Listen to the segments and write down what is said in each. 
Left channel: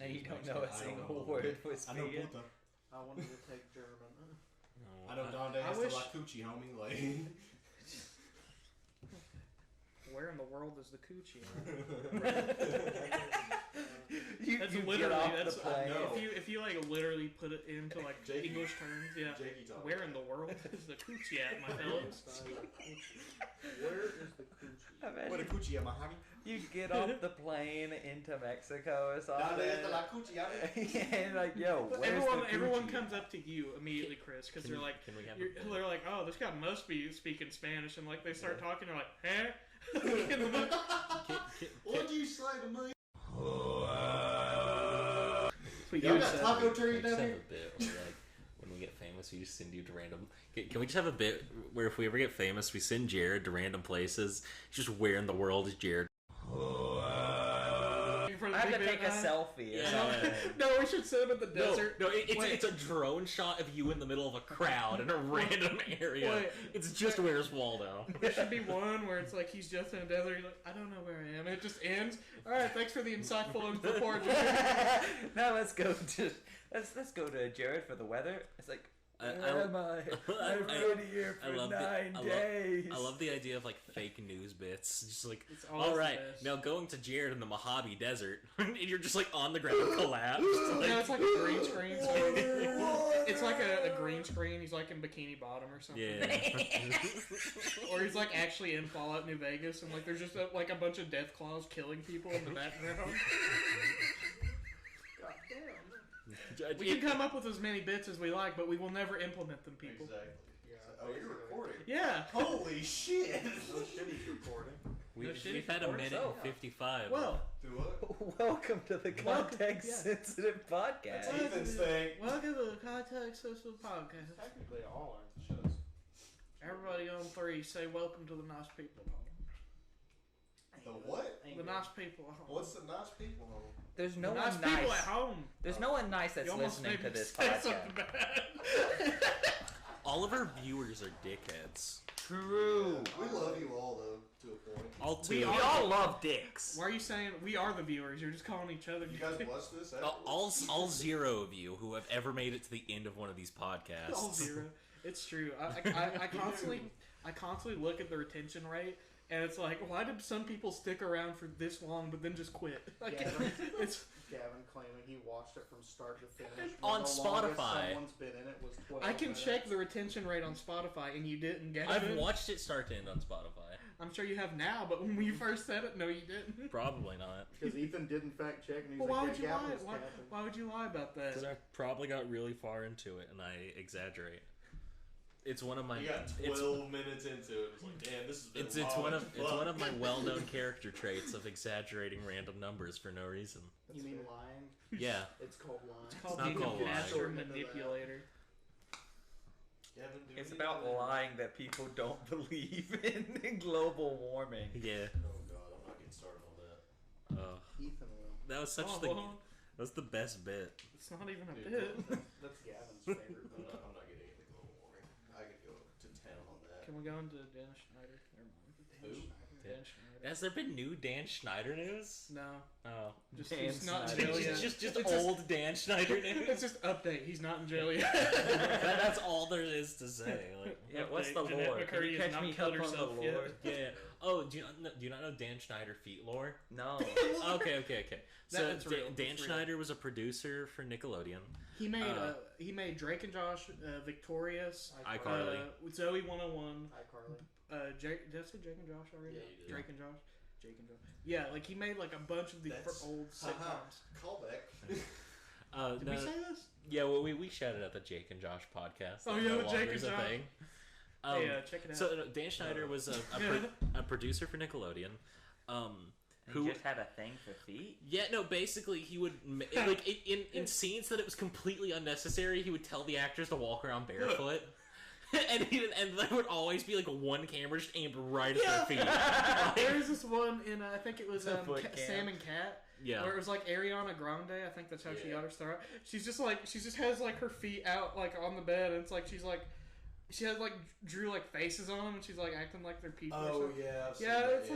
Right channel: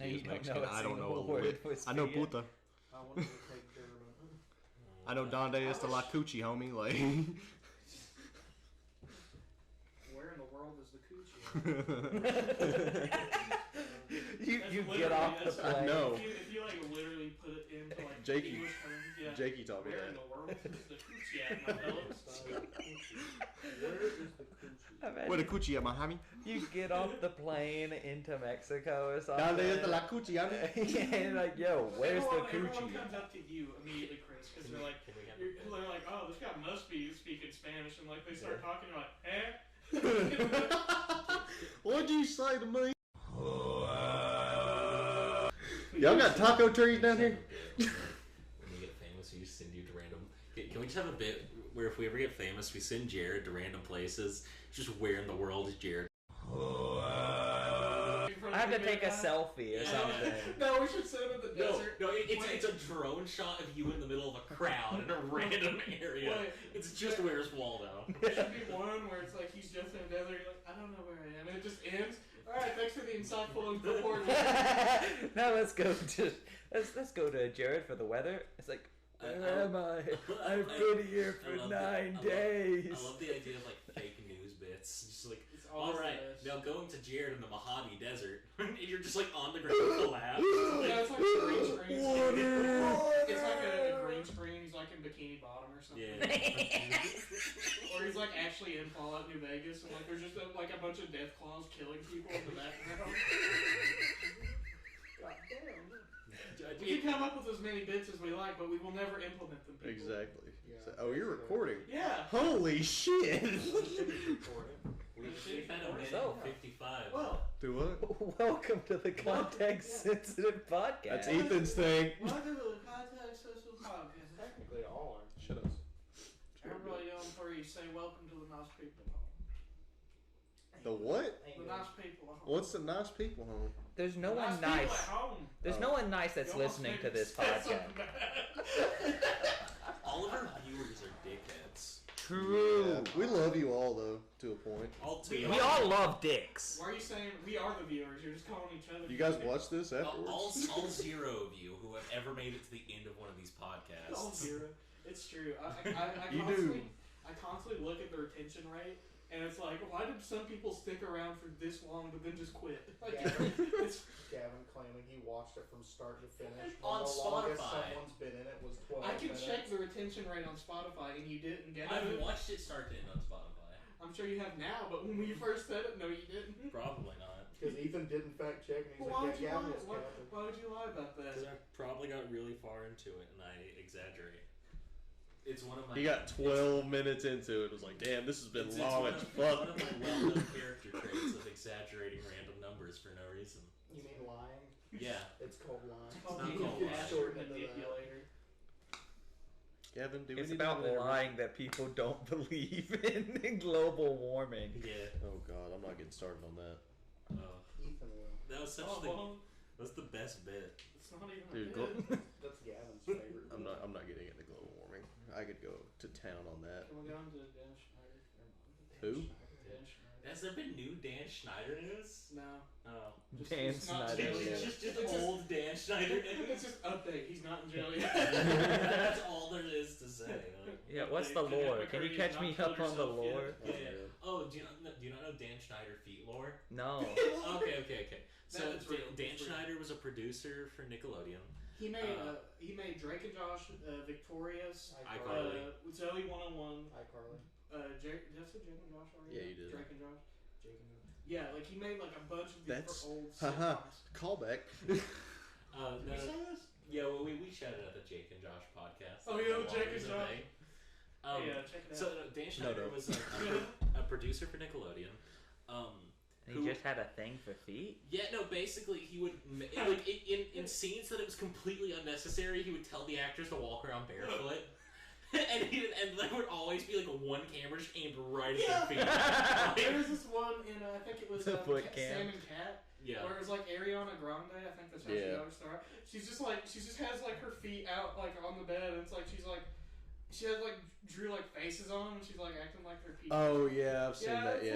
No, he you is don't Mexican. know a I don't single know word for I know speaking. puta. I wanted to take German. I know Donde is the la coochie, homie. Like. Where in the world is the coochie? you get off the plane. No. If you like literally put it into like Jakey. English terms, yeah. Jakey talking. Where in the world is the coochie at, my fellows? Where is the coochie? Where the coochie at, my homie? You get off the plane into Mexico or something. Donde is the la coochie, homie? And like, yo, where's the Everyone coochie? comes up to you immediately, Chris, because they're like, they're like, oh, this guy must be speaking Spanish, and like they start talking, they're like, eh? What'd you say to me? Y'all got taco trees down here? When we get famous, we just send you to random. Can we just have a bit where if we ever get famous, we send Jared to random places? Just where in the world is Jared? I have to take a selfie or something. No, we should sit him in the desert. No, it's a drone shot of you in the middle of a crowd in a random area. Wait. It's just where's Waldo. There should be one where it's like he's just in a desert. He's like, I don't know where I am. And it just ends. All right, thanks for the insightful report. Now let's go to Jared for the weather. It's like, where am I? I've been here for 9 days. I love the idea of like fake news bits. Just like, all all right, this. now going to Jared in the Mojave Desert, and you're just like on the ground collapsed. No, it's like a green screen. It's like a green screen. He's like in Bikini Bottom or something. Yeah. Or he's like actually in Fallout New Vegas, and like there's just like a bunch of death claws killing people in the background. God damn. We can come up with as many bits as we like, but we will never implement them, people. Exactly. Yeah. Oh, you're recording? Yeah. Holy shit! We've had a minute and 55. Well, Do what? Welcome to the Context Sensitive Podcast. That's Ethan's thing. welcome to the Context Social Podcast. Technically, all aren't. Shows. Everybody on three, say welcome to the nice people home. The what? The nice people at home. What's the nice people home? There's no The one nice nice. people at home. There's no one nice that's You almost listening made to this me say podcast. something bad. All of our viewers are dickheads. True. We love you all though, to a point. All two. We all love dicks. Why are you saying we are the viewers? You're just calling each other. You guys watch this afterwards? all zero of you who have ever made it to the end of one of these All podcasts. zero. It's true. I You constantly look at the retention rate, and it's like, why did some people stick around for this long but then just quit? Like, it's Gavin claiming he watched it from start to finish. On The longest Spotify. Someone's been in it was 12 I can minutes. check the retention rate on Spotify, and you didn't get I've it. watched it start to end on Spotify. I'm sure you have now, but when you first said it, no, you didn't. Probably not. Because Ethan didn't fact check, and he's Well, why like, would you yeah, Gavin lie? was counting. Why would you lie about that? Because I probably got really far into it and I exaggerate. It's one of my. He got 12 minutes into it. It was like, damn, this has been It's long. one of my well-known character traits of exaggerating random numbers for no reason. You mean lying? Yeah. It's called lying. It's not called lying. Master manipulator. Gavin, do we It's need about to- lying that people don't believe in global warming. Yeah. Oh god, I'm not getting started on that. Ethan will. That was such Oh, the. well, That was the best bit. it's not even a Dude, bit. That's Gavin's favorite. I'm not getting into global warming. I could go to town on that. Can we go into Dan Schneider? Who? Dan Schneider. Has there been new Dan Schneider news? No. Oh. Just, Dan he's not in Schneider. jail yet. Just It's old Dan Schneider news. It's just update. He's not in jail yet. That's all there is to say. Like, Yeah, what's the Okay, lore? and Can you McCurdy catch has me not killed up on the herself yet. lore? yeah. Oh, do you not know Dan Schneider feet lore? No. Okay. So That's real. Dan It's real. Schneider was a producer for Nickelodeon. He made Drake and Josh Victorious. iCarly. Zoe 101. iCarly. Did I say Jake and Josh already? Yeah, you did. Drake and Josh. Jake and Josh. Yeah, like he made like a bunch of these That's- old Haha. sitcoms. Callback. Did No, we say this? yeah, well, we shouted out the Jake and Josh podcast. Oh, That yeah, no longer Jake is and a Josh. thing. Yeah, check it out. So Dan Schneider was a producer for Nickelodeon. He just had a thing for feet? Yeah, no. Basically, he would like in scenes that it was completely unnecessary. He would tell the actors to walk around barefoot, and there would always be like one camera just aimed right at their feet. There was this one in I think it was The foot Sam cam. and Cat. Yeah. Where it was like Ariana Grande, I think that's how she Yeah. got her start. She just has like her feet out like on the bed, and it's like she's like she had like drew like faces on, and she's like acting like they're people. Oh yeah, I've seen Yeah, that. it's Yeah,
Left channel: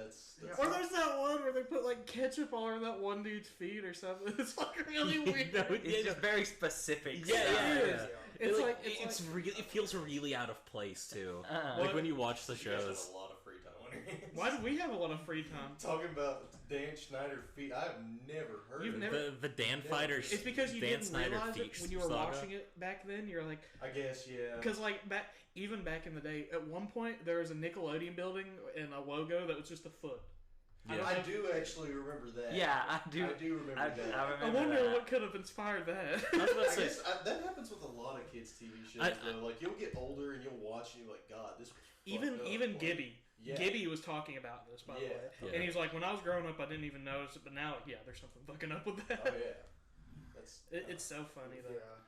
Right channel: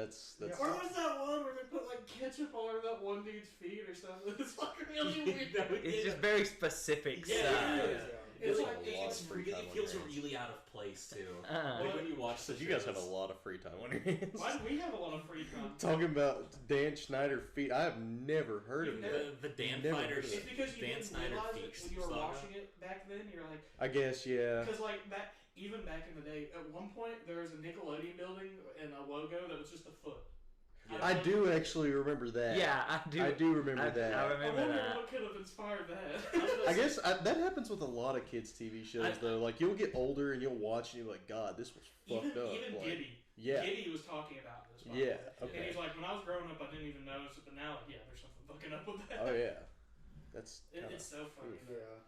like- that's Or there's that one where they put like ketchup all over that one dude's feet or something. It's like really weird. No, It's just very specific Yeah, stuff. yeah. It's Like, like it's really, it feels really out of place too. Uh-huh. Like when you watch the You guys have shows. a lot of free time on your hands. Why do we have a lot of free time? Talking about Dan Schneider feet, I have never heard You've of never- it. The Dan Never Fighter, heard It's because you Dan didn't Snyder realize feet it when you were saga. watching it back then. You're like, I guess, yeah. because like even back in the day, at one point there was a Nickelodeon building and a logo that was just a foot. Yeah. I do actually remember that. Yeah, I do. I do remember that. I I remember wonder that. what could have inspired that. I guess that happens with a lot of kids' TV shows, though. Like, you'll get older and you'll watch and you're like, God, this was fucked up. Even Like, Gibby. Yeah. Gibby was talking about this. By the Yeah. way. Yeah. And he's like, when I was growing up, I didn't even notice it, but now, yeah, there's something fucking up with that. Oh, yeah. That's. It's so funny though. Yeah.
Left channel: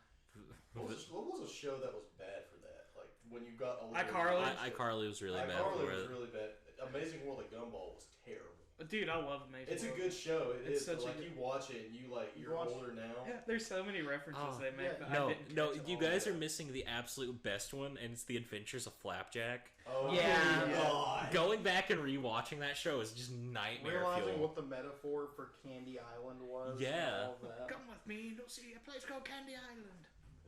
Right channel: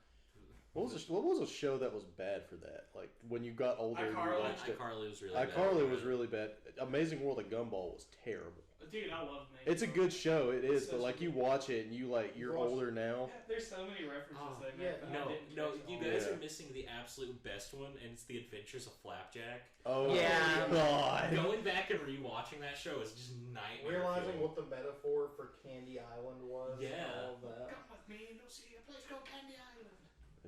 What was a show that was bad for that? Like, when you got older. iCarly. iCarly was really bad. iCarly for was it. really bad. Amazing World of Gumball was terrible. Dude, I love Amazing. It's a good show, it It's is, but such like a you good- watch it and you like you're Watch- older now. Yeah, there's so many references Oh, they make. yeah. that I No, didn't no, catch you all. guys yeah. are missing the absolute best one, and it's The Adventures of Flapjack. Oh Yeah. my God. Going back and rewatching that show is just nightmare Realizing fuel. what the metaphor for Candy Island was. Yeah. And all of that. Come with me, you'll see a place called Candy Island.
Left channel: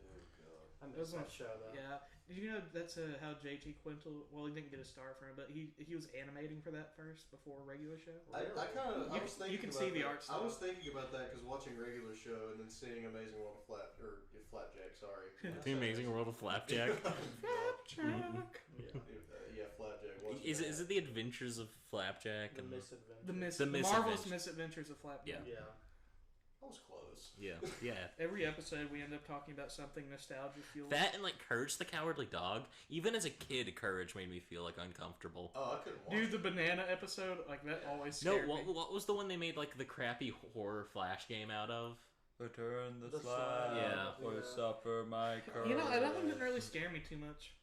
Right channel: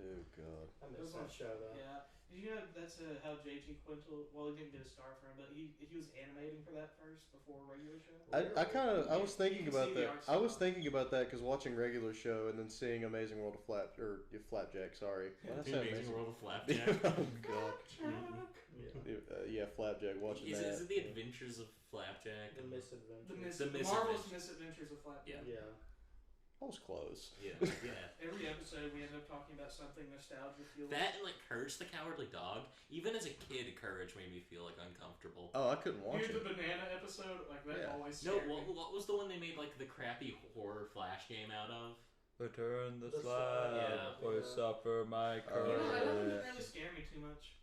Oh God. I miss that show though. Yeah. Did you know that's how J.T. Quintel? Well, he didn't get a star from it, but he was animating for that first before a regular show. I Really? was thinking You can about see the that. art I was style. thinking about that because watching regular show and then seeing Amazing World of Flapjack. Sorry. The Amazing World of Flapjack. Oh, God. Flapjack. Yeah. Yeah, Flapjack. Watching Is that. it The Adventures of Flapjack? The and- misadventure. The Marvelous Misadventures. Misadventures of Flapjack. Yeah. Yeah. I was close. Yeah, yeah. Every episode we end up talking about something nostalgic. That and like Courage the Cowardly Dog. Even as a kid, Courage made me feel like uncomfortable. Oh, I couldn't watch Dude, it. the banana episode, like that Yeah. always No, scared me. what was the one they made like the crappy horror flash game out of? Return the The slab, slab, or yeah. suffer my curse. You know, that doesn't really scare me too much.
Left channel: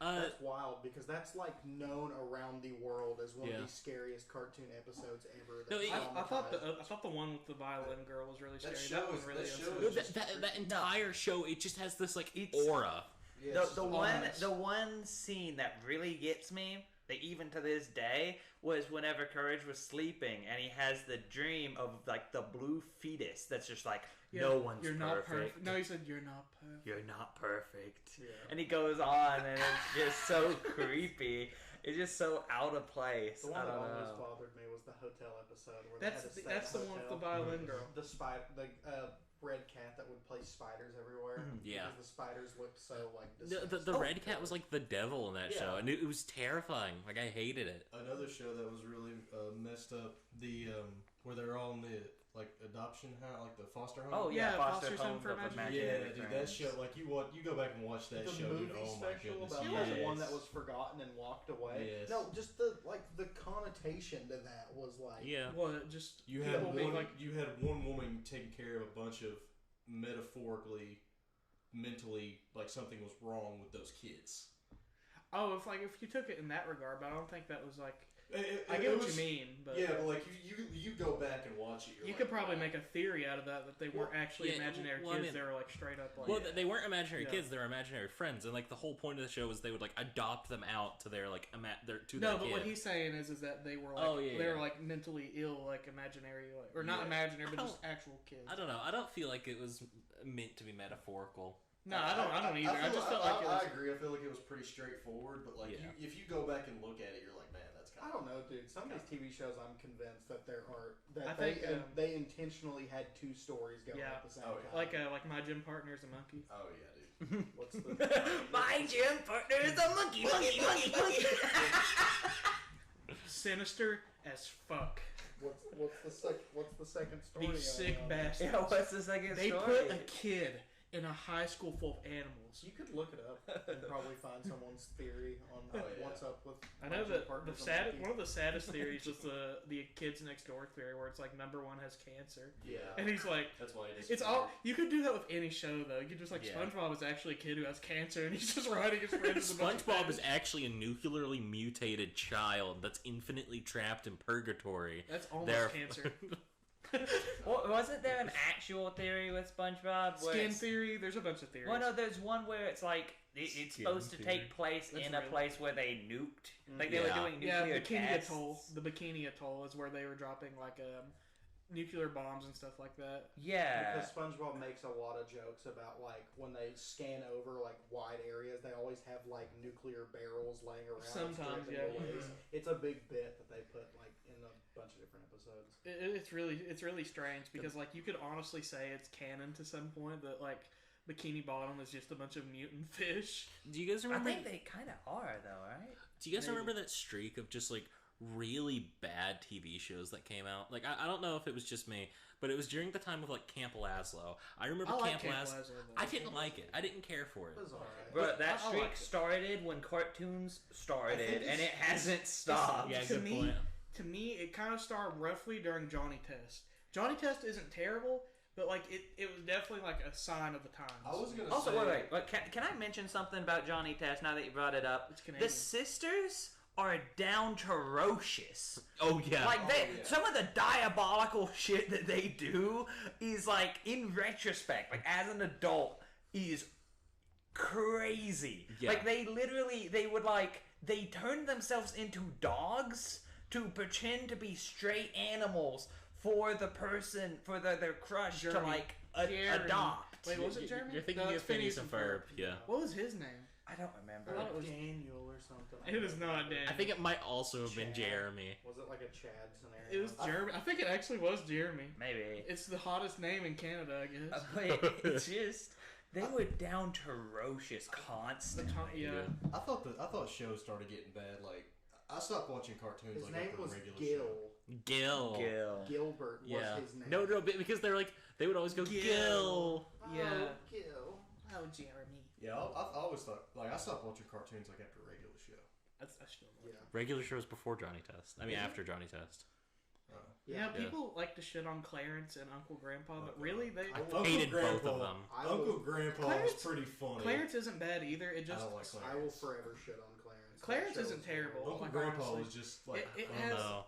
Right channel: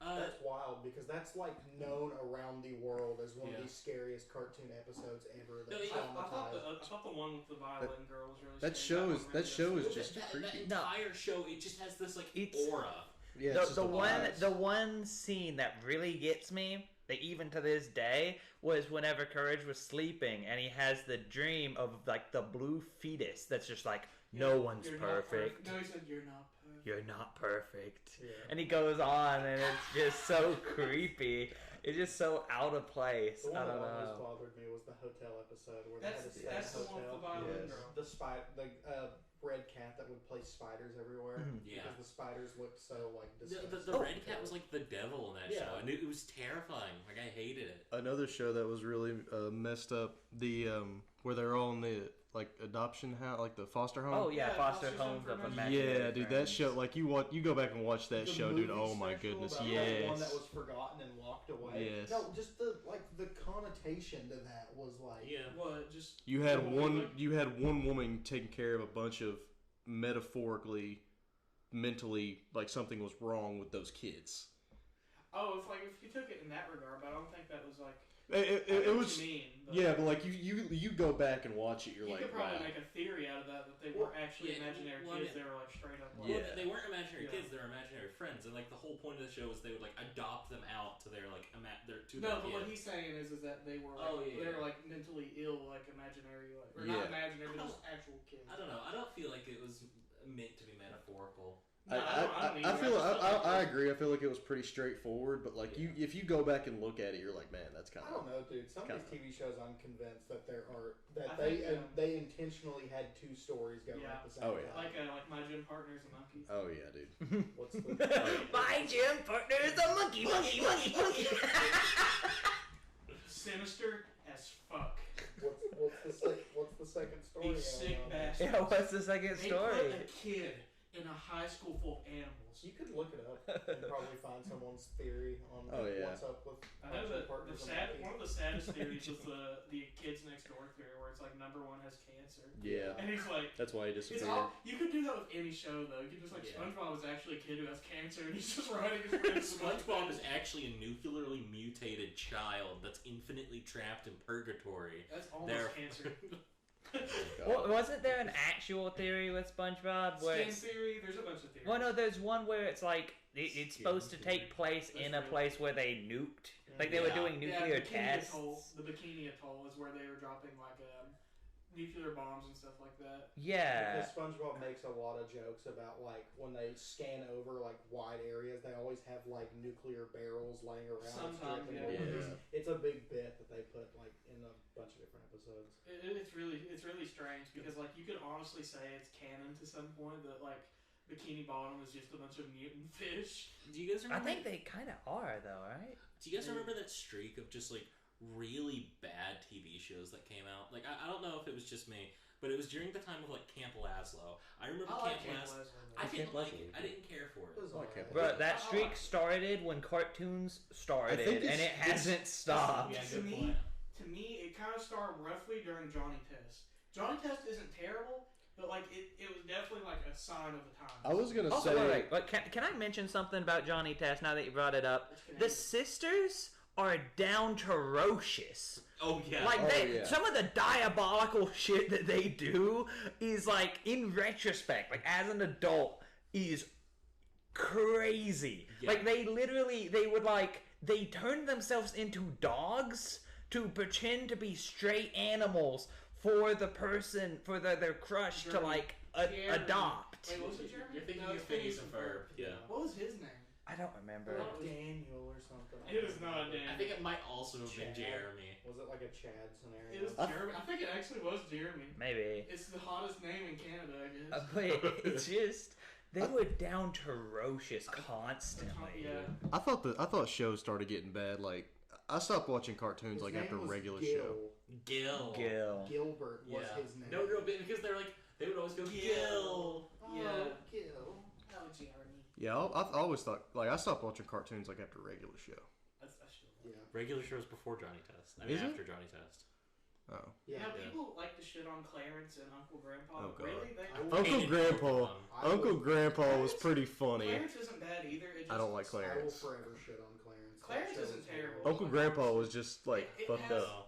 That's wild because that's like known around the world as one Yeah. of the scariest cartoon episodes ever. No, That I thought traumatized. the one with the violin girl was really That scary. show one is- really that show upset is me. just- that entire show, it just has this like It's- aura. Yeah, The, it's just the a one lot. the one scene that really gets me, that even to this day, was whenever Courage was sleeping and he has the dream of like the blue fetus that's just like, no one's You're not perfect. No, he said you're not perfect. You're not perfect. Yeah. And he goes on and it's just so creepy. It's just so out of place. The one I that don't always know. bothered me was the hotel episode where they had to That's stay that's in the a one with hotel. the violin Yes. girl. The red cat that would place spiders everywhere. Mhm. Yeah. Because the spiders looked so like The disgusting. red cat was like the devil in that Yeah. show, and it was terrifying. Like I hated it. Another show that was really messed up. The where they're all in the like adoption house, like the foster home. Oh yeah, Yeah, foster Foster's Home homes for of Imaginary imaginary Yeah, dude, that friends. show, like you go back and watch that The show, movie dude. Oh my special goodness, about yes. the one that was forgotten and walked away. Yes. No, just the connotation to that was like Yeah. What? Just You had Yeah, one. like- You had one woman taking care of a bunch of metaphorically, mentally, like something was wrong with those kids. Oh, if you took it in that regard, but I don't think that was like. It I get what was. you mean. But Yeah, but like you go back and watch it, you're you like, could probably wow. make a theory out of that they weren't actually yeah, imaginary well, I kids. mean- They were like straight up. Like, Well, Yeah. they weren't imaginary Yeah. kids; they were imaginary friends, and like the whole point of the show was they would like adopt them out to their like to No, their but kid. what he's saying is that they were like, Oh, yeah, they were yeah. like mentally ill, like imaginary, like or not Yeah. imaginary, I but just actual kids. I don't know. I don't feel like it was meant to be metaphorical. No, I don't either. I feel. just felt like I it was- agree. I feel like it was pretty straightforward, but like Yeah. if you go back and look at it, you're like, man, that's kind I of. don't know, dude. Some of these TV shows, I'm convinced that I they think, they intentionally had two stories going Yeah. at the same Oh, yeah. time. like my gym partner's a monkey. Oh yeah, dude. What's the My gym partner is a monkey. Sinister as fuck. what's the second story? These sick on, bastards. Yeah, what's the second They story? put a kid in a high school full of animals. You could look it up and probably find someone's theory on Oh, yeah. what's up with. I know my that partner's a monkey. one of the saddest theories is the kids next door theory, where it's like number one has cancer, Yeah. and he's like, That's why he just. it's all you could do that with any show though. You could just like Yeah. SpongeBob is actually a kid who has cancer, and he's just riding his friends. SpongeBob is actually a nuclearly mutated child that's infinitely trapped in purgatory. That's almost There- cancer. Well, wasn't there an actual theory with SpongeBob where Skin it's, theory. There's a bunch of theories. well, no, there's one where it's like it's Skin supposed to theory. take place That's in a right. place where they nuked, like they were Yeah. doing nuclear tests. The Bikini Atoll is where they were dropping like nuclear bombs and stuff like that. Yeah, Because SpongeBob makes a lot of jokes about like when they scan over like wide areas, they always have like nuclear barrels laying around. Sometimes, dripping yeah. bullets. It's a big bit that they put like in a bunch of different episodes. It's really strange because like you could honestly say it's canon to some point that like Bikini Bottom is just a bunch of mutant fish. Do you guys I remember? think they kind of are though, right? Do you guys remember that streak of just like really bad TV shows that came out? Like I don't know if it was just me, but it was during the time of like Camp Lazlo. I remember I like Camp Lazlo. Lazlo. I didn't like it. I didn't care for It it. was alright. But that I streak like it. started when cartoons started, think and it it's- hasn't stopped. Yeah, To good me- point. To me, it kind of started roughly during Johnny Test. Johnny Test isn't terrible, but like it was definitely like a sign of the times. I was gonna Also, say. wait. Can I mention something about Johnny Test now that you brought it up? It's The Canadian. sisters are down to ferocious. Oh yeah. Like Oh, yeah. some of the diabolical shit that they do is like in retrospect, like as an adult, is crazy. Yeah. Like they turned themselves into dogs to pretend to be stray animals for the person for their crush to Jeremy. like Jeremy. Adopt. Wait, was it Jeremy? You're thinking No, of it's Phineas and Ferb. Yeah. What was his name? I don't remember. Well, Like Daniel or something. It is not Dan. I think it might also have been Chad. Jeremy. Was it like a Chad scenario? It was Jeremy. I think it actually was Jeremy. Maybe. It's the hottest name in Canada, I guess. But it's just they were down to ferocious constantly. Yeah. I thought shows started getting bad. Like I stopped watching cartoons His like name after a was regular Gil. show. Gil. Gil. Gilbert was Yeah. his name. No, because they're like they would always go Gil. Oh, Yeah. Gil. Oh, Jeremy. Yeah, I always thought like I stopped watching cartoons like after a regular show. That's still. Yeah. Regular shows before Johnny Test. I mean Is it? after Johnny Test. Oh, Yeah, Yeah. people like to shit on Clarence and Uncle Grandpa. Oh, God. Really? They, I Uncle Hated both of Grandpa. them. Uncle Grandpa was Clarence- pretty funny. Clarence isn't bad either. It just, I don't like I will Clarence. forever shit on Clarence. Clarence That show isn't was terrible. horrible. Uncle Grandpa was just like It fun. has- No.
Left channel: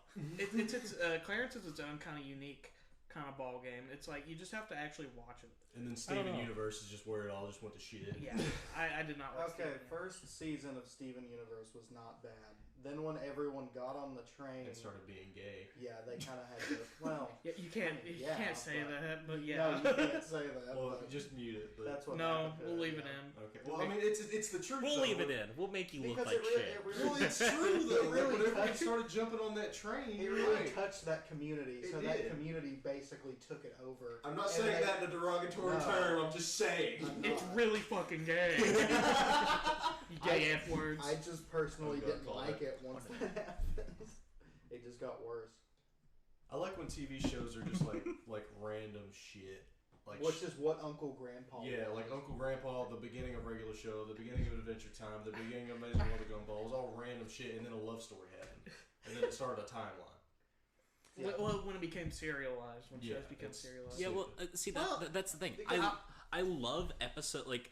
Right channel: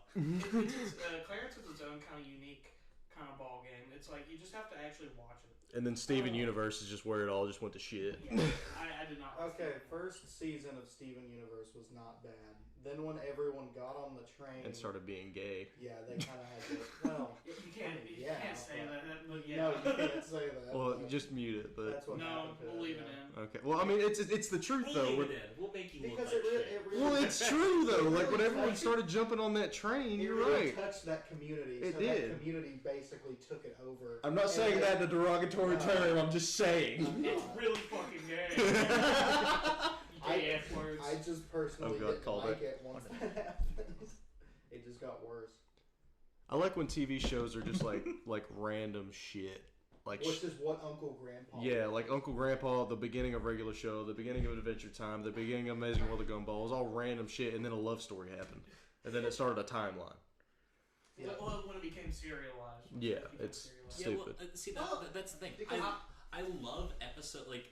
Clarence is its own kind of unique kind of ball game. It's like you just have to actually watch it. And then Steven Oh. Universe is just where it all just went to shit. Yeah, I did not. Watch Okay, it. first season of Steven Universe was not bad. Then when everyone got on the train, And started being gay. yeah, they kind of had to. Well, Yeah, you can't. You Yeah, can't say but- that, but yeah. no, you can't say that. Well, but just mute it. But that's what No, happened to we'll leave it yeah. in. okay. Well, I mean, it's the truth We'll though. leave it in. We'll make you look Because like it really, shit. it really, Well, it's true though. It Like really whenever we touched- started jumping on that train, It you're really right. touched that community, It so did. that community basically took it over. I'm not And saying they- that in a derogatory No. term. I'm just saying. I'm It's not. really fucking gay. You gay F words. I just personally Oh, God, didn't call like that. it once that happened. It just got worse. I like when TV shows are just like random shit. Like Which is what Uncle Grandpa yeah, was. like Uncle Grandpa, the beginning of regular show, the beginning of Adventure Time, the beginning of Amazing World of Gumball. It was all random shit, and then a love story happened, and then it started a timeline. Yeah. Well, when it became serialized. When Yeah, shit became it's- serialized. Yeah, well, Stupid. see Well, that's the thing. because I love episode like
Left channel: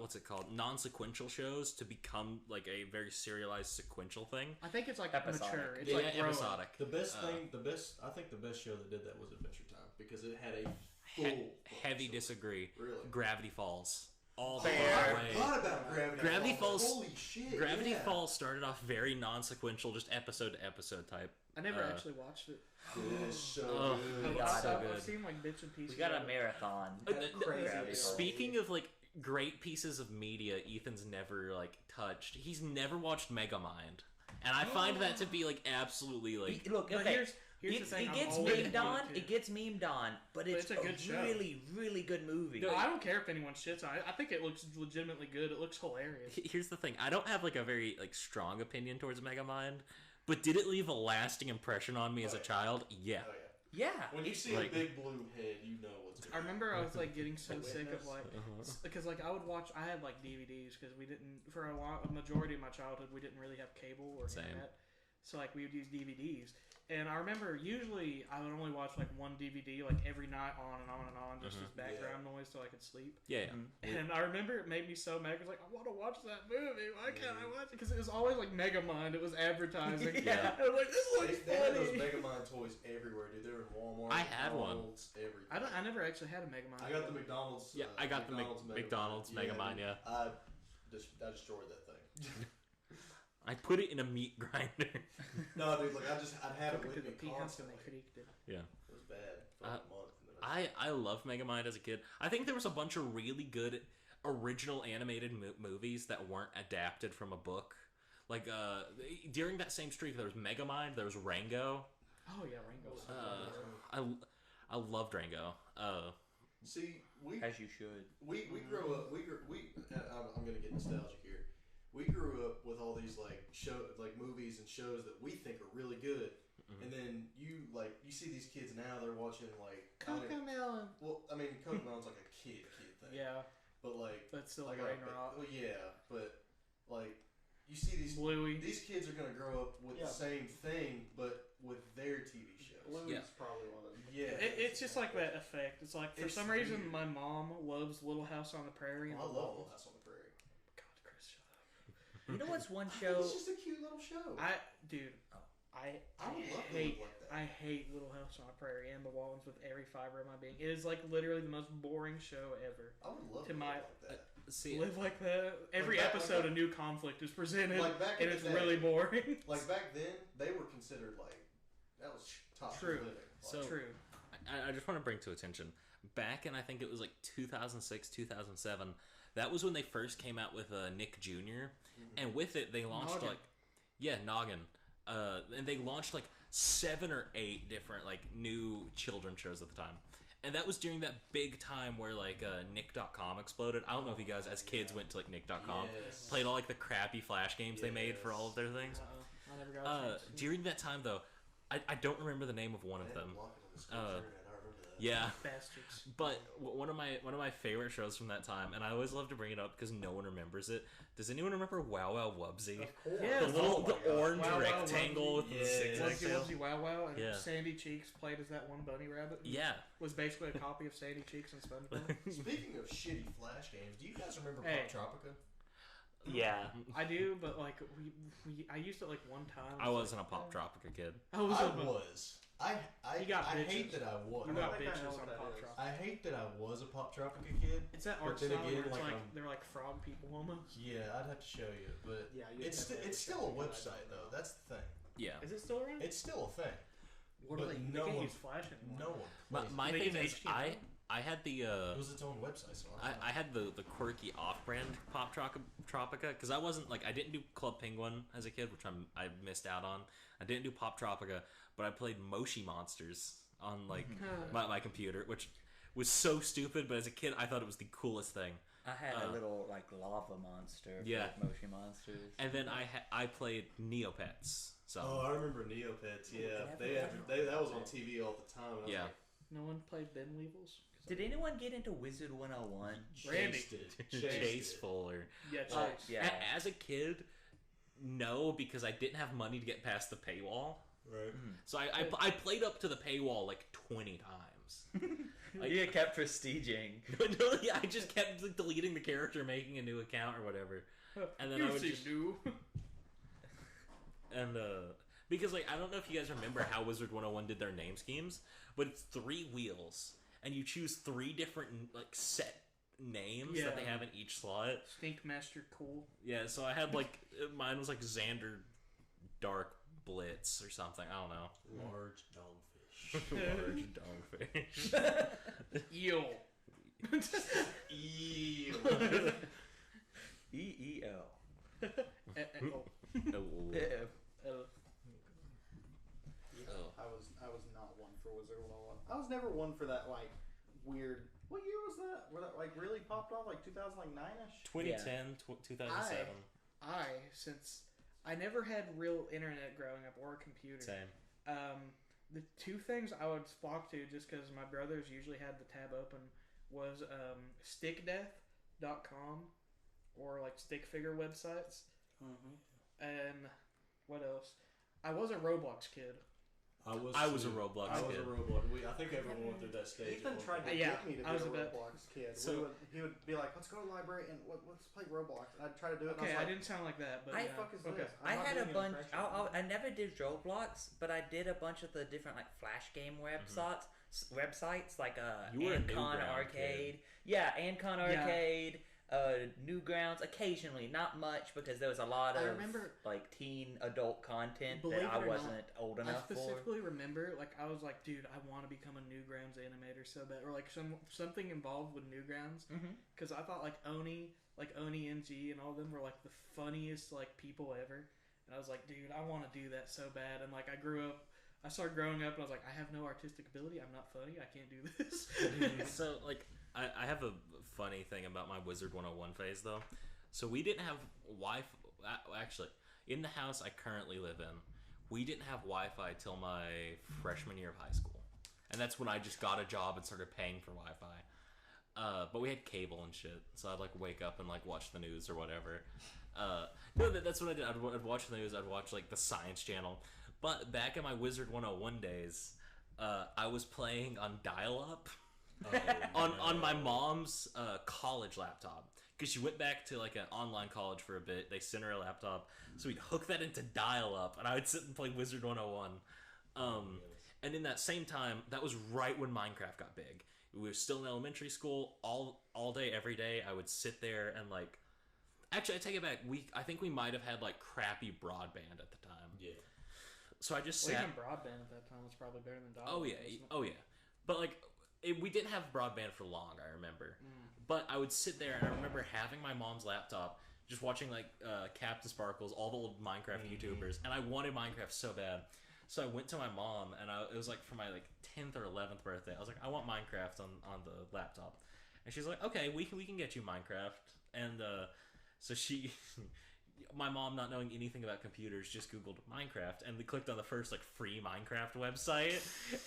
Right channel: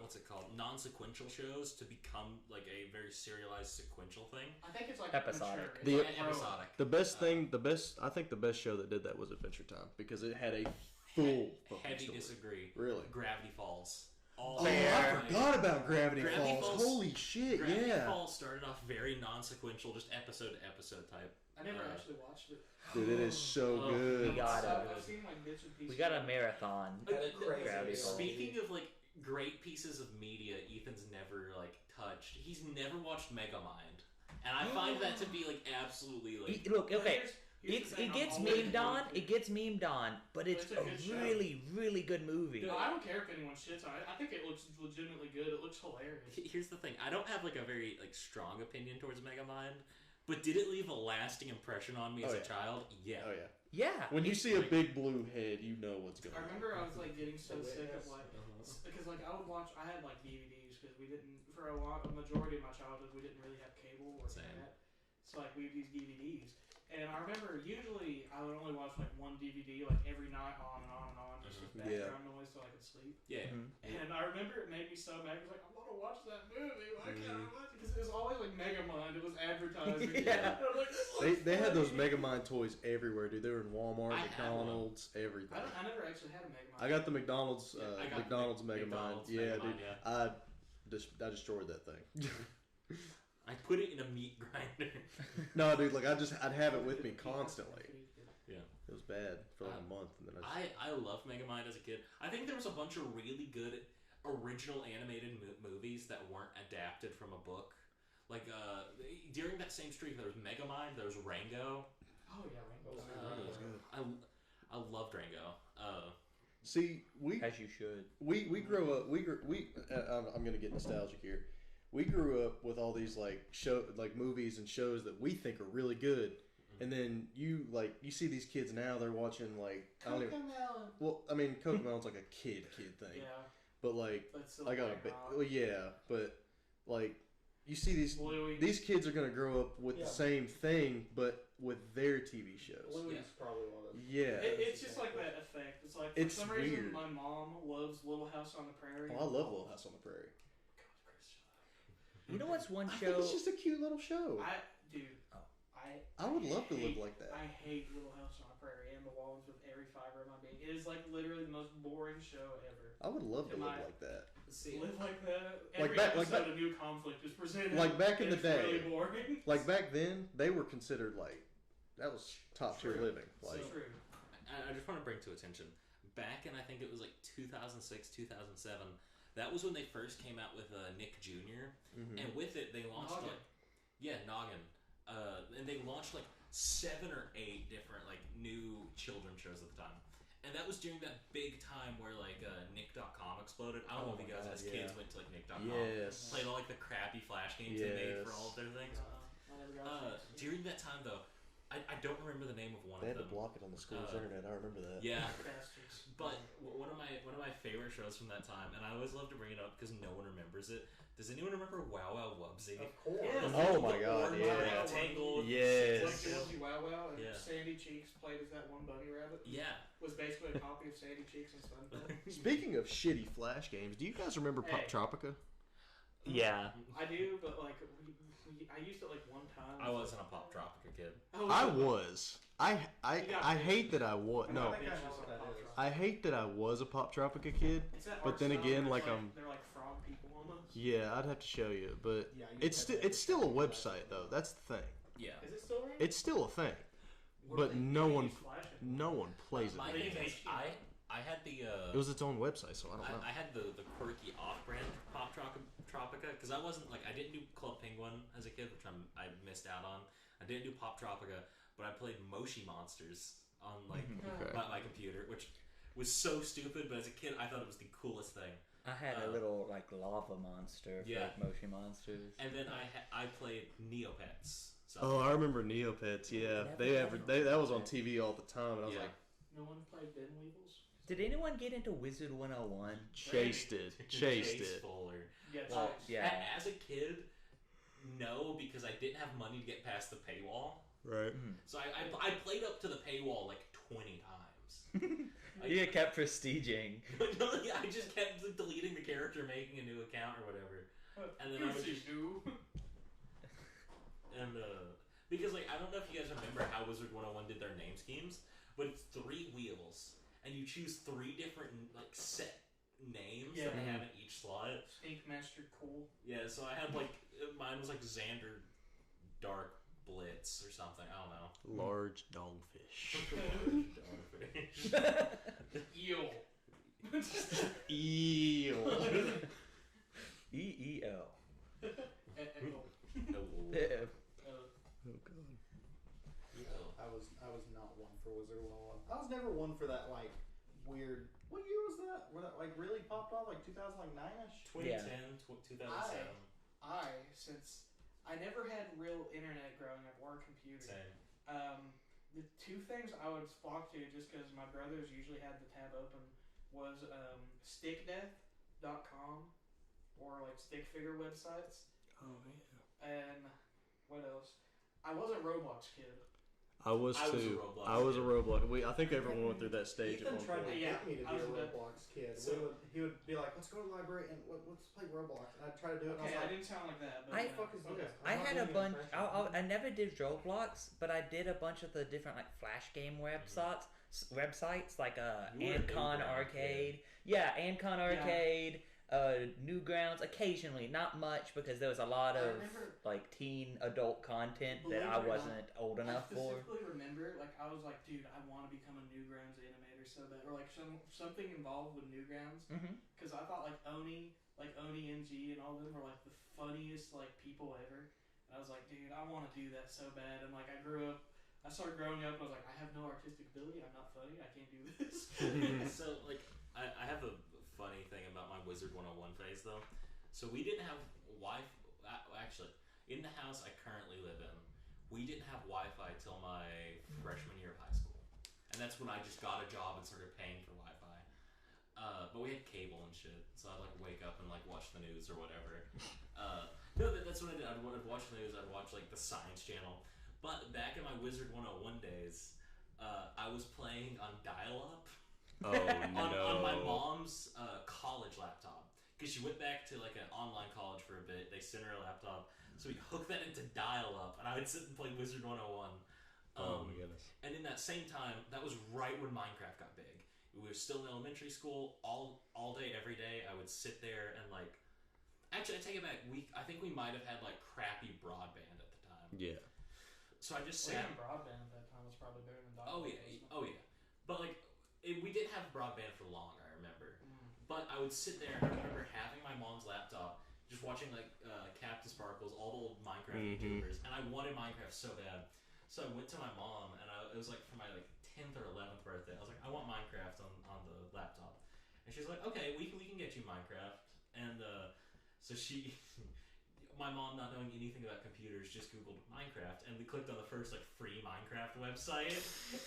what's it called? Non-sequential shows to become like a very serialized sequential thing. I think it's like Episodic. mature. It's Yeah, like grow up. episodic. The best Uh, thing, I think the best show that did that was Adventure Time because it had a He- full heavy focus. disagree. Really? Gravity Falls. All Fair. I forgot about Gravity, Gravity Falls- Holy shit! Gravity yeah. Falls started off very non-sequential, just episode to episode type. I never Uh, actually watched it. Dude, it is so Oh, good. we got So, it. I've seen like bits and pieces. We got a marathon. That's crazy. Gravity Falls. Speaking of like great pieces of media, Ethan's never like touched. He's never watched Megamind, and I find that to be like absolutely like. Look, But okay, here's the thing, it I'm gets always memed on. looking- It gets memed on, but it's it's a a good show. really, really good movie. Well, I don't care if anyone shits on it. I think it looks legitimately good. It looks hilarious. Here's the thing: I don't have like a very like strong opinion towards Megamind, but did it leave a lasting impression on me as Oh, a yeah. child? Yeah. Oh yeah. Yeah, When you it's see like- a big blue head, you know what's going I on. remember I was like getting so The sick of Witness. like because like I would watch. I had like DVDs because we didn't for a majority of my childhood we didn't really have cable or Same. internet. So like we would use DVDs, And I remember usually I would only watch like one DVD like every night on and on and on, just as background noise so I could sleep. Yeah. And I remember it made me so mad. I was like, I want to watch that movie. Why can't I watch it? Because it was always like Megamind. It was advertising. Yeah. I was like, this looks They had those funny. Megamind toys everywhere, dude. They were in Walmart, I had one. McDonald's, everything. I never actually had a Megamind. I got the McDonald's. Yeah, I got McDonald's the McDonald's Megamind. dude. Yeah. I destroyed that thing. I put it in a meat grinder. No, dude, like I'd have it with me constantly. Yeah. It was bad for like a month. And then I loved Megamind as a kid. I think there was a bunch of really good original animated movies that weren't adapted from a book. Like during that same streak, there was Megamind, there was Rango. Oh yeah, Rango. I loved Rango. See, As you should. we grew up. I'm gonna get nostalgic here. We grew up with all these like movies and shows that we think are really good, and then you see these kids now. They're watching like Cocomelon. Well, I mean, Cocomelon's like a kid thing. Yeah. But like, But still like but like you see these kids are gonna grow up with the same thing, but with their TV shows. Louis probably one of them. Yeah. It's just like that effect. It's like for some reason my mom loves Little House on the Prairie. Oh, I love Little House on the Prairie. God, Chris, shut up. You know what's one show? It's just a cute little show. I would love to hate, live like that. I hate Little House on the Prairie and the Wallens with every fiber of my being. It is like literally the most boring show ever. I would love to To live like that. See, Live like that. Every back- episode a new conflict is presented. Like back in and the it's day. really boring. Like back then, they were considered like that was top tier True. living. Like, So- True. I just want to bring to attention, back in I think it was like 2006, 2007, that was when they first came out with Nick Jr. And with it they launched Noggin. Noggin. And they launched like 7 or 8 different like new children shows at the time. And that was during that big time where like Nick.com exploded. I don't know if you guys as kids went to like Nick.com, Yes. played all like the crappy Flash games they made for all of their things. I never got it. During that time though, I don't remember the name of one they of had them. to block it on the school's internet. I remember that. Yeah. Bastards. But one of my favorite shows from that time, and I always love to bring it up because no one remembers it. Does anyone remember Wow Wow Wubsy? Of course. Yeah. The God, orange yeah. rectangle with Yes. the Like six tails. Guilty Wow Wow and Yeah. Sandy Cheeks played as that one bunny rabbit. Yeah. Was basically a copy of Sandy Cheeks and SpongeBob. Speaking of shitty Flash games, do you guys remember Hey. Pop Tropica? Yeah. I do, but like I used it like one time. I wasn't a Pop Tropica kid. I was. I You got hate bitches. that I was. I No, got I think I bitches know on what that Pop is. Tropica. I hate that I was a Pop Tropica kid. It's that But art then style again, where it's like, they're like frog people almost. Yeah, I'd have to show you, but Yeah, it's still a website though. That's the thing. Yeah. Is it still around? It's still a thing. What but do they- no they one- use Flash in? No one plays My it. thing Maybe is, they I had the It was its own website, so I don't know. I had the quirky off-brand Pop Tropica because I wasn't like I didn't do Club Penguin as a kid, which I missed out on. I didn't do Pop Tropica, but I played Moshi Monsters on like my computer, which was so stupid. But as a kid, I thought it was the coolest thing. I had a little like lava monster for Yeah. like Moshi Monsters. And then I played Neopets. So Oh, I remember Neopets. Yeah, that was on TV all the time. And I was yeah. like, No one played Ben Weevils? Did anyone get into Wizard 101? chased it, Chase chased it. Fuller. Yeah, Well, Chase. yeah. As a kid, no, because I didn't have money to get past the paywall. Right. So I played up to the paywall like 20 times. You kept prestiging. No, yeah, I just kept like, deleting the character, making a new account or whatever. And then I would just because like I don't know if you guys remember how Wizard 101 did their name schemes, but it's 3 wheels and you choose 3 different like set names that they have in each slot. Snake Master Cool. Yeah, so I had like mine was like Xander Dark Blitz or something. I don't know. Large dogfish. Large dogfish. Eel. Eel. EEO. I was not one for Wizard 101. I was never one for that like weird. What year was that? Where that like really popped off? Like 2009ish. 2010, 2007. Since I never had real internet growing up or a computer. Same. The 2 things I would flock to just because my brothers usually had the tab open was stickdeath.com or like stick figure websites. Oh man. And what else? I was a Roblox kid. I was a too. Roblox I was a kid. Roblox. I think everyone went through that stage. Ethan tried to Yeah, get me to be I was a a bit- Roblox kid. So- He would be like, "Let's go to the library and let's play Roblox." And I'd try to do it. Okay, and I I was didn't sound like that. But I- like, "What the fuck is okay. this?" I I'm not had a doing an bunch. impression. I never did Roblox, but I did a bunch of the different like flash game websites like You were a Ancon Newground Arcade. Yeah, Ancon Arcade. Newgrounds occasionally, not much because there was a lot I of remember- like teen adult content Believe that it I or wasn't old I enough for. specifically remember, like, I was like, dude, I want to become a Newgrounds animator so bad, or like something involved with Newgrounds, because I thought like Oni MG, and all of them were like the funniest like people ever, and I was like, dude, I want to do that so bad, and like I started growing up, and I was like, I have no artistic ability, I'm not funny, I can't do this. So, like, I have a funny thing about my Wizard 101 phase, though. So we didn't have Wi-Fi. Actually, in the house I currently live in, we didn't have Wi-Fi till my freshman year of high school. And that's when I just got a job and started paying for Wi-Fi. But we had cable and shit, so I'd, like, wake up and, like, watch the news or whatever. No, that's what I did. I'd watch the news. I'd watch, like, the Science Channel. But back in my Wizard 101 days, I was playing on dial-up. On my mom's college laptop, because she went back to like an online college for a bit. They sent her a laptop, so we'd hook that into dial-up, and I would sit and play Wizard 101. And in that same time, that was right when Minecraft got big. We were still in elementary school. All day, every day, I would sit there and like. Actually, I take it back. I think we might have had like crappy broadband at the time. Yeah. So I just Well, sat. even broadband at that time was probably better than dial-up. Oh yeah. But like, we didn't have broadband for long. I remember. But I would sit there, and I remember having my mom's laptop, just watching like Captain Sparkles, all the old Minecraft YouTubers, and I wanted Minecraft so bad. So I went to my mom, and it was like for my like 10th or 11th birthday. I was like, I want Minecraft on the laptop, and she's like, okay, we can get you Minecraft. And so she, my mom, not knowing anything about computers, just Googled Minecraft, and we clicked on the first like free Minecraft website,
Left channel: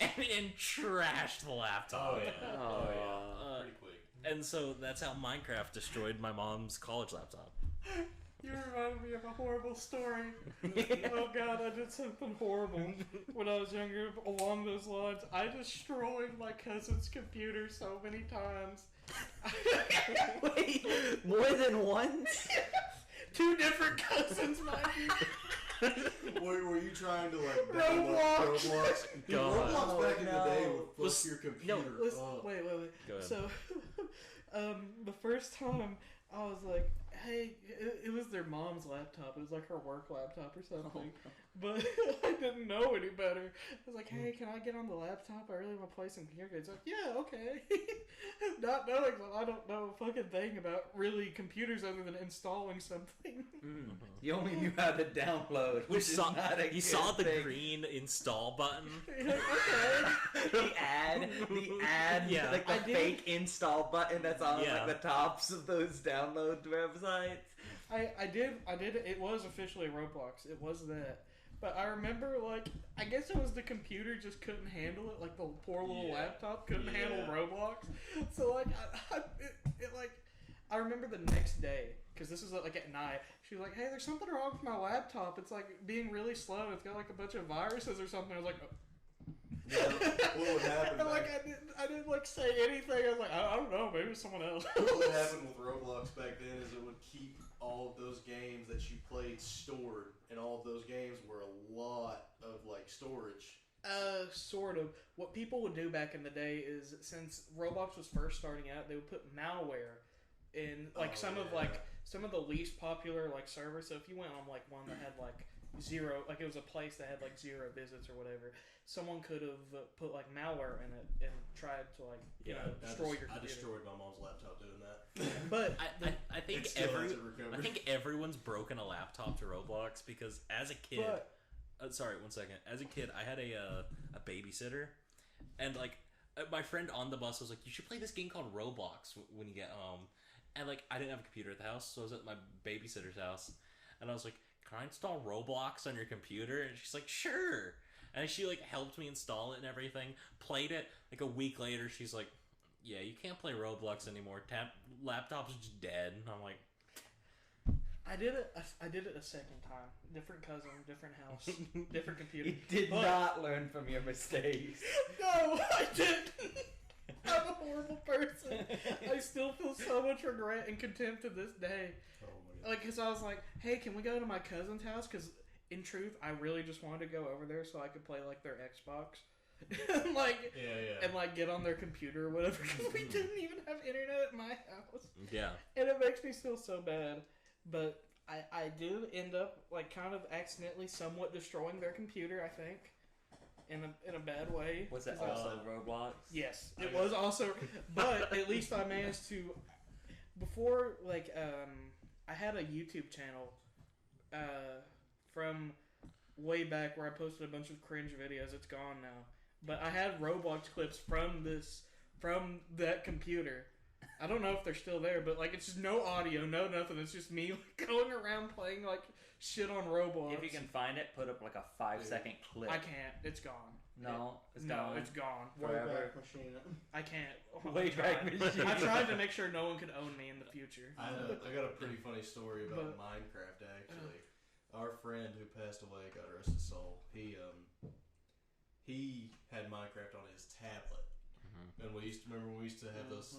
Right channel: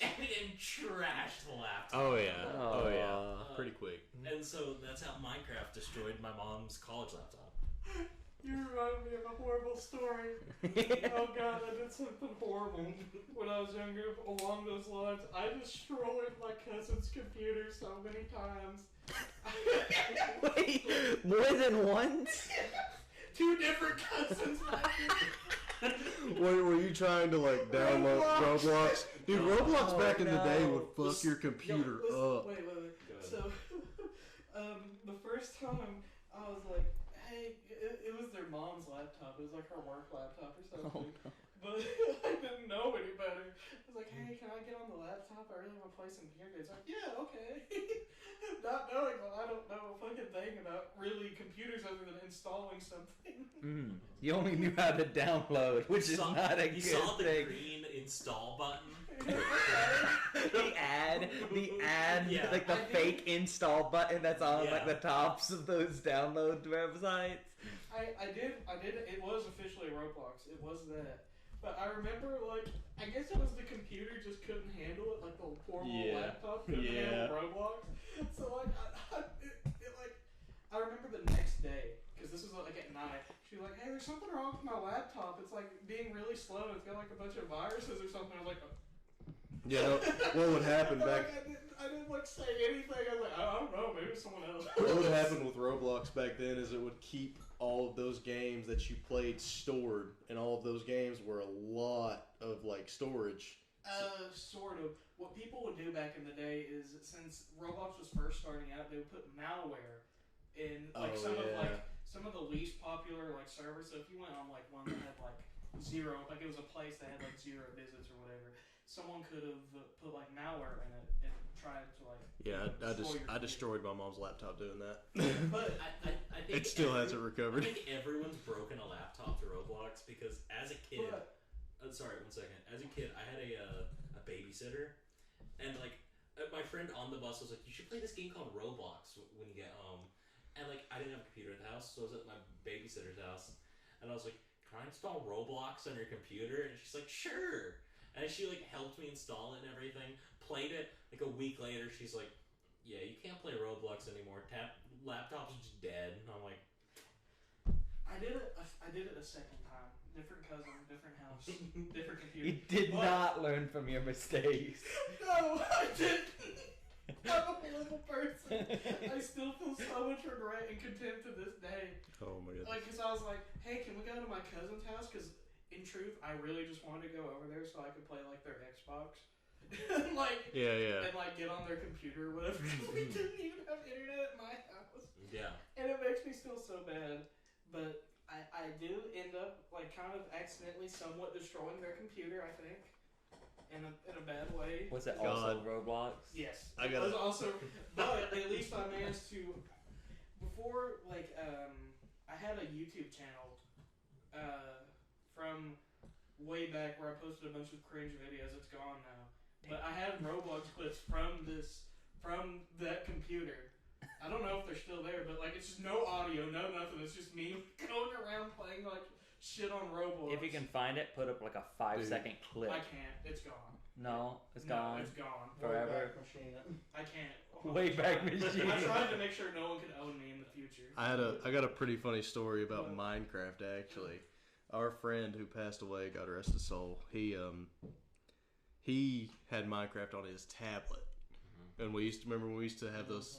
and trashed the laptop. Oh yeah. Pretty quick. And so that's how Minecraft destroyed my mom's college laptop. You reminded me of a horrible story. Oh god, I did something horrible when I was younger along those lines. I destroyed my cousin's computer so many times. Wait, more than once? 2 different cousins. Were you trying to like download Roblox? Dude, Roblox back in the day would fuck your computer up. Wait. Go ahead. So, the first time I was like, hey, it was their mom's laptop. It was like her work laptop or something. But I didn't know any better. I was like, hey, can I get on the laptop? I really want to play some computer games. Like, yeah, okay. Not knowing that I don't know a fucking thing about really computers other than installing something. You only knew how to download, which is not a You good saw the thing. green install button. the ad, Yeah. like the I did- fake install button that's on Yeah. like the tops of those download websites. I did. It was officially Roblox. It was that. But I remember, like, I guess it was the computer just couldn't handle it. Like, the poor little laptop couldn't handle Roblox. So, like, I remember the next day, because this was, like, at night. She was like, hey, there's something wrong with my laptop. It's, like, being really slow. It's got, like, a bunch of viruses or something. I was like, Yeah. What would happen I back? didn't, like, say anything. I was like, I don't know. Maybe it's someone else. What would happen with Roblox back then is it would keep all of those games that you played stored, and all of those games were a lot of like storage. Sort of. What people would do back in the day is, since Roblox was first starting out, they would put malware in like some of the least popular like servers. So if you went on like one that had like 0, like it was a place that had like 0 visits or whatever, someone could have put like malware in it and tried to like destroy your I computer. destroyed my mom's laptop doing that. But I think It still hasn't I recovered. think everyone's broken a laptop to Roblox because as a kid, sorry, 1 second. As a kid, I had a babysitter, and like my friend on the bus was like, "You should play this game called Roblox when you get home." And like I didn't have a computer at the house, so I was at my babysitter's house, and I was like, "Can I install Roblox on your computer?" And she's like, "Sure." And she like helped me install it and everything. Played it. Like a week later, she's like, "Yeah, you can't play Roblox anymore. Laptop's just dead." And I'm like, I did it a second time different cousin, different house, different computer. You did But- not learn from your mistakes. No, I didn't. I'm a horrible person. I still feel so much regret and contempt to this day. Oh my god. Like, cause I was like, hey, can we go to my cousin's house? Cause in truth, I really just wanted to go over there so I could play like their Xbox, and like, Yeah. and like get on their computer or whatever. Cause we didn't even have internet at my house, Yeah. and it makes me feel so bad. But I do end up like kind of accidentally, somewhat destroying their computer. I think. In a bad way. Was it God. also Roblox? Yes, I it got was it. also, but at least I managed to. Before, like, I had a YouTube channel, from way back where I posted a bunch of cringe videos. It's gone now, but I had Roblox clips from that computer. I don't know if they're still there, but like, it's just no audio, no nothing. It's just me going around playing like shit on Roblox. If you can find it, put up like a 5-second clip. I can't. It's gone. No, it's No, gone. it's gone. Forever. Wayback Machine. I can't. Wayback I Machine. tried to make sure no one could own me in the future. I got a pretty funny story about Yeah. Minecraft actually. Our friend who passed away, God rest his soul, he had Minecraft on his tablet. And we used to remember when we used to have those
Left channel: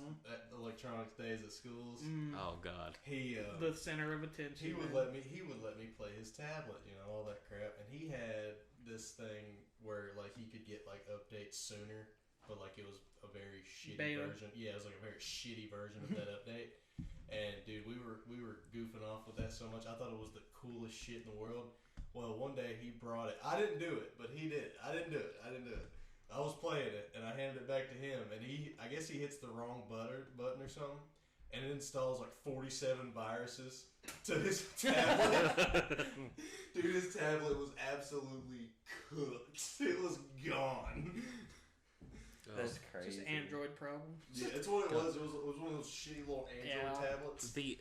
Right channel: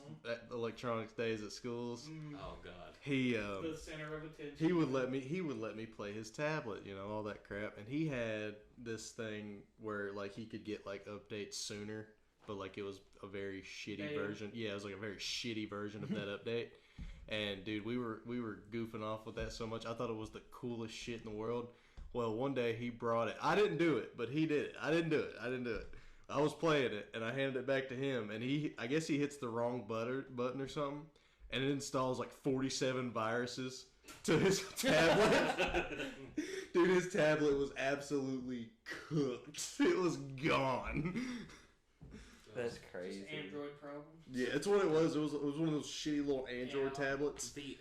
electronics days at schools. Oh God. He The center of attention. he would let me play his tablet, you know, all that crap. And he had this thing where like he could get like updates sooner, but like it was a very shitty Beta. version. Yeah, it was like a very shitty version of that update. And dude, we were goofing off with that so much. I thought it was the coolest shit in the world. Well, one day he brought it. I didn't do it, but he did it. I didn't do it. I was playing it, and I handed it back to him, and I guess he hits the wrong button or something, and it installs like 47 viruses to his tablet. Dude, his tablet was absolutely cooked. It was gone. That's Just crazy. Android problem. Yeah, that's what it was. It was one of those shitty little Android Yeah. tablets. The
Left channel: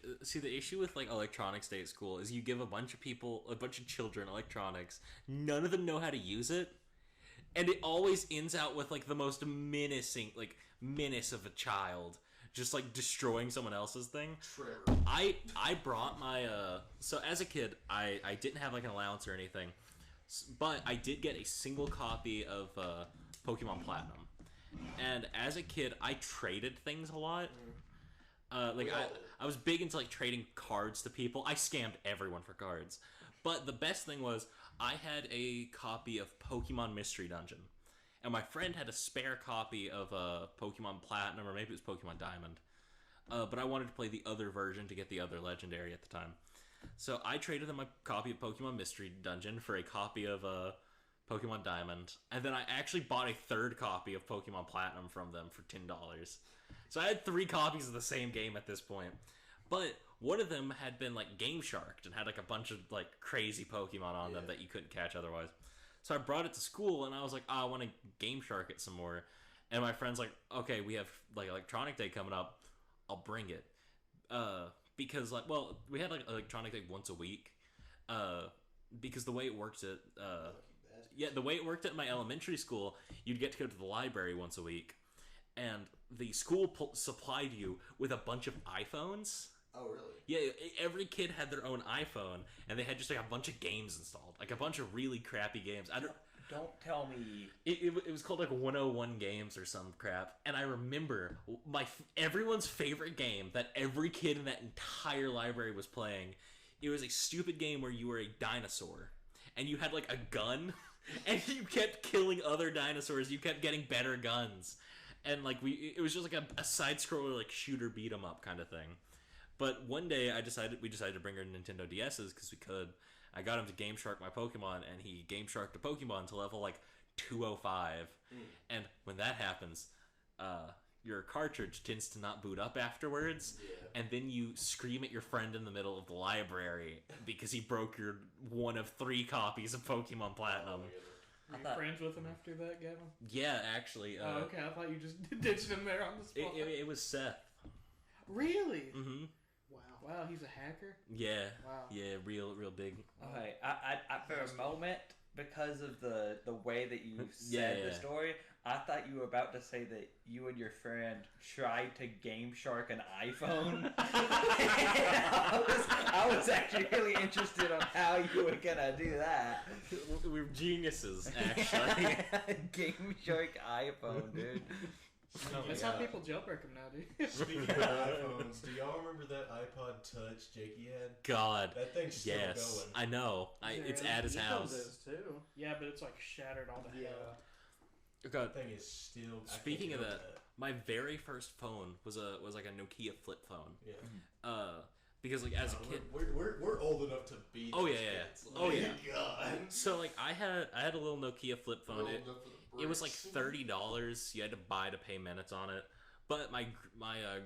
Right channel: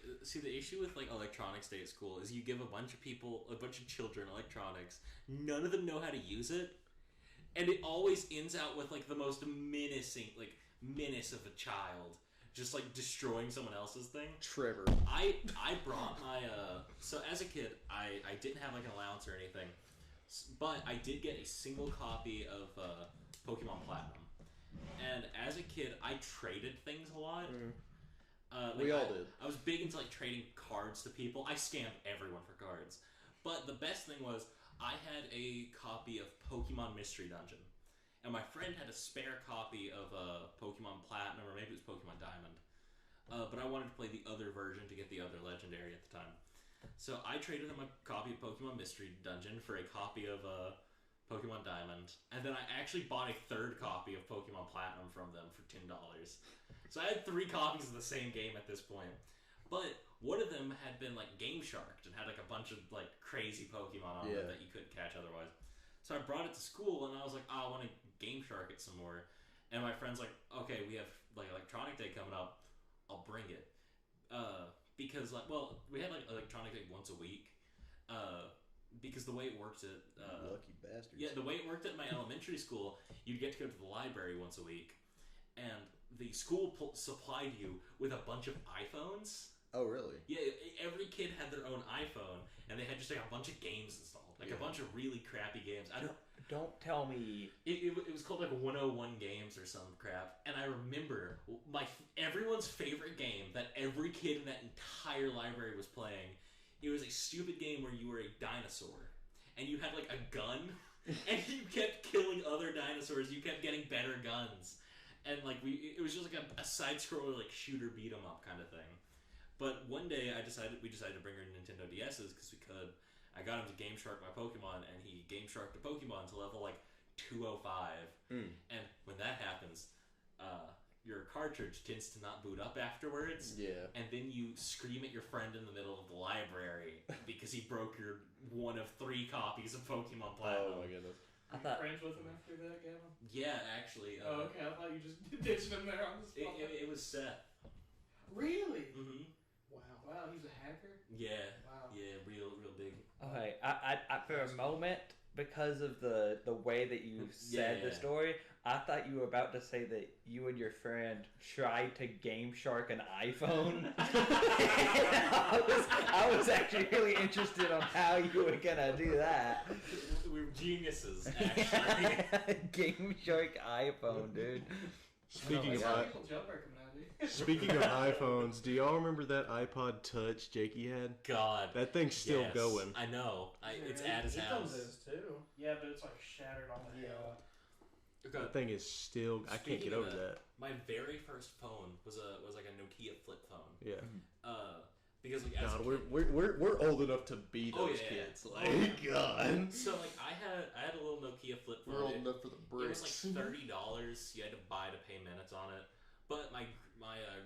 issue with like electronics day at school is you give a bunch of children electronics. None of them know how to use it, and it always ends out with like the most menace of a child just like destroying someone else's thing. Trevor. I brought my so as a kid I didn't have like an allowance or anything, but I did get a single copy of Pokemon Platinum. And as a kid, I traded things a lot. We all did. I was big into like trading cards to people. I scammed everyone for cards. But the best thing was I had a copy of Pokemon Mystery Dungeon. And my friend had a spare copy of Pokemon Platinum, or maybe it was Pokemon Diamond. But I wanted to play the other version to get the other legendary at the time. So I traded them a copy of Pokemon Mystery Dungeon for a copy of Pokemon Diamond, and then I actually bought a third copy of Pokemon Platinum from them for $10. So I had 3 copies of the same game at this point. But one of them had been like Game Sharked and had like a bunch of like crazy Pokemon on them that you couldn't catch otherwise. So I brought it to school and I was like, I want to Game Shark it some more. And my friend's like, okay, we have like Electronic Day coming up. I'll bring it. Because like, well, we had like Electronic Day once a week. Because the way it worked at Lucky bastards. yeah, the way it worked at my elementary school, you'd get to go to the library once a week, and the school supplied you with a bunch of iPhones. Oh, really? Yeah, every kid had their own iPhone, and they had just like a bunch of games installed, like a bunch of really crappy games. Don't tell me. It was called like 101 Games or some crap, and I remember everyone's favorite game that every kid in that entire library was playing. It was a stupid game where you were a dinosaur, and you had like a gun, and you kept killing other dinosaurs. You kept getting better guns, and like it was just like a side scroller like shooter beat 'em up kind of thing. But one day we decided to bring our Nintendo DS's because we could. I got him to Game Shark my Pokemon, and he Game Sharked a Pokemon to level like 205. And when that happens, your cartridge tends to not boot up afterwards. Yeah. And then you scream at your friend in the middle of the library because he broke your one of 3 copies of Pokemon Platinum. Oh my goodness. Were you thought- friends with him after that, Gavin? Yeah, actually. Oh, okay. I thought you just ditched him there on the spot. It was Seth. Really? Mm-hmm. Wow. Wow, he's a hacker? Yeah. Wow. Yeah, real big. Okay, I for a moment because of the way that you said the story, I thought you were about to say that you and your friend tried to Game Shark an iPhone. I was actually really interested on how you were gonna do that. We're geniuses, actually. Game Shark iPhone, dude. Oh my That's god. how people jailbreak them now, dude. Speaking of iPhones, do y'all remember that iPod Touch Jakey had? God. That thing's still Yes. going. I know. It's at his house. Is too. Yeah, but it's like shattered all the hell. That thing is still. I can't Speaking get of over that, my very first phone was like a Nokia flip phone. Yeah. Because like as a kid, we're old enough to be. Oh, those yeah, yeah. kids. Oh, Like, yeah. God. so like I had a little Nokia flip We're phone. old It, enough for the it was like bricks. $30. You had to buy to pay minutes on it. But my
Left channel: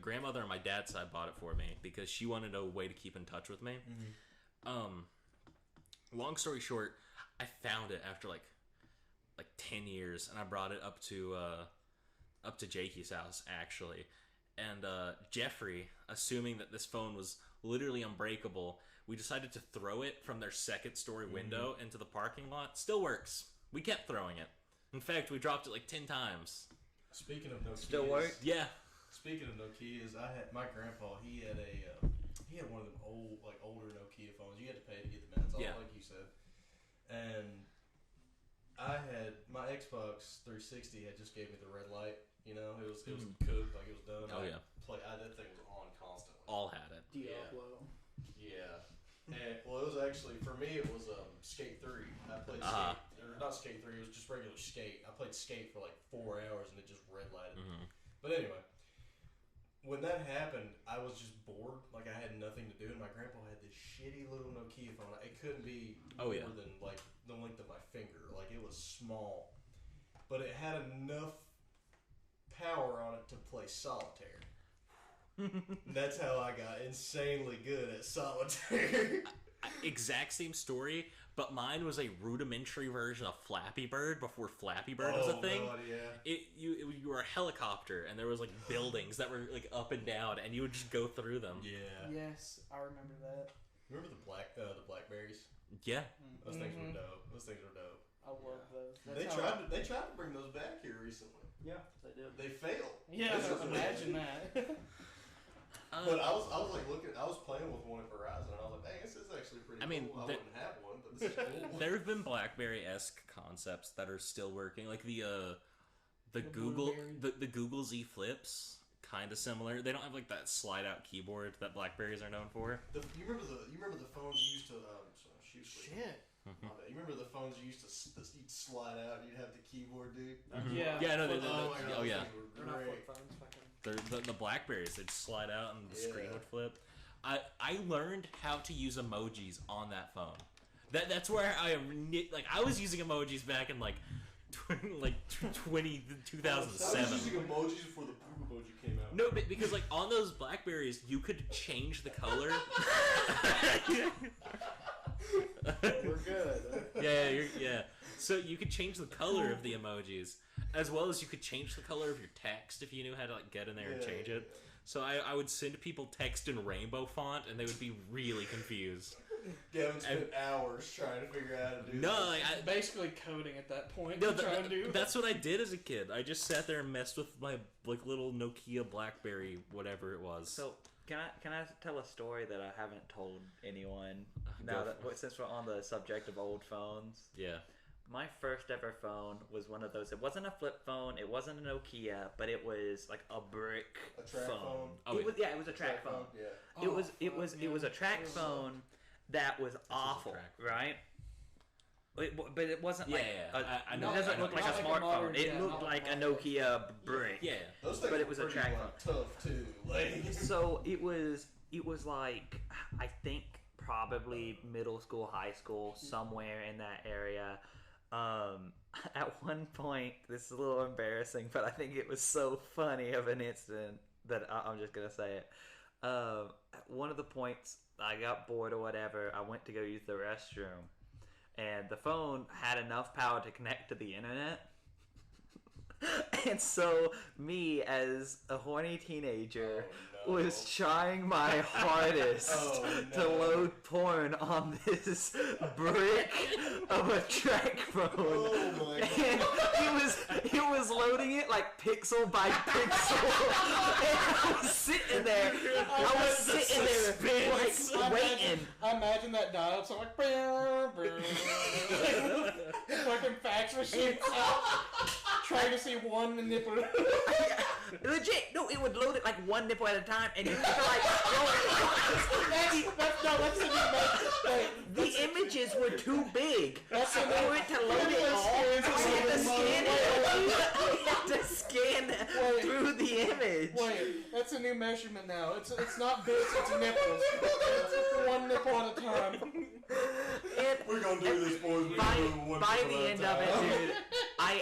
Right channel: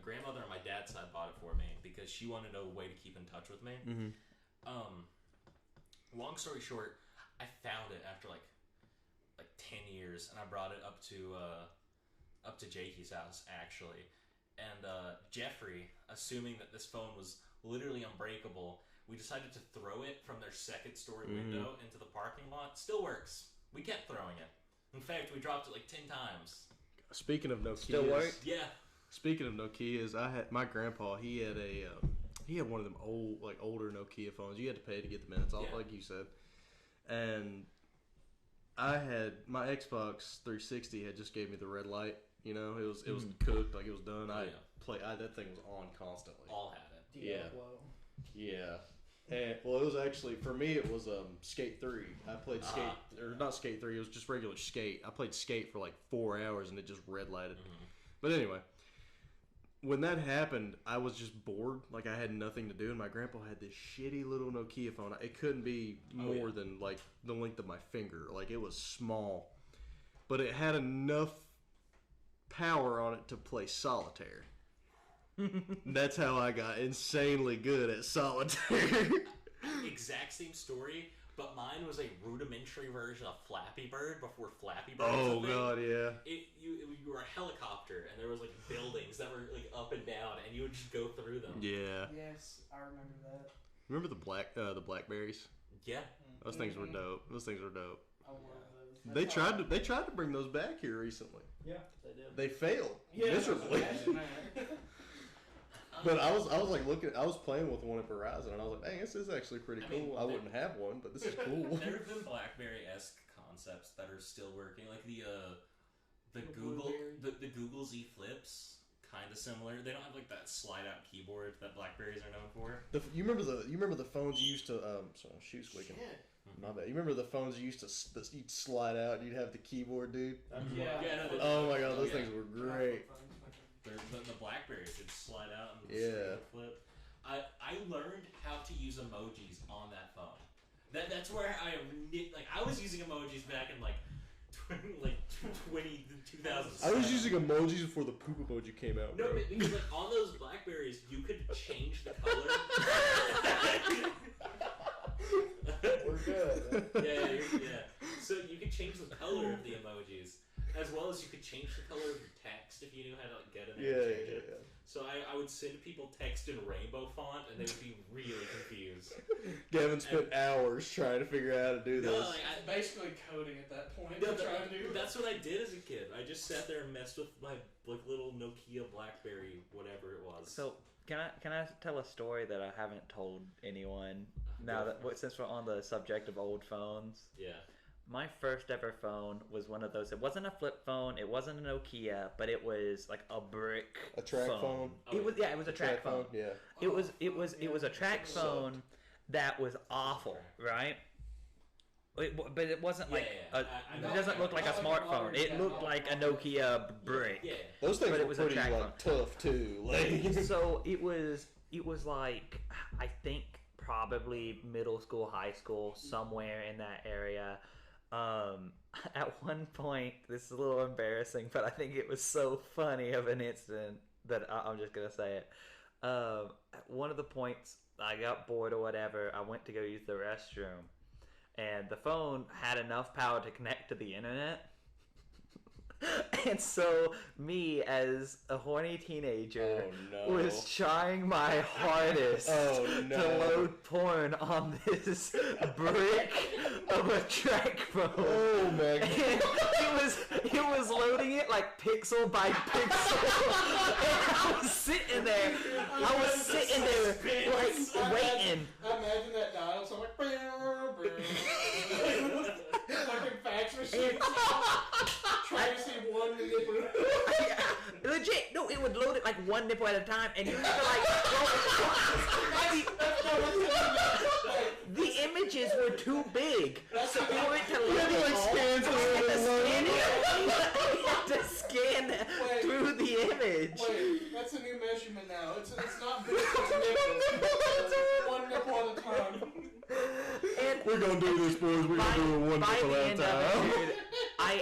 grandmother on my dad's side bought it for me because she wanted a way to keep in touch with me. Long story short, I found it after like 10 years, and I brought it up to Jakey's house actually. And Jeffrey, assuming that this phone was literally unbreakable, we decided to throw it from their second story window into the parking lot. Still works. We kept throwing it. In fact, we dropped it like 10 times. Speaking of Nokia, Still work? Yeah. Speaking of Nokias, I had my grandpa. He had one of them older Nokia phones. You had to pay to get the minutes, Yeah. like you said. And I had my Xbox 360 had just gave me the red light. You know, it was cooked, like it was done. Oh, yeah. That thing was on constantly. All had it. Diablo. Yeah. And well, it was actually for me. It was Skate 3. I played Skate, or not Skate 3. It was just regular Skate. I played Skate for like 4 hours, and it just red lighted. But anyway, when that happened, I was just bored. Like I had nothing to do, and my grandpa had this shitty little Nokia phone. It couldn't be more than like the length of my finger. Like it was small, but it had enough power on it to play solitaire. That's how I got insanely good at solitaire. Exact same story, but mine was a rudimentary version of Flappy Bird before Flappy Bird was a thing. Oh god, yeah. You were a helicopter, and there was like buildings that were like up and down, and you would just go through them. Yeah. Yes, I remember that. Remember the blackberries? Yeah. Those things were dope. Those things were dope. I love those. They tried to bring those back here recently. Yeah, they did. They failed. Yeah, miserably. imagine that. But I was like I was playing with one at Verizon, and I was like, "Dang, this is actually pretty I mean, cool." I wouldn't have one, but this is cool. There have been BlackBerry-esque concepts that are still working, like the Google the Google Z Flips, kind of similar. They don't have like that slide out keyboard that Blackberries are known for. You remember the phones you used to sorry, shoot squeaking. My bad. You remember the phones you used to you'd slide out and you'd have the keyboard, dude? Yeah. Yeah, no. Oh my god, oh, those yeah. things were great. The Blackberries, they'd slide out and the screen would flip. I learned how to use emojis on that phone. That's where I was using emojis back in like 2007. I was using emojis before the poop emoji came out. No, bro. because like on those Blackberries, you could change the color. We're good. Yeah. So you could change the color of the emojis, as well as you could change the color of your text if you knew how to like get in there and change it. Yeah. So I would send people text in rainbow font, and they would be really confused. Gavin spent hours trying to figure out how to do No, this. like, Basically coding at that point. No, trying to do. that's what I did as a kid. I just sat there and messed with my like little Nokia BlackBerry, whatever it was. So can I tell a story that I haven't told anyone? Now Go that since we're on the subject of old phones, yeah, my first ever phone was one of those. It wasn't a flip phone. It wasn't a Nokia, but it was like a brick A track phone? Oh, It was it was a track phone. Yeah. It was a track phone that was awful, track. right? But it wasn't like Yeah, I know. it doesn't look like a Not like a smartphone. modern It looked like a Nokia brick. yeah. Those things But it were was a pretty, track like, tough too. Like, So it was like, I think probably middle school, high school, somewhere in that area. At one point, this is a little embarrassing, but I think it was so funny of an incident that I'm just gonna say it. At one of the points, I got bored or whatever. I went to go use the restroom, and the phone had enough power to connect to the internet. And so, me as a horny teenager Oh, no. was trying my hardest Oh, to no. load porn on this brick of a track phone. Oh, my God. And it was loading it like pixel by pixel. And I was sitting there like waiting. I imagine that dial sound like fucking fax machine. Trying to see one nipple. Yeah, legit, no, it would load it like one nipple at a time, and you have to like the images were too big, so for it to load it all, I had to scan through the image. Wait, that's a new measurement now. It's not big, it's nipples. One nipple at a time. And We're gonna do this, boys. We're by gonna do it one the nipple at a end of it, time. dude,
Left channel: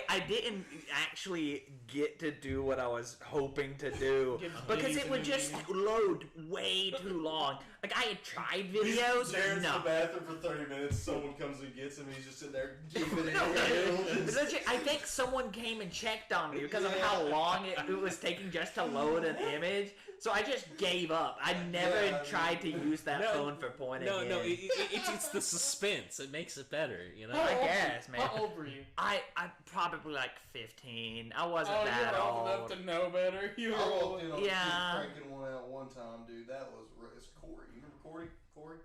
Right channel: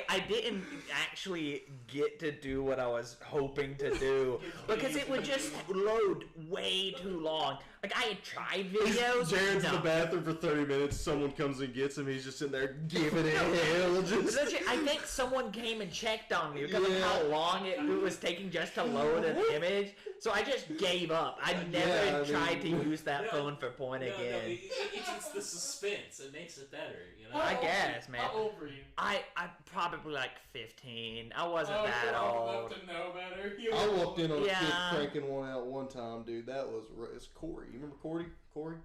I didn't actually get to do what I was hoping to do because it would just load way too long. Like, I had tried videos. Jared's in the No. bathroom for 30 minutes. Someone comes and gets him. He's just sitting there giving it hell. Just... Legit, I think someone came and checked on me because of how long it was taking just to load an image. So I just gave up. I never tried to use that phone for porn again. No, it's the suspense. It makes it better, you know? I guess, man. How old were you? I'm probably like 15. I wasn't Oh, that you're old old. enough to know better. You I walked in on a Yeah. kid cranking one out one time, dude. That was it's Corey. You remember Corey? Corey?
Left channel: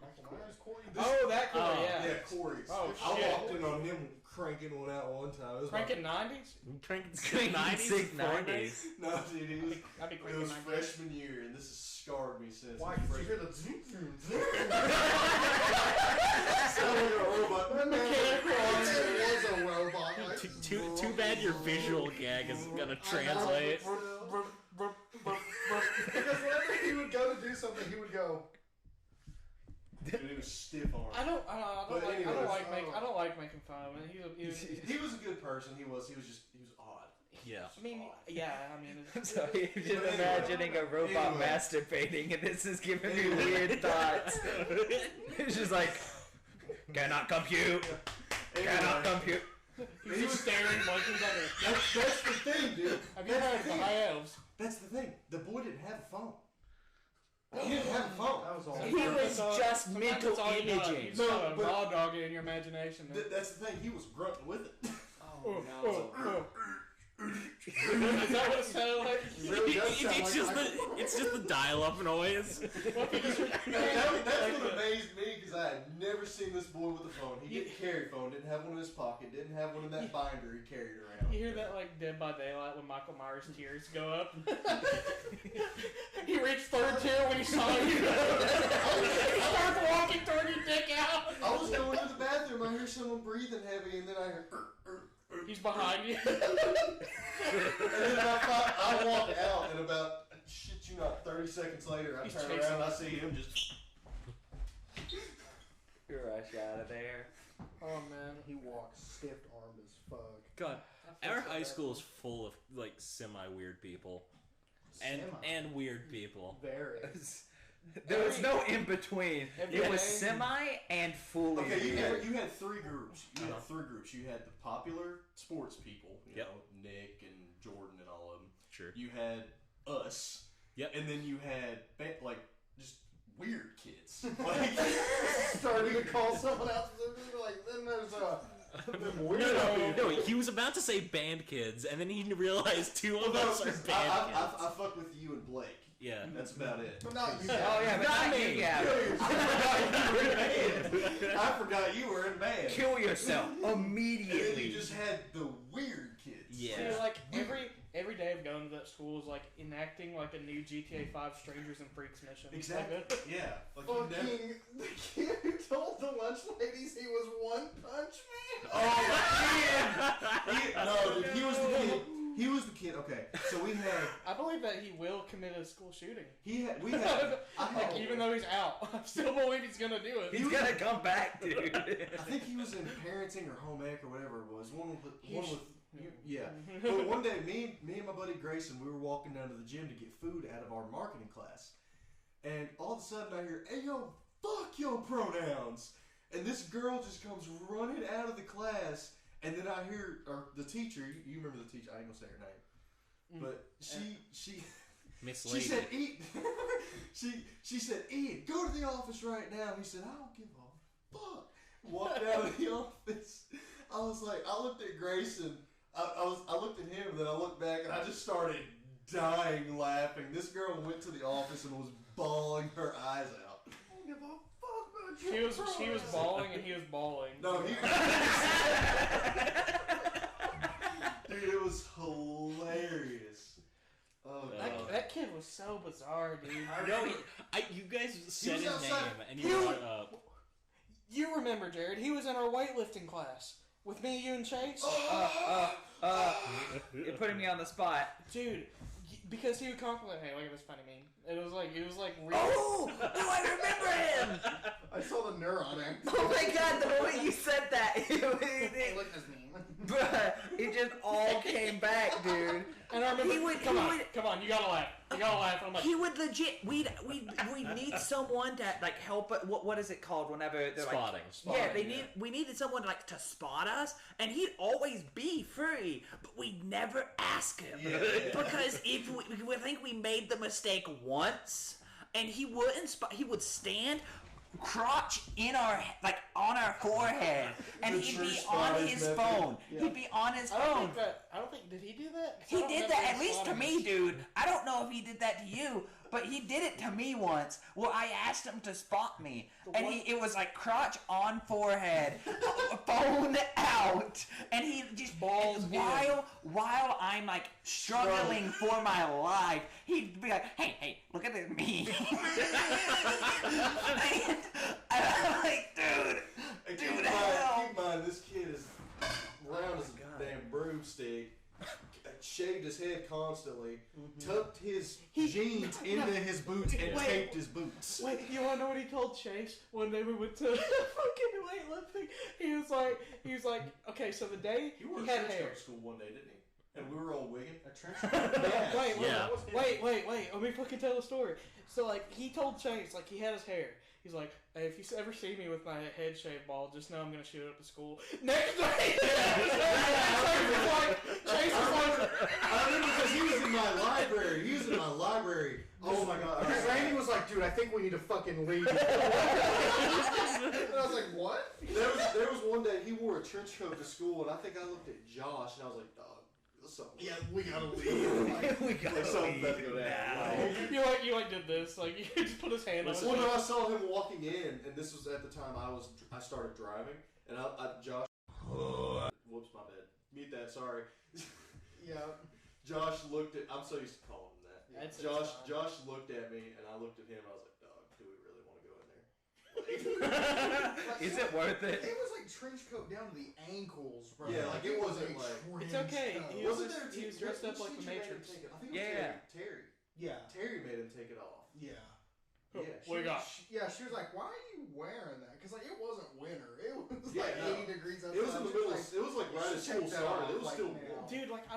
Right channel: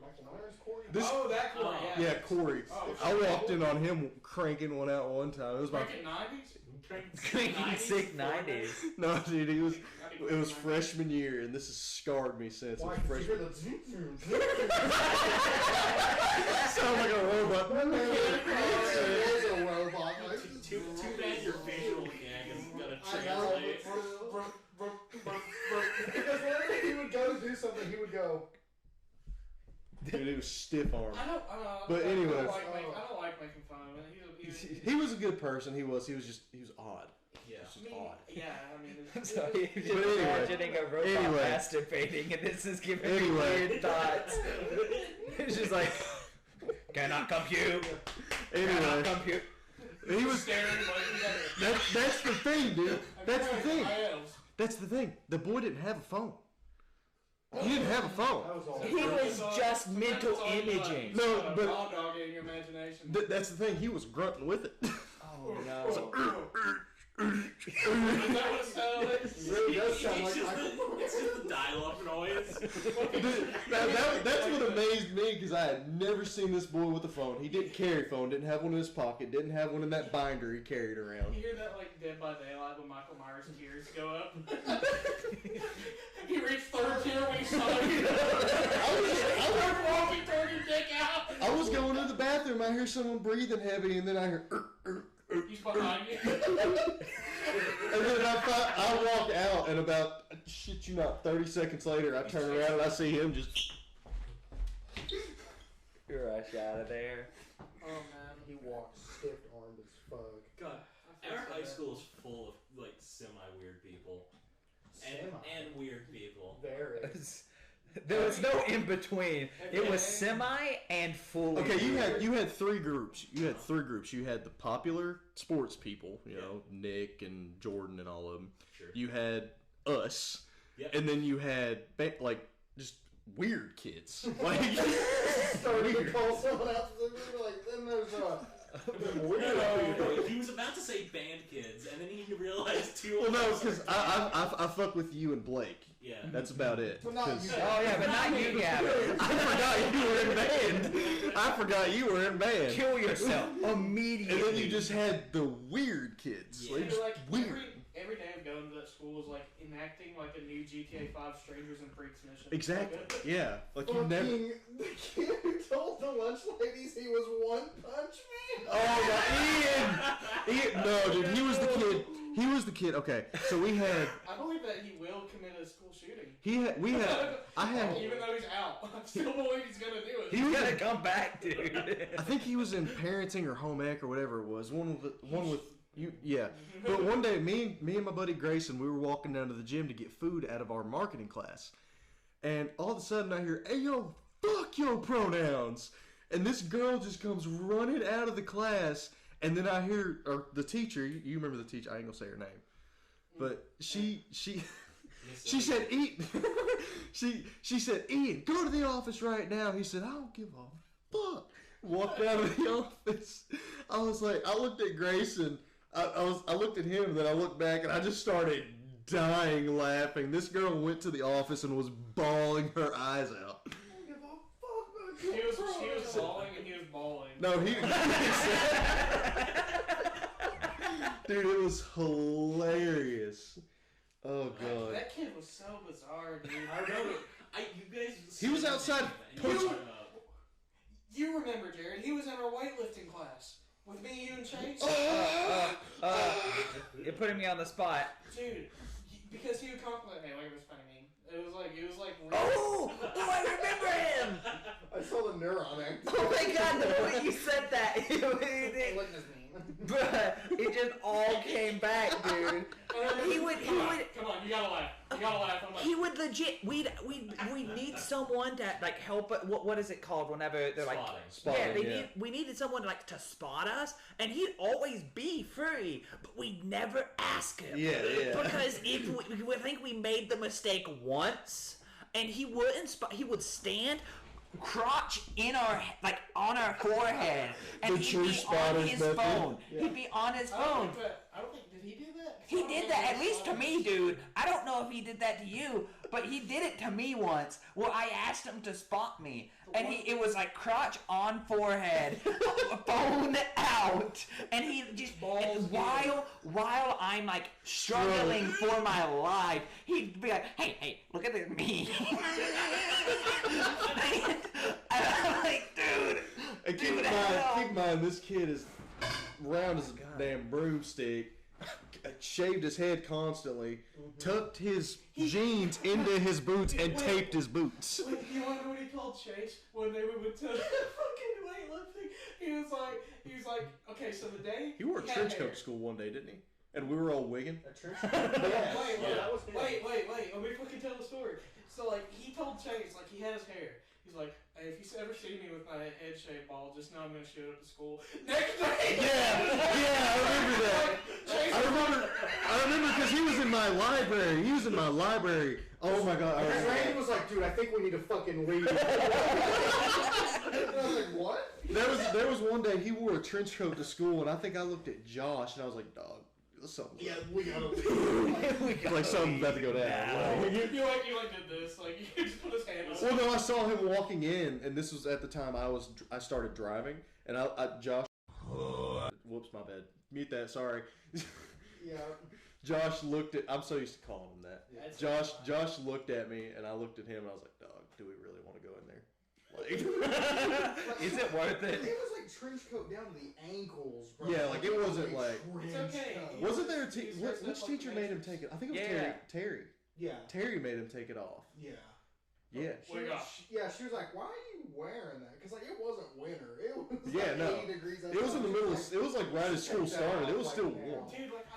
Michael Myers? Corey? This- That Corey, yeah. Yeah, Corey. Oh, I shit. walked in on him cranking one out one time. It was my Frank in 90s? Sick 90s. no, dude. It was That'd be it was quick. freshman year, and this has scarred me since. Why? It was Did you freshman. hear the Sound like a robot. It was a robot. Too bad your visual gag isn't gonna translate. Because whenever he would go to do something, he would go. Dude, it was stiff arm. I don't But like, anyways. I don't like making fun of it. He was a good person. He was odd. Yeah. Just odd. Yeah, I mean. So you're just But anyway. imagining a robot Anyway. masturbating, and this is giving me Anyway. weird thoughts. It's just like, cannot compute. Cannot Anyway, compute. he was. staring like That's the thing, dude. That's the thing. I am. That's the thing. The boy didn't have a phone. He didn't have a phone. That was all. He was just mental That's all you got. imaging. No, Shut up, but- dog dog in your imagination. That's the thing. He was grunting with it. Oh no. Is that what it sounded like? Really does sound It's like just Michael it's just the dial-up noise. That's what amazed me because I had never seen this boy with a phone. He didn't carry a phone. Didn't have one in his pocket. Didn't have one in that binder he carried around. You hear that like Dead by Daylight when Michael Myers' tears go up? He reached third tier when he saw you. I was walking, turn your dick out. I was going to the bathroom. I hear someone breathing heavy, and then I hear. He's behind you. And then I walk out, and about shit you not, 30 seconds later, I turn around and I see him just. Rush out of there. Oh man, he walks stiff-armed as fuck. God, our high school is full of like semi-weird people and weird people. Very. There was no in between. It was semi and fully. Okay, weird. you had three groups. You had three groups. You had the popular sports people, you know, Nick and Jordan and all of them. Sure. You had us. Yep. And then you had like just weird kids. Like Starting to call someone else, like, then there's the weird No, he was about to say band kids, and then he realized two well, of no, us are because band kids. I fuck with you and Blake. Yeah. That's about it. Well, not you. Oh yeah, but not you, Gavin. I forgot you were in band. I forgot you were in band. Kill yourself And immediately. then you just had the weird kids. Yeah. Like, Like weird. every day of going to that school was like enacting like a new GTA 5 Strangers and Freaks mission. Exactly. Yeah. Like you never. Fucking the kid who told the lunch ladies he was One Punch Man. Oh my Ian! No, dude, he was the kid. He was the kid. Okay, so we had. I believe that he will commit a school shooting. We had. I had. Even though he's out, I still believe he's gonna do it. He's gonna come back, dude. I think he was in parenting or home ec or whatever it was. One with you. Yeah. But one day, me and my buddy Grayson, we were walking down to the gym to get food out of our marketing class, and all of a sudden I hear, "Hey yo, fuck your pronouns!" And this girl just comes running out of the class And then I hear the teacher. You remember the teacher? I ain't gonna say her name, but she said, "Ian." she said, "Ian, go to the office right now." He said, "I don't give a fuck." Walked out of the office. I was like, I looked at Grayson. I looked at him, and then I looked back, and I just started dying laughing. This girl went to the office and was bawling her eyes out. I don't give a fuck about you. She was bawling and he was bawling. No, dude, it was hilarious. Oh god, That kid was so bizarre, dude. I remember. You guys. He was outside. And you were You remember, Jared? He was in our weightlifting class with me, you, and Chase. You're putting me on the spot. Dude, because he would compliment me. Look at this funny meme. It was like weird. Oh, I remember him. I saw the neuron act. Oh my god, the moment you said that, Look at this meme. bruh, it just all came back, dude. He would. Come on, you gotta laugh. You gotta laugh. I'm like, He would legit. We need someone to like help. What is it called? Whenever they're like, Spotting. yeah, we needed someone like to spot us, and he'd always be free, but we'd never ask him. Yeah. Because if we think we made the mistake once, and he wouldn't. He would stand. Crotch in our on our forehead, and The he'd true be on spotter's his method. phone. Yeah. He'd be on his I don't phone. think did he do that? He did that, at least to me, dude. I don't know if he did that to you, but he did it to me once. Well, I asked him to spot me, and it was like crotch on forehead, phone out, and he just while I'm like struggling for my life, he'd be like, "Hey, look at this me," and I'm like, And dude, keep hell. in mind, this kid is round as a damn broomstick. Shaved his head constantly, tucked his jeans into his boots, and taped his boots. Wait, you wanna know what he told Chase when they went to fucking weightlifting? He was like, okay, so the day He wore a had trench hair. coat to school one day, didn't he? And we were all wigging. A trench coat? Wait, Yeah. wait, let me fucking tell the story. So like, he told Chase, like, he had his hair. He's like, hey, if you ever see me with my head shaved bald, just know I'm gonna shoot up to school. Next day! I remember because he was in my library. Oh my god. And Randy was like, dude, I think we need to fucking leave. And I was like, what? There was one day he wore a trench coat to school, and I think I looked at Josh, and I was like, dog, something. Yeah, we gotta leave. Like something's about to go down. You did this, like, you just put his hand on Well, no, I saw him walking in, and this was at the time I started driving, and Josh. Whoops, my bad. Mute that. Sorry. Yeah. Josh looked at. I'm so used to calling him that. That's Josh looked at me, and I looked at him, and I was like, dog, do we really want to go in there? Is it worth it? It was like trench coat down to the ankles, bro. Yeah, like, it wasn't a like- trench It's okay. coat. Wasn't there a He was dressed which up like teacher the made him Matrix. take it? I think it was Yeah. Terry. Yeah. Terry made him take it off. Yeah. Yeah. She was like, why are you wearing that? Because, like, it wasn't winter. It was Yeah, like no. 80 degrees outside. It was in the middle. Just It was like right as school take that started. It was off, still like, warm. now. Dude, like, I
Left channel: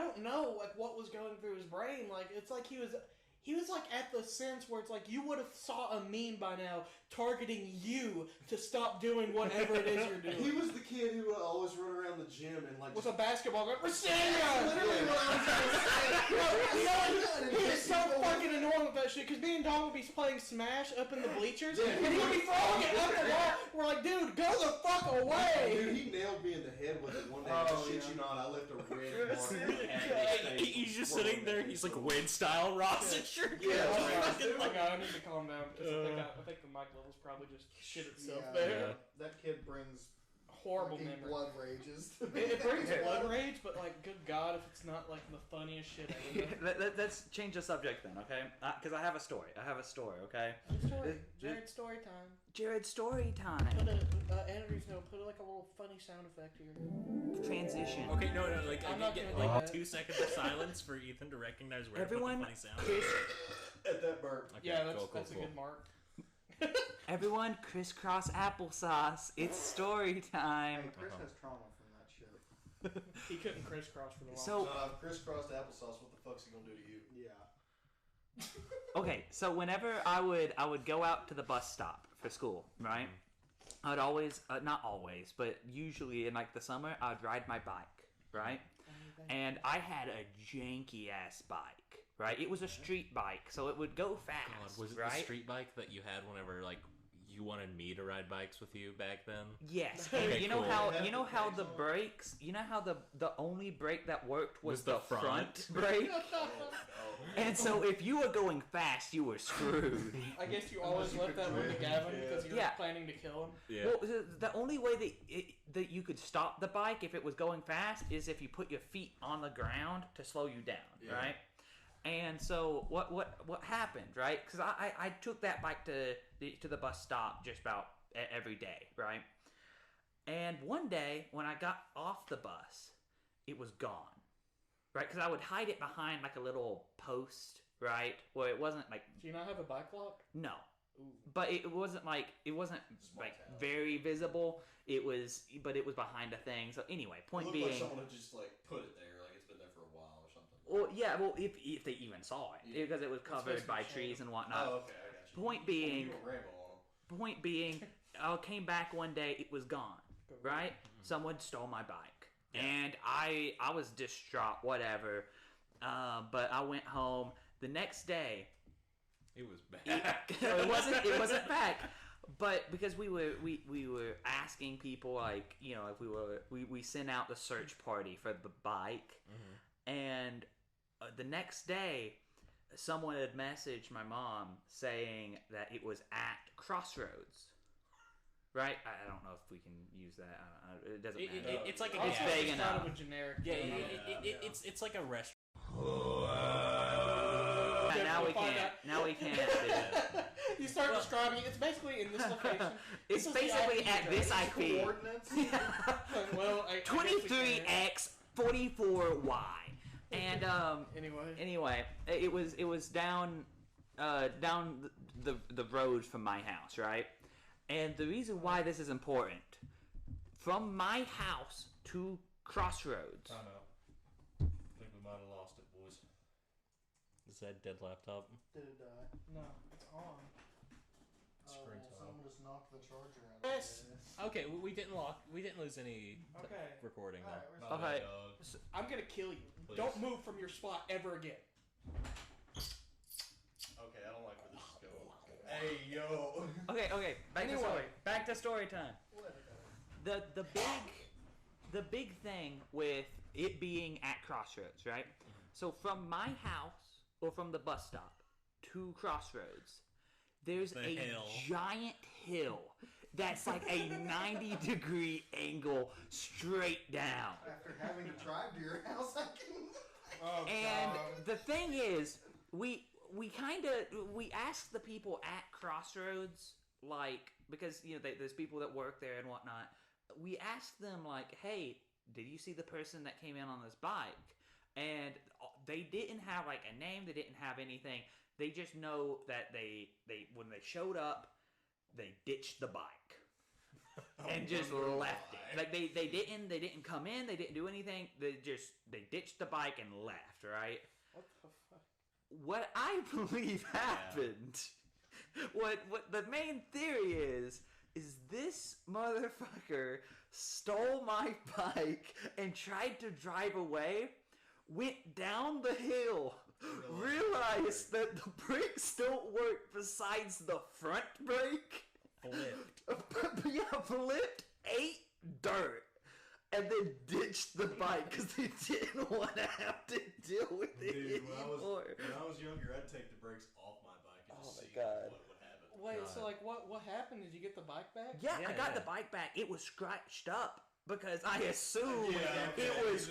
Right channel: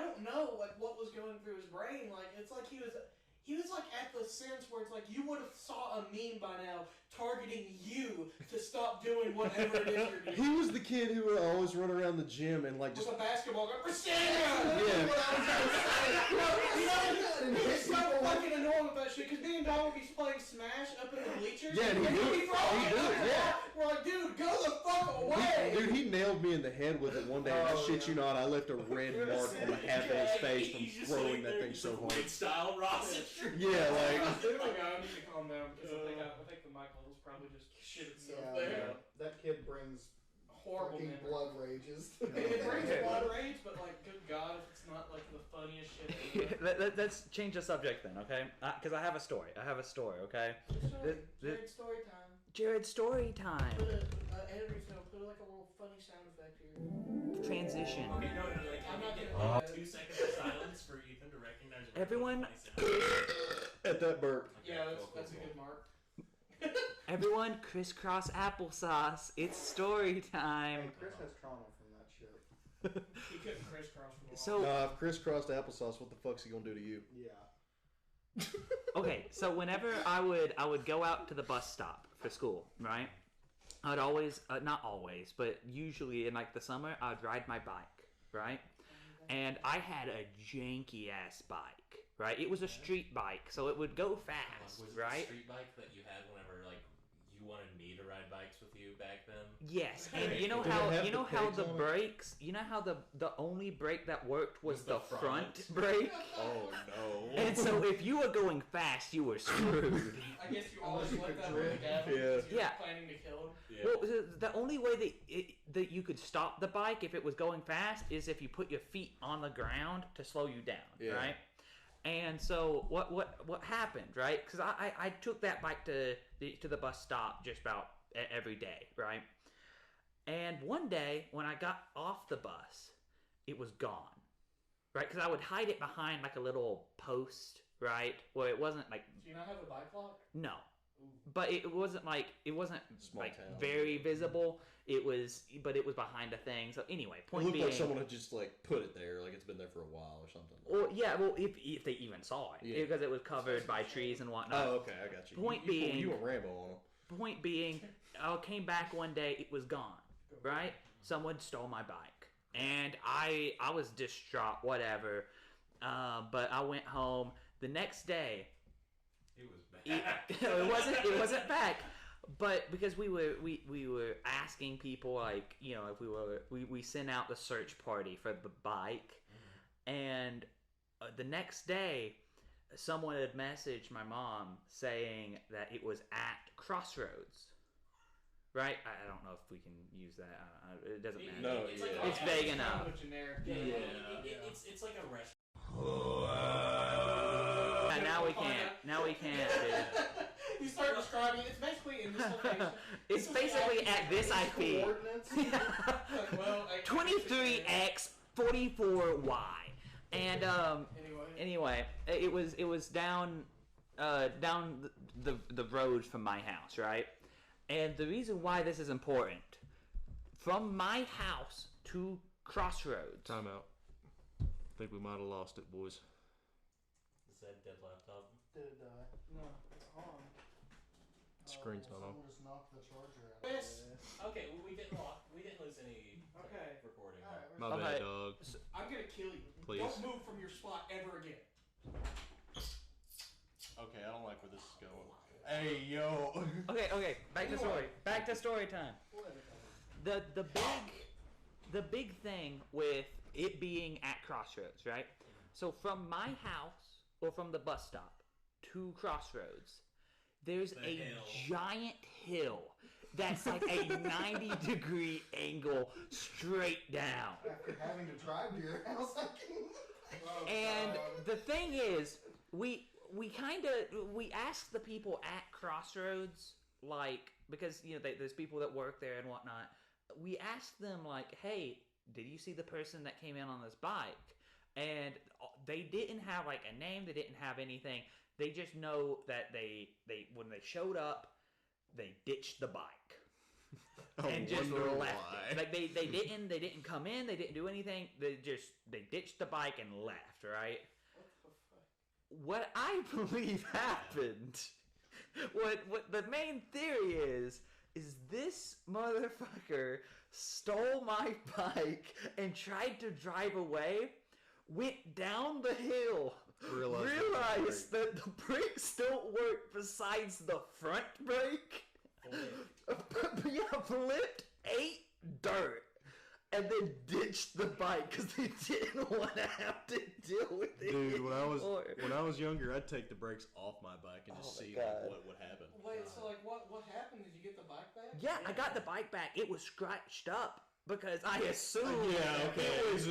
don't know, like, what was going through his brain. Like, it's like he was like at the sense where it's like you would have saw a meme by now targeting you to stop doing whatever it is you're doing. He was the kid who would always run around the gym and like With just. a basketball going, Rashida! And It's so people- fucking annoying with that shit, because me and Don would be playing Smash up in the bleachers, Yeah, and he he'd be would. throwing it He up would, and yeah. down. We're like, dude, go the fuck away! Dude, he nailed me in the head with it one day. And I shit you not, I left a red mark on half of his face. He's from just throwing sitting that there. thing He's so like hard. Wade style Ross and shirt. Yeah, like- Dude, like, I need to calm down, because I think the mic level's probably just shit itself Yeah, there. that kid brings Horrible fucking memory. blood rages. It brings blood rage, but like, good God, if it's not like the funniest shit. Let's change the subject then, okay? Because I have a story. Okay? Jared's story time. Jared's story time. Put like a little funny sound effect here. Transition. Okay, no, like I'm I not need to get gonna- like 2 seconds of silence for Ethan to recognize where Everyone, I put the funny sound. At that burp. Okay, Yeah, cool, that's cool, a good mark. Everyone, crisscross applesauce. It's story time. Hey, Chris has trauma from that shit. He couldn't crisscross for long. So, If crisscrossed applesauce, what the fuck's he gonna do to you? Yeah. okay, so whenever I would go out to the bus stop for school, right? I'd always, not always, but usually in like the summer, I'd ride my bike, right? And I had a janky ass bike, right? It was a street bike, so it would go fast, Was it right? the street bike that you had whenever like you wanted me to ride bikes with you back then? Yes, and Okay, you know cool. how Have you know the how pegs the on it? brakes, you know how the only brake that worked was Was the the front front? brake, Oh no. and so if you were going fast, you were screwed. I guess you Unless always you let could that drift, really happen because you're yeah. planning to kill him. Yeah. Well, the only way that you could stop the bike if it was going fast is if you put your feet on the ground to slow you down, Yeah. right? And so what happened, right? Because I took that bike to the bus stop just about every day, right? And one day when I got off the bus, it was gone, right? Because I would hide it behind like a little post, right? Where it wasn't like Do you not have a bike lock? no. Ooh. But it wasn't Small like town. very visible. It was behind a thing. So anyway, It point looked being, like someone had just like put it there, like it's been there for a while or something. well, yeah, well, if they even saw it, Yeah. because it was covered by trees and whatnot. Oh, okay, I got you. Point you, being- you went Rambo on them. Point being, I came back one day, it was gone. Right? Someone stole my bike, and I was distraught. Whatever. But I went home the next day. It was bad. It wasn't back, but because we were asking people, like, you know, if we sent out the search party for the bike, and the next day someone had messaged my mom saying that it was at Crossroads, right? I don't know if we can use that. It doesn't matter. It's like It's a vague Kind enough. of a generic. It's like a restaurant. Yeah, now we can't. Now we can't. Dude. You start describing it. It's basically in this location. It's basically at this IP. Coordinates? Well, 23x44y, and Anyway. anyway, it was down the road from my house, right? And the reason why this is important, from my house to Crossroads. Time out. I think we might have lost it, boys. Is that dead laptop? Did it die? No, it's on. Screen's not on. Someone just knocked the charger out. Yes. Okay, well, we didn't lose any Okay. recording. All right, My Okay. bad, dog. I'm gonna kill you. Please. Don't move from your spot ever again. Okay, I don't like where this is going. Hey, yo. Okay, back to story. Back to story time. The big thing with it being at Crossroads, right? So from my house or from the bus stop to Crossroads, there's The a hill. giant hill that's like a 90-degree angle straight down. After having to drive to your house, I can. Oh, And God. the thing is, we asked the people at Crossroads, like, because, you know, there's people that work there and whatnot. We asked them, like, hey, did you see the person that came in on this bike? And they didn't have like a name. They didn't have anything. They just know that they when they showed up, they ditched the bike and just wonder left why. it. Like they didn't come in. They didn't do anything. They ditched the bike and left. Right. What I believe happened, what the main theory is this motherfucker stole my bike and tried to drive away, went down the hill, realized that the brakes don't work besides the front brake, flipped, ate dirt, and then ditched the bike because they didn't want to have to deal with it Dude, when anymore. I was younger, I'd take the brakes off my bike and Oh just my see God. what would happen. Wait, so like what happened? Did you get the bike back? Yeah, I got Yeah. the bike back. It was scratched up because I assumed okay. it was.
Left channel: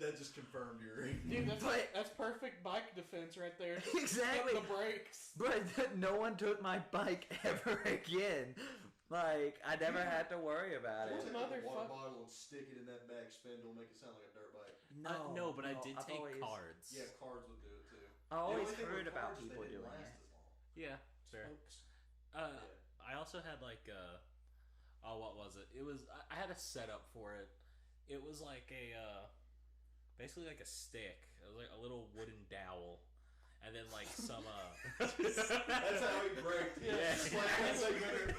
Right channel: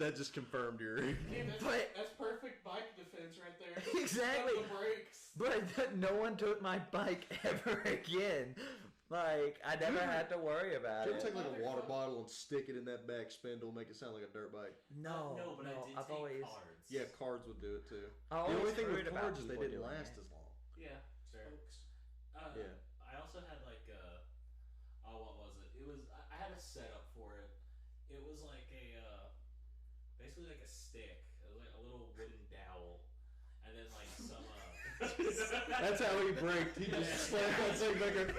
that just confirmed your. Dude, But- that's perfect bike defense right there. Exactly. Got the brakes. But no one took my bike ever again. Like, I never had to worry about Should I it. take like a water bottle and stick it in that back spindle, make it sound like a dirt bike? No, but I did I've take always, cards. Yeah, cards would do it too. I always The only thing heard with about cards is people they didn't doing last it. as long. Yeah, fair. Folks. Yeah. I also had like what was it? It was I had a setup for it. It was like a basically like a stick. It was like a little wooden dowel, and then like some That's how he braked. He just slammed that thing back there.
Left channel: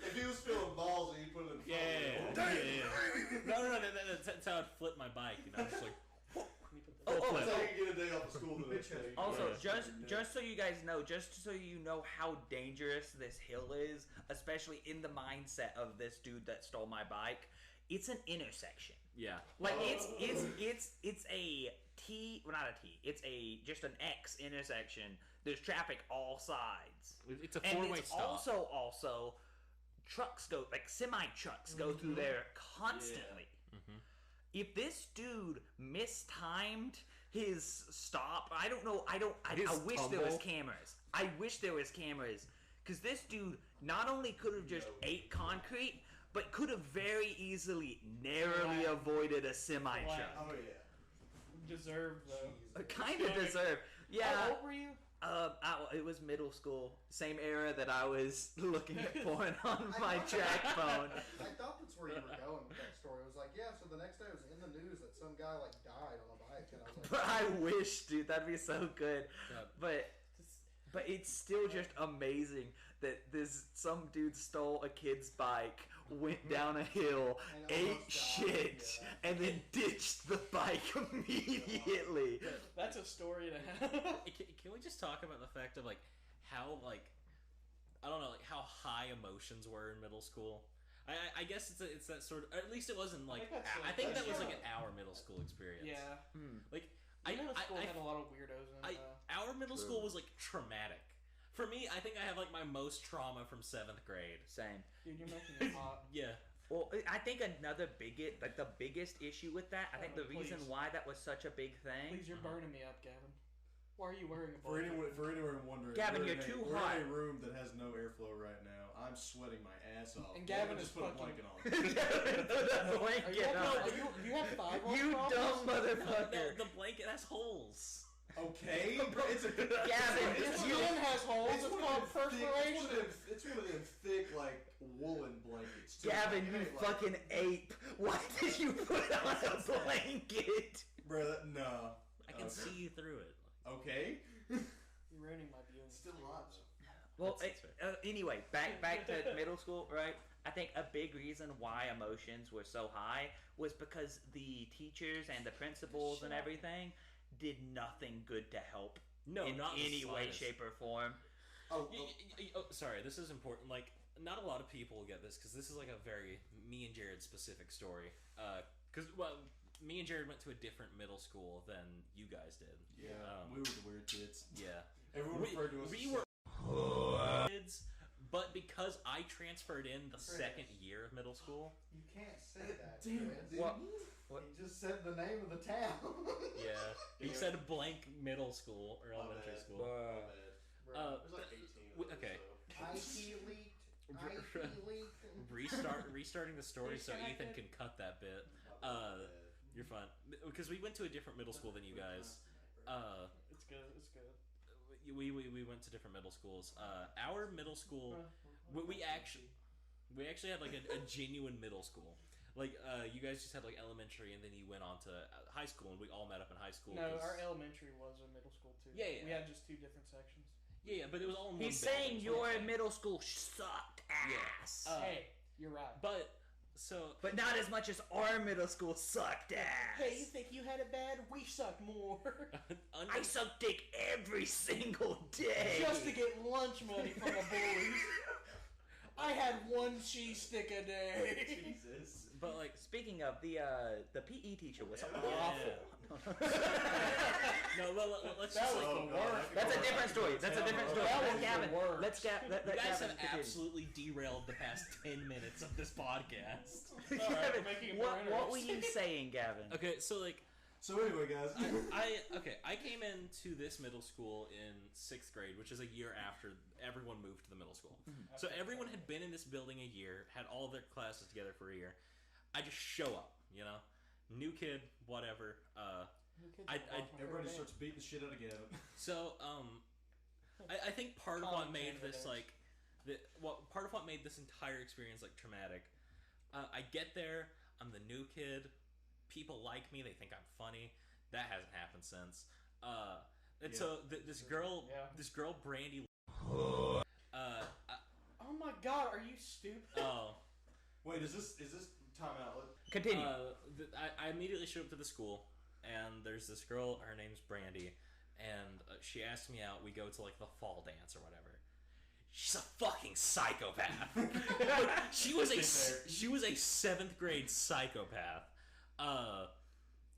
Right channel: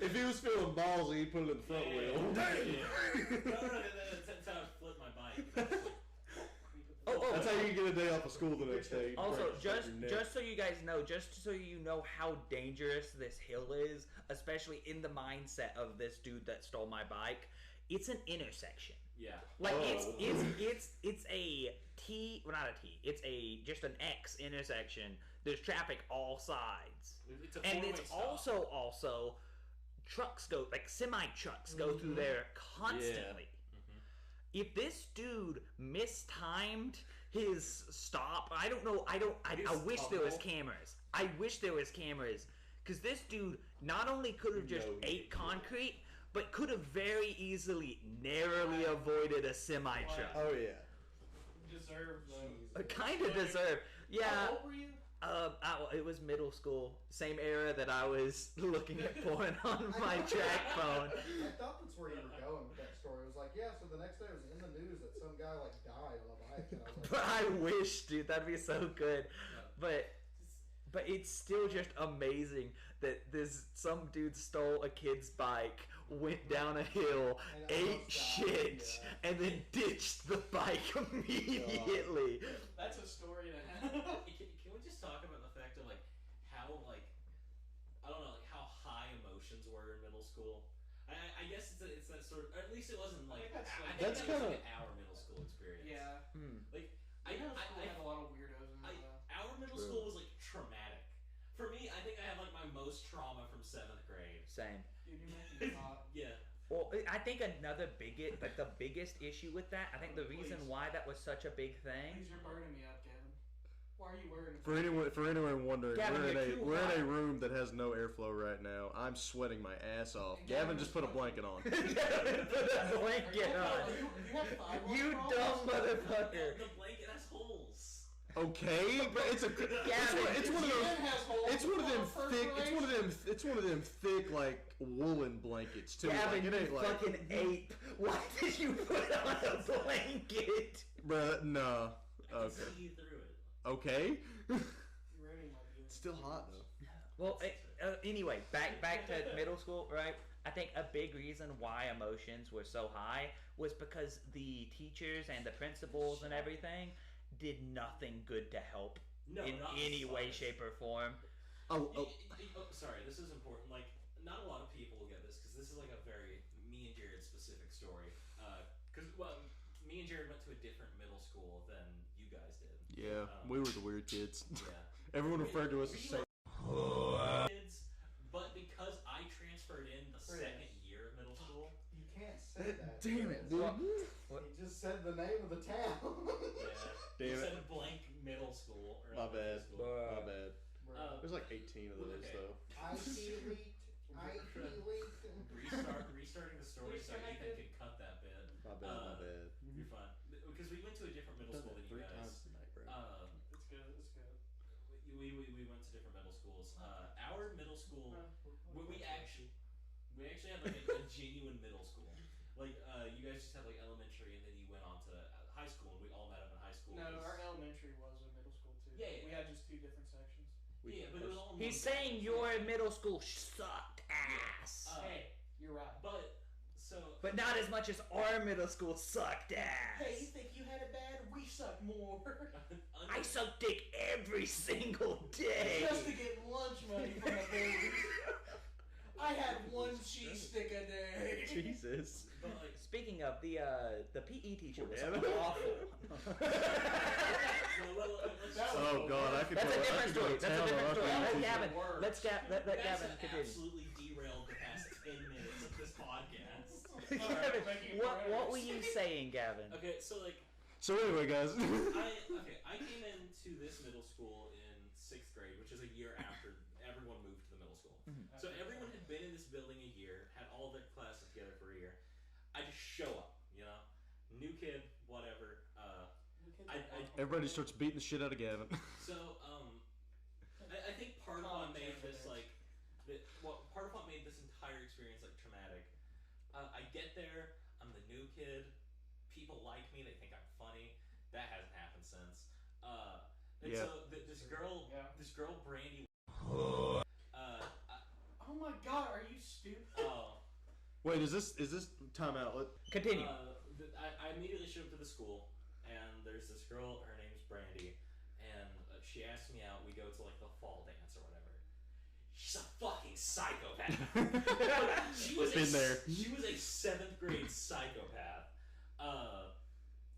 If he was feeling ballsy, he'd put it in the front wheel. No, that's how I'd flip my bike. You know, just like, That's how you get a day off of school the next day. Also, just so you guys know, just so you know how dangerous this hill is, especially in the mindset of this dude that stole my bike, it's an intersection. yeah. Like it's a T, well not a T, it's just an X intersection. There's traffic all sides, It's a and four-way it's stop. also trucks go, like semi trucks go through there constantly. If this dude mistimed his stop, I don't know. I wish there was cameras. I wish there was cameras, because this dude not only could have just ate concrete, but could have very easily narrowly avoided a semi truck. Oh yeah. Deserved though. Kind of deserved. How Yeah. old were you? It was middle school, same era that I was looking at porn on my track phone. I thought that's where you were going with that story. It was like, yeah, so the next day it was in the news that some guy like died on a bike, and I was like, But I wish, dude, that'd be so good. Yeah. But it's still just amazing that some dude stole a kid's bike, went down a hill, And ate almost died, shit, yeah. and then ditched the bike immediately. That's a story to have. Can we just talk about the fact of like how like I don't know like how high emotions were in middle school? I guess it's that sort of, or at least it wasn't like I think that was like our middle school experience. Yeah. Like I had a lot of weirdos in it. our middle school was like traumatic. For me, I think I have like my most trauma from 7th grade. Same. Dude, you're making me hot. Yeah. Well, I think the biggest issue with that, I think the reason why that was such a big thing. Please, you're burning me up, Gavin. Why are you worried? For anyone wondering, Gavin, we're you're too we're hot. in a room that has no airflow right now. I'm sweating my ass off. And Gavin Gavin just is put a fucking- blanket on. Put a blanket on. Do you have thyroid You problems? dumb motherfucker. The blanket has holes. Okay, but it's a Gavin, it's one of Your those- skin has holes. It's one of them called thick. perforation. It's one of them thick like woolen blankets too. Gavin, like, it you ain't like, fucking ape. Why did you put on a blanket? bruh. No. I can see through it. Okay. You're ruining my view. It's still hot though. Well, That's anyway, back to middle school, right? I think a big reason why emotions were so high was because the teachers and the principals and everything did nothing good to help No, in not the any way, slightest. shape, or form. Oh, Sorry, this is important. Like, not a lot of people get this because this is like a very me and Jared specific story. Because me and Jared went to a different middle school than you guys did. yeah, we were the weird kids. Yeah. Everyone referred to us as We were kids, but because I transferred in the second year of middle school, you can't say that. Damn it, dude. What? He just said the name of the town. yeah, you Damn it. said blank middle school or My elementary bad. school. My bad. Uh, There's like 18 of those. okay. So. IT leaked. Restarting the story so Ethan can cut that bit. My bad. My bad. You're fine because we went to a different middle school than you guys. It's good. It's good. We went to different middle schools. Our middle school, we actually had like a genuine middle school. Like you guys just had like elementary, and then you went on to high school, and we all met up in high school. No, 'cause- our elementary was a middle school too. Yeah, yeah. We had just two different sections. yeah, but it was all. in He's one saying building. your middle school sucked ass. Hey, you're right. But so But not as much as our middle school sucked ass. Hey, you think you had it bad? We suck more. I suck dick every single day. Just to get lunch money from the bullies. I had one cheese stick a day. Jesus. but like Speaking of, the PE teacher was Yeah. awful. no, let's That just was Oh god, I could That's go- a different story. That's a different story. That Let was Gavin. the worst. Let you guys Gavin have continue. absolutely derailed the past 10 minutes of this podcast. Gavin, making what progress. were you saying, Gavin? Okay, so like So anyway, guys. I came into this middle school in 6th grade, which is a year after everyone moved to the middle school. So everyone had been in this building a year, had all their classes together for a year. I just show up, you know, new kid, whatever. Everybody starts beating the shit out of Gavin. So I think part of what made this like, part of what made this entire experience like traumatic. I get there, I'm the new kid. People like me. They think I'm funny. That hasn't happened since. And Yeah. so this girl, Yeah. Brandy. Oh my god, are you stupid? Oh. Wait, is this time out? Continue. I immediately showed up to the school, and there's this girl. Her name's Brandy, and she asked me out. We go to like the fall dance or whatever. She's a fucking psychopath. Like, she was a 7th grade psychopath.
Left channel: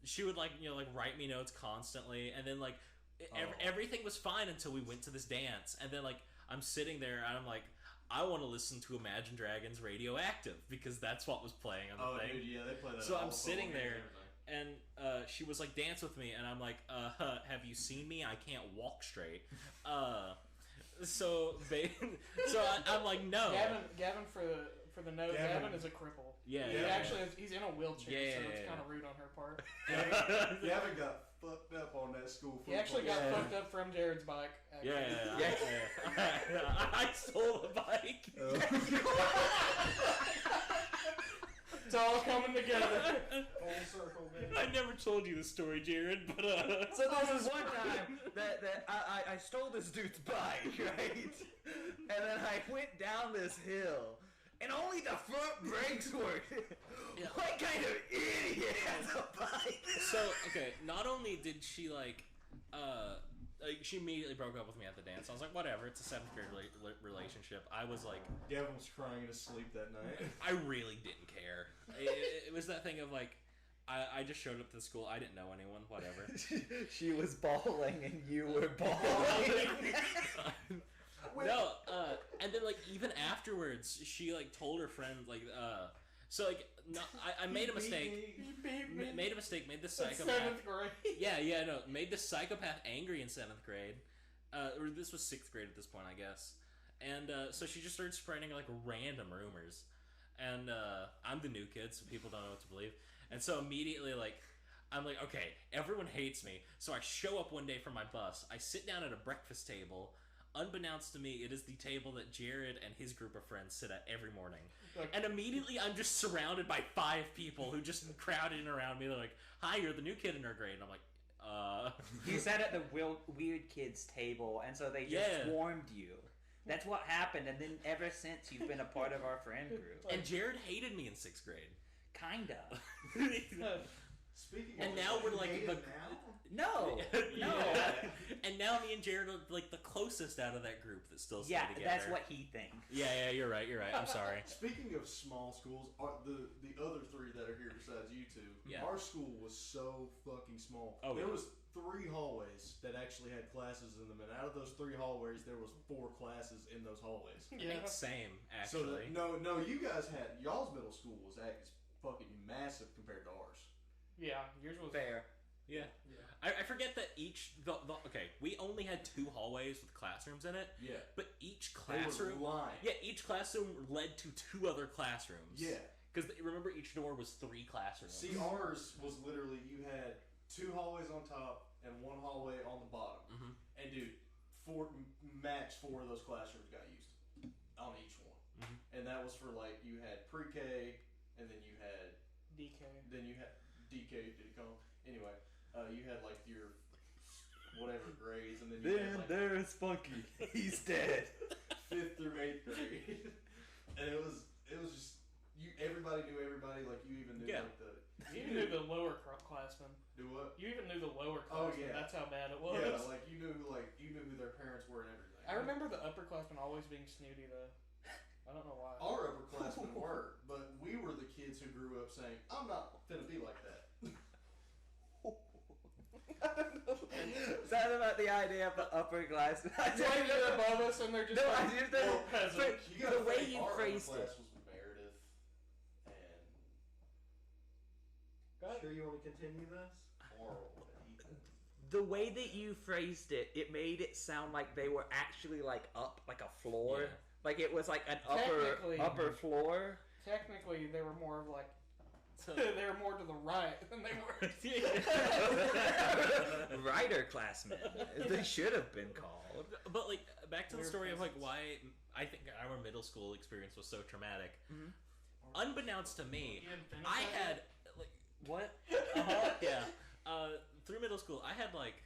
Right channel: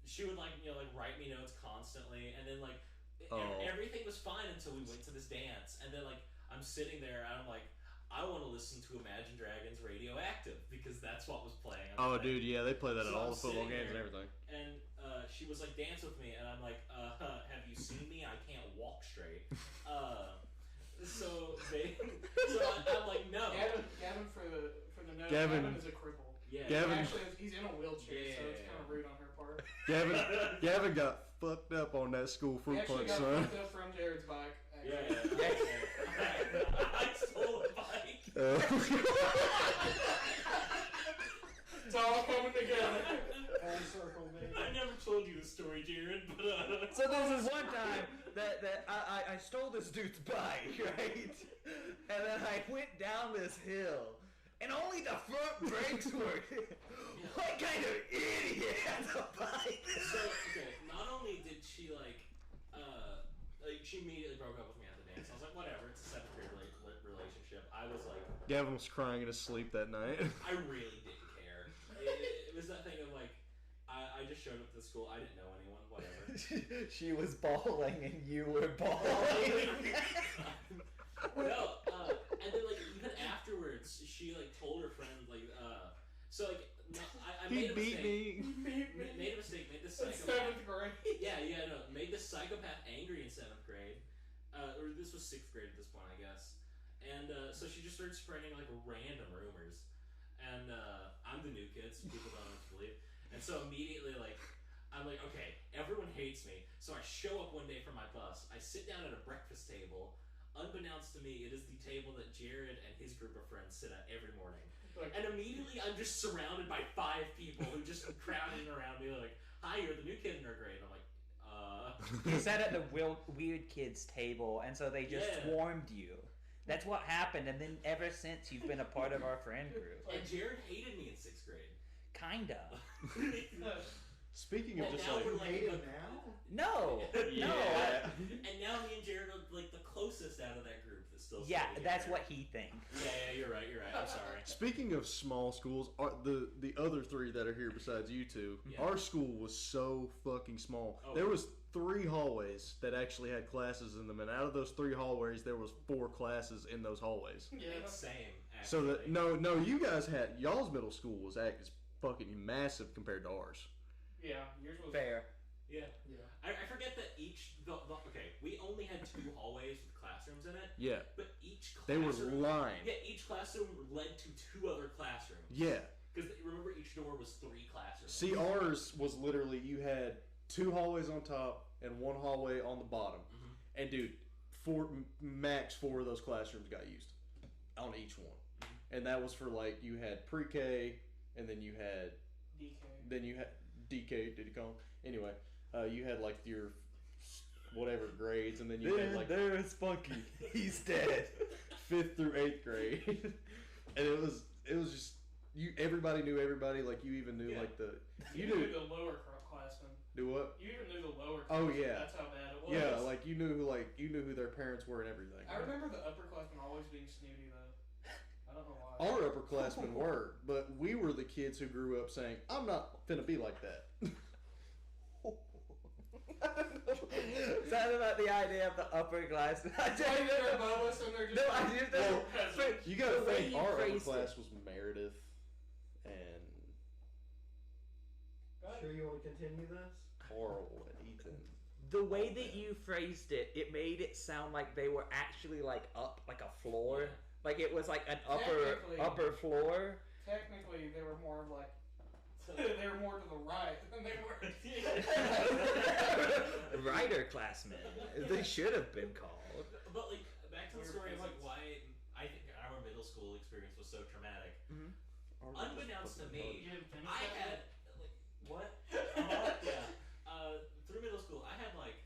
She would like write me notes constantly, and then like everything was fine until we went to this dance, and then like I'm sitting there and I'm like, I want to listen to Imagine Dragons Radioactive because that's what was playing on the thing. Dude, yeah, they play that So at all I'm the football sitting games there, and everything. and she was like, dance with me, and I'm like, have you seen me? I can't walk straight. So I'm like, no. Gavin for the note, Gavin. Gavin is a cripple. Yeah. He actually he's in a wheelchair, so it's kind of rude on her part. Gavin got fucked up on that school He fruit actually punch, got son. fucked up from Jared's bike. Yeah. I stole the bike. It's all coming together. Full circle, man. I never told you this story, Jared, but So there was one time that I stole this dude's bike, right? And then I went down this hill, and only the front brakes worked. Yeah. What kind of idiot has a bike? So okay, not only did she like she immediately broke up with me at the dance. I was like, whatever, it's a 7th grade relationship. I was like, Gavin was crying in his sleep that night. I really didn't care. It was that thing of like, I just showed up to the school. I didn't know anyone. Whatever. She was bawling and you were bawling. No, and then like even afterwards, she like told her friend like, so like, no, I made a mistake. Made a mistake. Made the psychopath. 7th grade. No. Made the psychopath angry in 7th grade, or this was 6th grade at this point, I guess. And so she just started spreading like random rumors, and I'm the new kid, so people don't know what to believe. And so immediately, like, I'm like, okay, everyone hates me. So I show up one day for my bus. I sit down at a breakfast table. Unbeknownst to me, it is the table that Jared and his group of friends sit at every morning. And immediately, I'm just surrounded by 5 people who just crowded in around me. They're like, "Hi, you're the new kid in our grade." And I'm like, You sat at the weird kids table, and so they just swarmed you. That's what happened, and then ever since you've been a part of our friend group. And Jared hated me in 6th grade. Kinda. Speaking And of, now we're like the, No. No. And now me and Jared are like the closest out of that group that still stay Yeah, together. that's what he thinks. Yeah, you're right. I'm sorry. Speaking of small schools, the other 3 that are here besides you two, our school was so fucking small. Oh. There was 3 hallways that actually had classes in them, and out of those 3 hallways, there was 4 classes in those hallways. I think same, So actually. that no, you guys had y'all's middle school was fucking massive compared to ours. Yeah, yours was Fair. Yeah. I forget that okay, we only had 2 hallways with classrooms in it. Yeah. But each They classroom. were lined. Yeah, each classroom led to 2 other classrooms. Yeah. Because remember, each door was 3 classrooms. See, ours was literally you had 2 hallways on top and 1 hallway on the bottom. Mhm. And dude, max 4 of those classrooms got used on each one. Mhm. And that was for like you had pre-K, and then you had DK. Did you call them? Anyway, you had like your whatever grades, and then you had like there's Spunky. He's dead. 5th through 8th grade, and it was just everybody knew everybody. Like you even knew like you knew the lower classmen. Do what? You even knew the lower Oh, classmen. yeah. That's how bad it was. Yeah, like you knew who their parents were and everything. I remember the upperclassmen always being snooty though. I don't know why. Our upperclassmen were, but we were the kids who grew up saying, "I'm not finna be like that." Something about the idea of the upperclassmen. I It's like they're above us and they're just No, I just don't. peasants. You gotta The way think you our phrased upperclass was Meredith and Sure you want to continue this? Oral and Ethan. The way that you phrased it, it made it sound like they were actually like up, like a floor. Yeah. Like it was like an Technically- upper floor. Technically, they were more of like they were more to the right than they were. Writer classmen. They should have been called. But like back to the story of like why I think our middle school experience was so traumatic. Mhm. Unbeknownst to me, You didn't finish I that? had like what? Yeah. Through middle school, I had like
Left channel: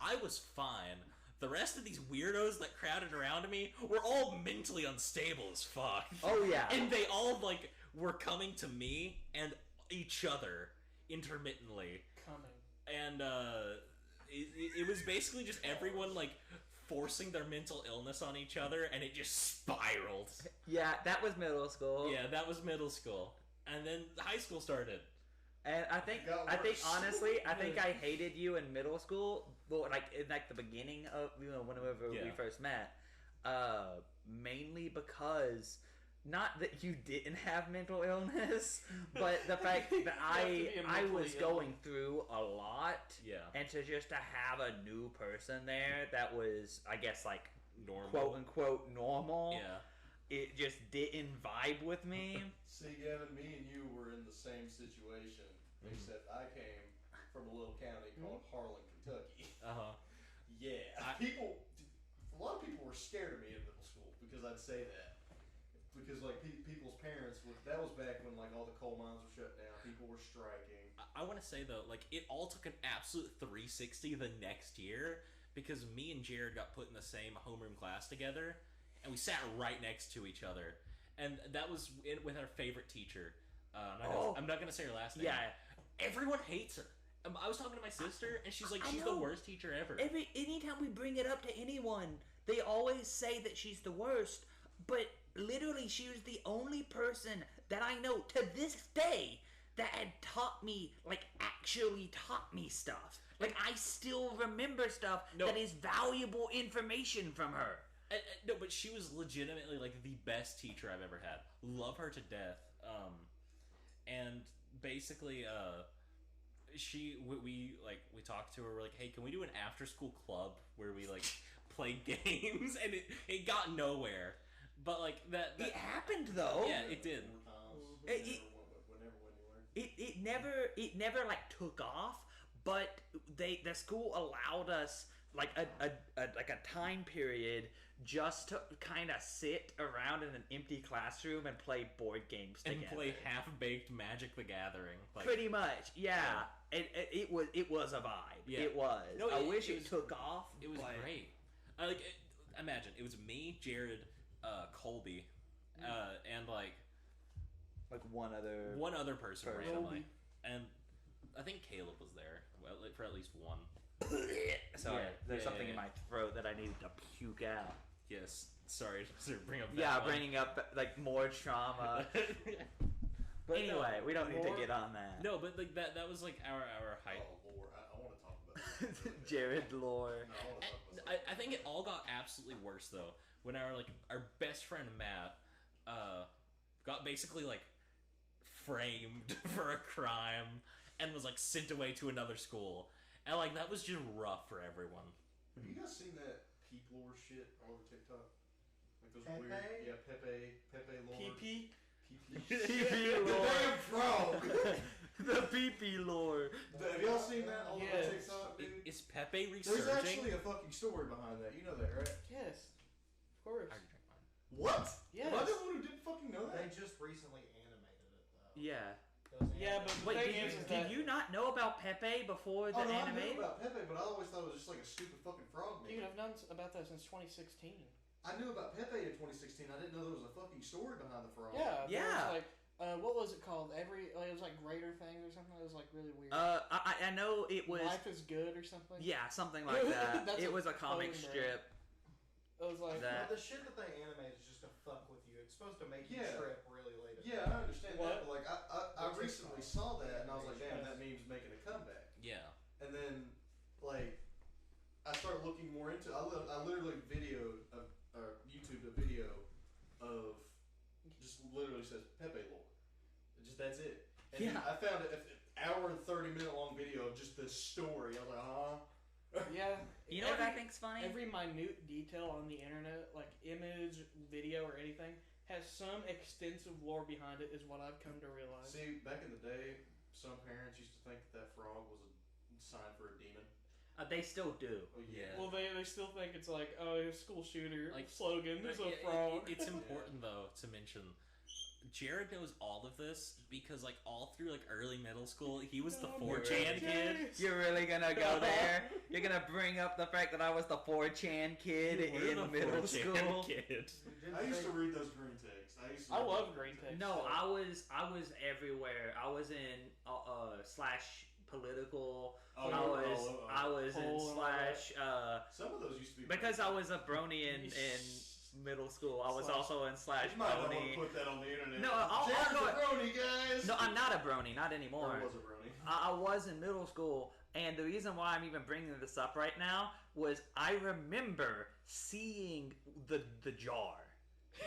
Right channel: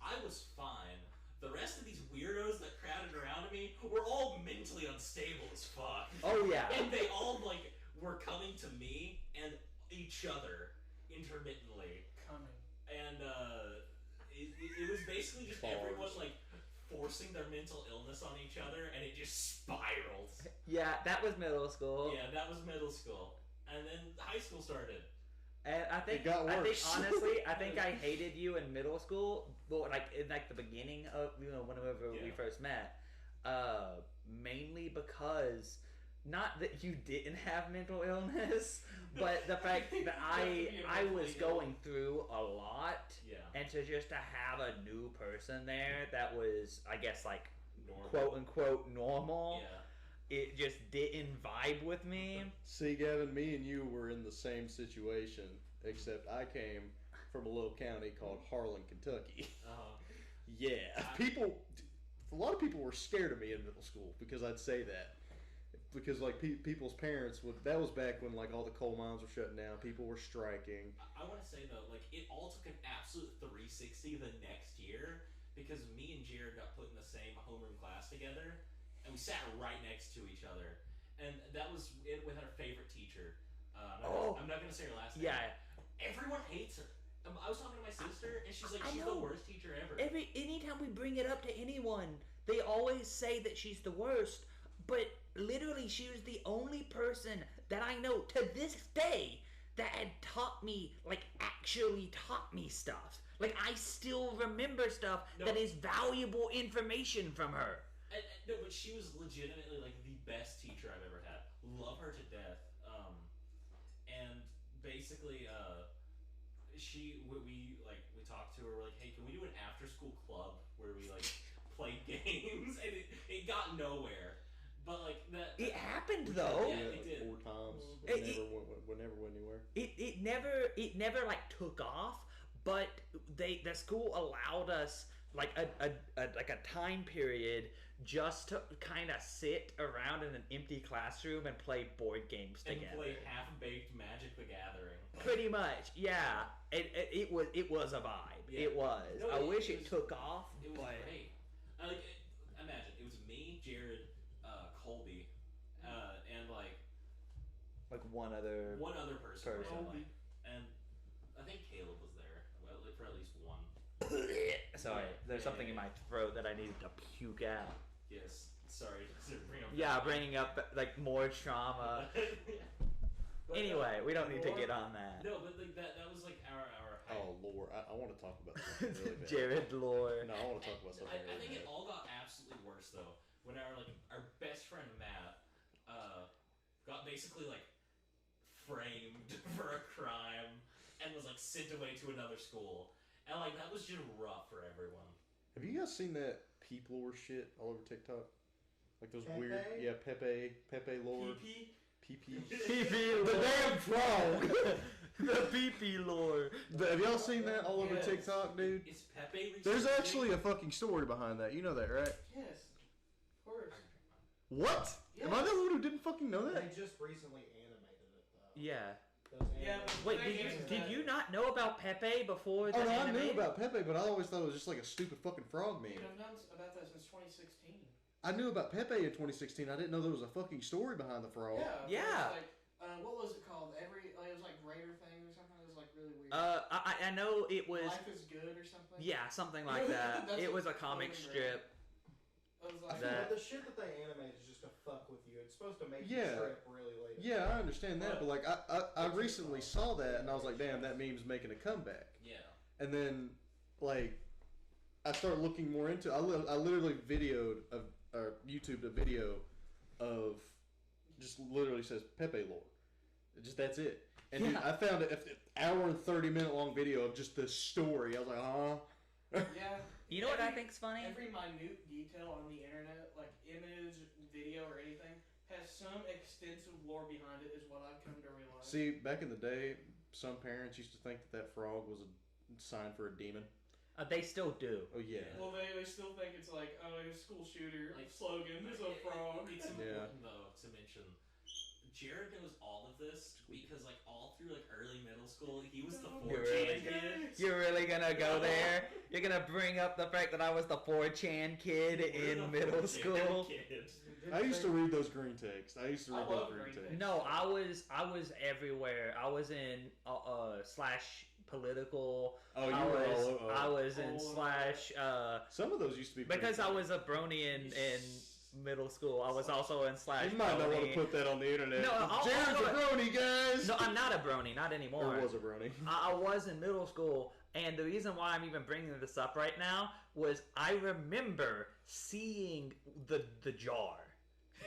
I was fine. The rest of these weirdos that crowded around me were all mentally unstable as fuck. Oh yeah. And they all, like, were coming to me and each other intermittently. And, it was basically just everyone, like, forcing their mental illness on each other, and it just spiraled. Yeah, that was middle school. Yeah, that was middle school. And then high school started. And I think honestly, I think I hated you in middle school, but like in like the beginning of whenever we first met, mainly because not that you didn't have mental illness, but the fact that I was going through a lot, and to have a new person there that was, I guess, like normal. Quote unquote normal. Yeah. It just didn't vibe with me. See, Gavin, me and you were in the same situation, except I came from a little county called Harlan, Kentucky. Yeah. A lot of people were scared of me in middle school because I'd say that. Because, like, people's parents that was back when, like, all the coal mines were shutting down. People were striking. I want to say, though, like, it all took an absolute 360 the next year because me and Jared got put in the same homeroom class together. And we sat right next to each other, and that was with our favorite teacher. I'm not gonna say her last name. Yeah, everyone hates her. I was talking to my sister, and she's like, she's the worst teacher ever. Anytime we bring it up to anyone, they always say that she's the worst. But literally, she was the only person that I know to this day that had taught me, like, actually taught me stuff. Like, I still remember stuff that is valuable information from her. No, but she was legitimately, like, the best teacher I've ever had. Love her to death. And basically, we talked to her. We're like, hey, can we do an after-school club where we, like, play games? And it got nowhere. But, like, that it happened, though. Yeah, it did. 4 times. It never went anywhere. It never, like, took off. But the school allowed us, like, a time period just to kind of sit around in an empty classroom and play board games together. And play Half-Baked Magic the Gathering. Like, pretty much, yeah. It was a vibe. Yeah. It was. No, I wish it took off. It was great. Imagine, it was me, Jared, Colby, and, like one other person. Randomly. And I think Caleb was there, for at least one. Sorry, there's something in my throat that I needed to puke out. Yes, sorry to bring up. Yeah, bringing up like more trauma. But anyway, we don't need to get on that. No, but like that was like our height. Oh lore, I want to talk about that. Really Jared lore. No, I want to talk about that. I think it all got absolutely worse though when our best friend Matt got basically like framed for a crime and was like sent away to another school. And, like, that was just rough for everyone. Have you guys seen that peep lore shit all over TikTok? Like those Pepe? weird... Yeah, Pepe lore. PP? PP lore. The damn frog! The PP lore. Have y'all seen that all over TikTok, dude? Is Pepe resurging? There's actually a fucking story behind that. You know that, right? Yes. Of course. What? Yes. Am I the one who didn't fucking know that? They just recently animated it, though. Yeah. Yeah, but wait, did you not know about Pepe before the anime? I knew about Pepe, but I always thought it was just like a stupid fucking frog meme. Dude, I've known about that since 2016. I knew about Pepe in 2016. I didn't know there was a fucking story behind the frog. Yeah. Like, what was it called? It was like Raider thing or something. It was like really weird. I know it was. Life is Good or something. Yeah, something like that. It was a comic strip. It was like the shit that they animate is just to fuck with you. It's supposed to make you trip really late. Yeah, I understand that, but like I recently saw that and I was like, damn, that meme's making a comeback. Yeah. And then, like, I started looking more into. I literally videoed YouTubed a video of just literally says Pepe lore. That's it. And Yeah. I found an hour and 30-minute long video of just this story. I was like, Yeah. You know what I think's funny? Every minute detail on the internet, like image, video, or anything, has some extensive lore behind it, is what I've come to realize. See, back in the day, some parents used to think that frog was a sign for a demon. They still do. Oh yeah. Well, they still think it's like, oh, it's school shooter Like, slogan. There's a frog. It's important though to mention Jared knows all of this because, like, all through, like, early middle school, he was the You're 4chan really- kid. You're really gonna go there? You're gonna bring up the fact that I was the 4chan kid You were the in middle 4chan school? Kid. I used to read those green texts. I love green text. No, I was everywhere. I was in slash political. Oh, you I were was all- I was in Oh. slash Some of those used to be because I was a brony in middle school. I was also in slash You might not want brony. to put that on the internet. No, I'll Jared's go- a brony, guys. No, I'm not a brony, not anymore. Or was a brony. I was in middle school, and the reason why I'm even bringing this up right now was I remember seeing the jar.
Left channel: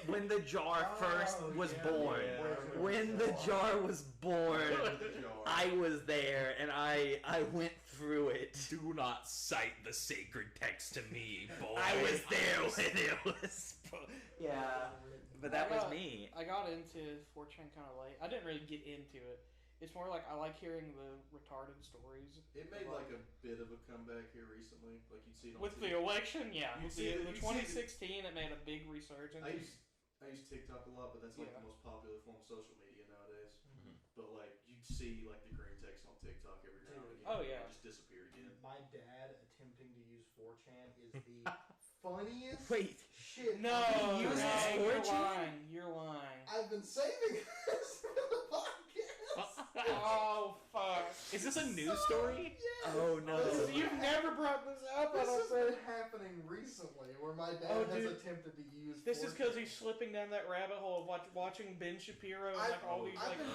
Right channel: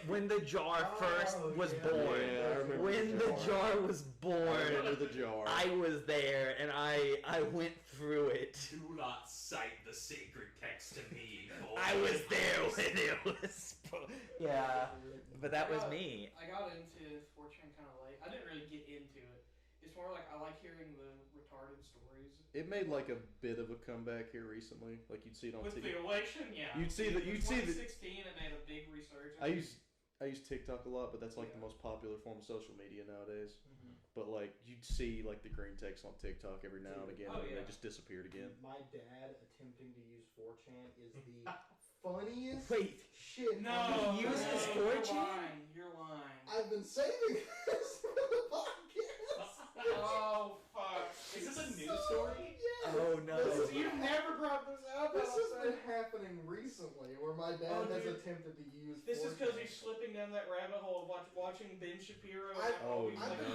When the jar first was born. Yeah, I remember When the jar was born, Remember the jar. I was there, and I went through it. Do not cite the sacred text to me, boy. I was there when it was... Yeah, but that was me. I got into 4chan kind of late. I didn't really get into it. It's more like I like hearing the retarded stories. It made like a bit of a comeback here recently. Like you'd see it on With TV. the election, yeah. You'd see In that- you'd see 2016, it made a big resurgence. I use TikTok a lot, but that's like the most popular form of social media nowadays. But like you'd see like the green text on TikTok every now and again. Oh, and yeah. It just disappeared again. My dad attempting to use 4chan is the funniest Wait, shit. No, He uses you're 4chan? lying. You're lying. I've been saving this for the podcast. Oh fuck! Is this a news story? Yes. Oh, no. This is- You've never brought this up. This I has don't been think. happening recently, where my dad Oh, has dude. attempted to use. This is 4chan. because he's slipping down that rabbit hole of watching Ben Shapiro. And I've- always I've like,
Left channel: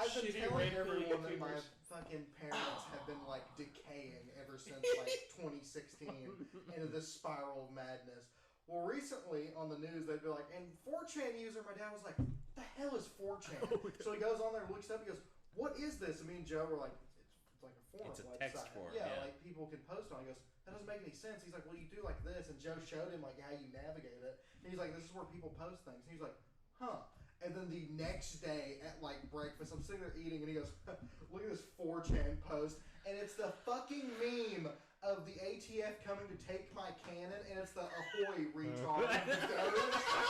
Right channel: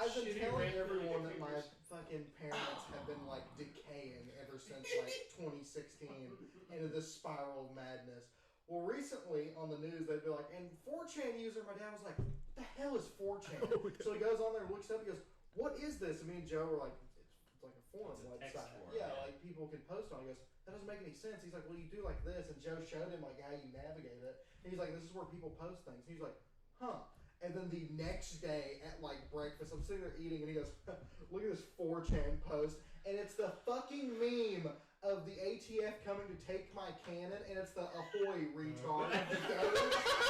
I've been shitty telling rant everyone that my YouTubers. fucking parents have been like decaying ever since like 2016 into this spiral of madness. Well, recently on the news they'd be like, and 4chan user, my dad was like, what the hell is 4chan? So he goes on there, looks it up, he goes, what is this? And me and Joe were like, it's like a forum It's a website. text forum, yeah, yeah. like people can post on it. He goes, that doesn't make any sense. He's like, well, you do like this. And Joe showed him like how you navigate it. And he's like, this is where people post things. And he's like, huh. And then the next day at like breakfast, I'm sitting there eating, and he goes, look at this 4chan post. And it's the fucking meme of the ATF coming to take my cannon, and it's the ahoy retard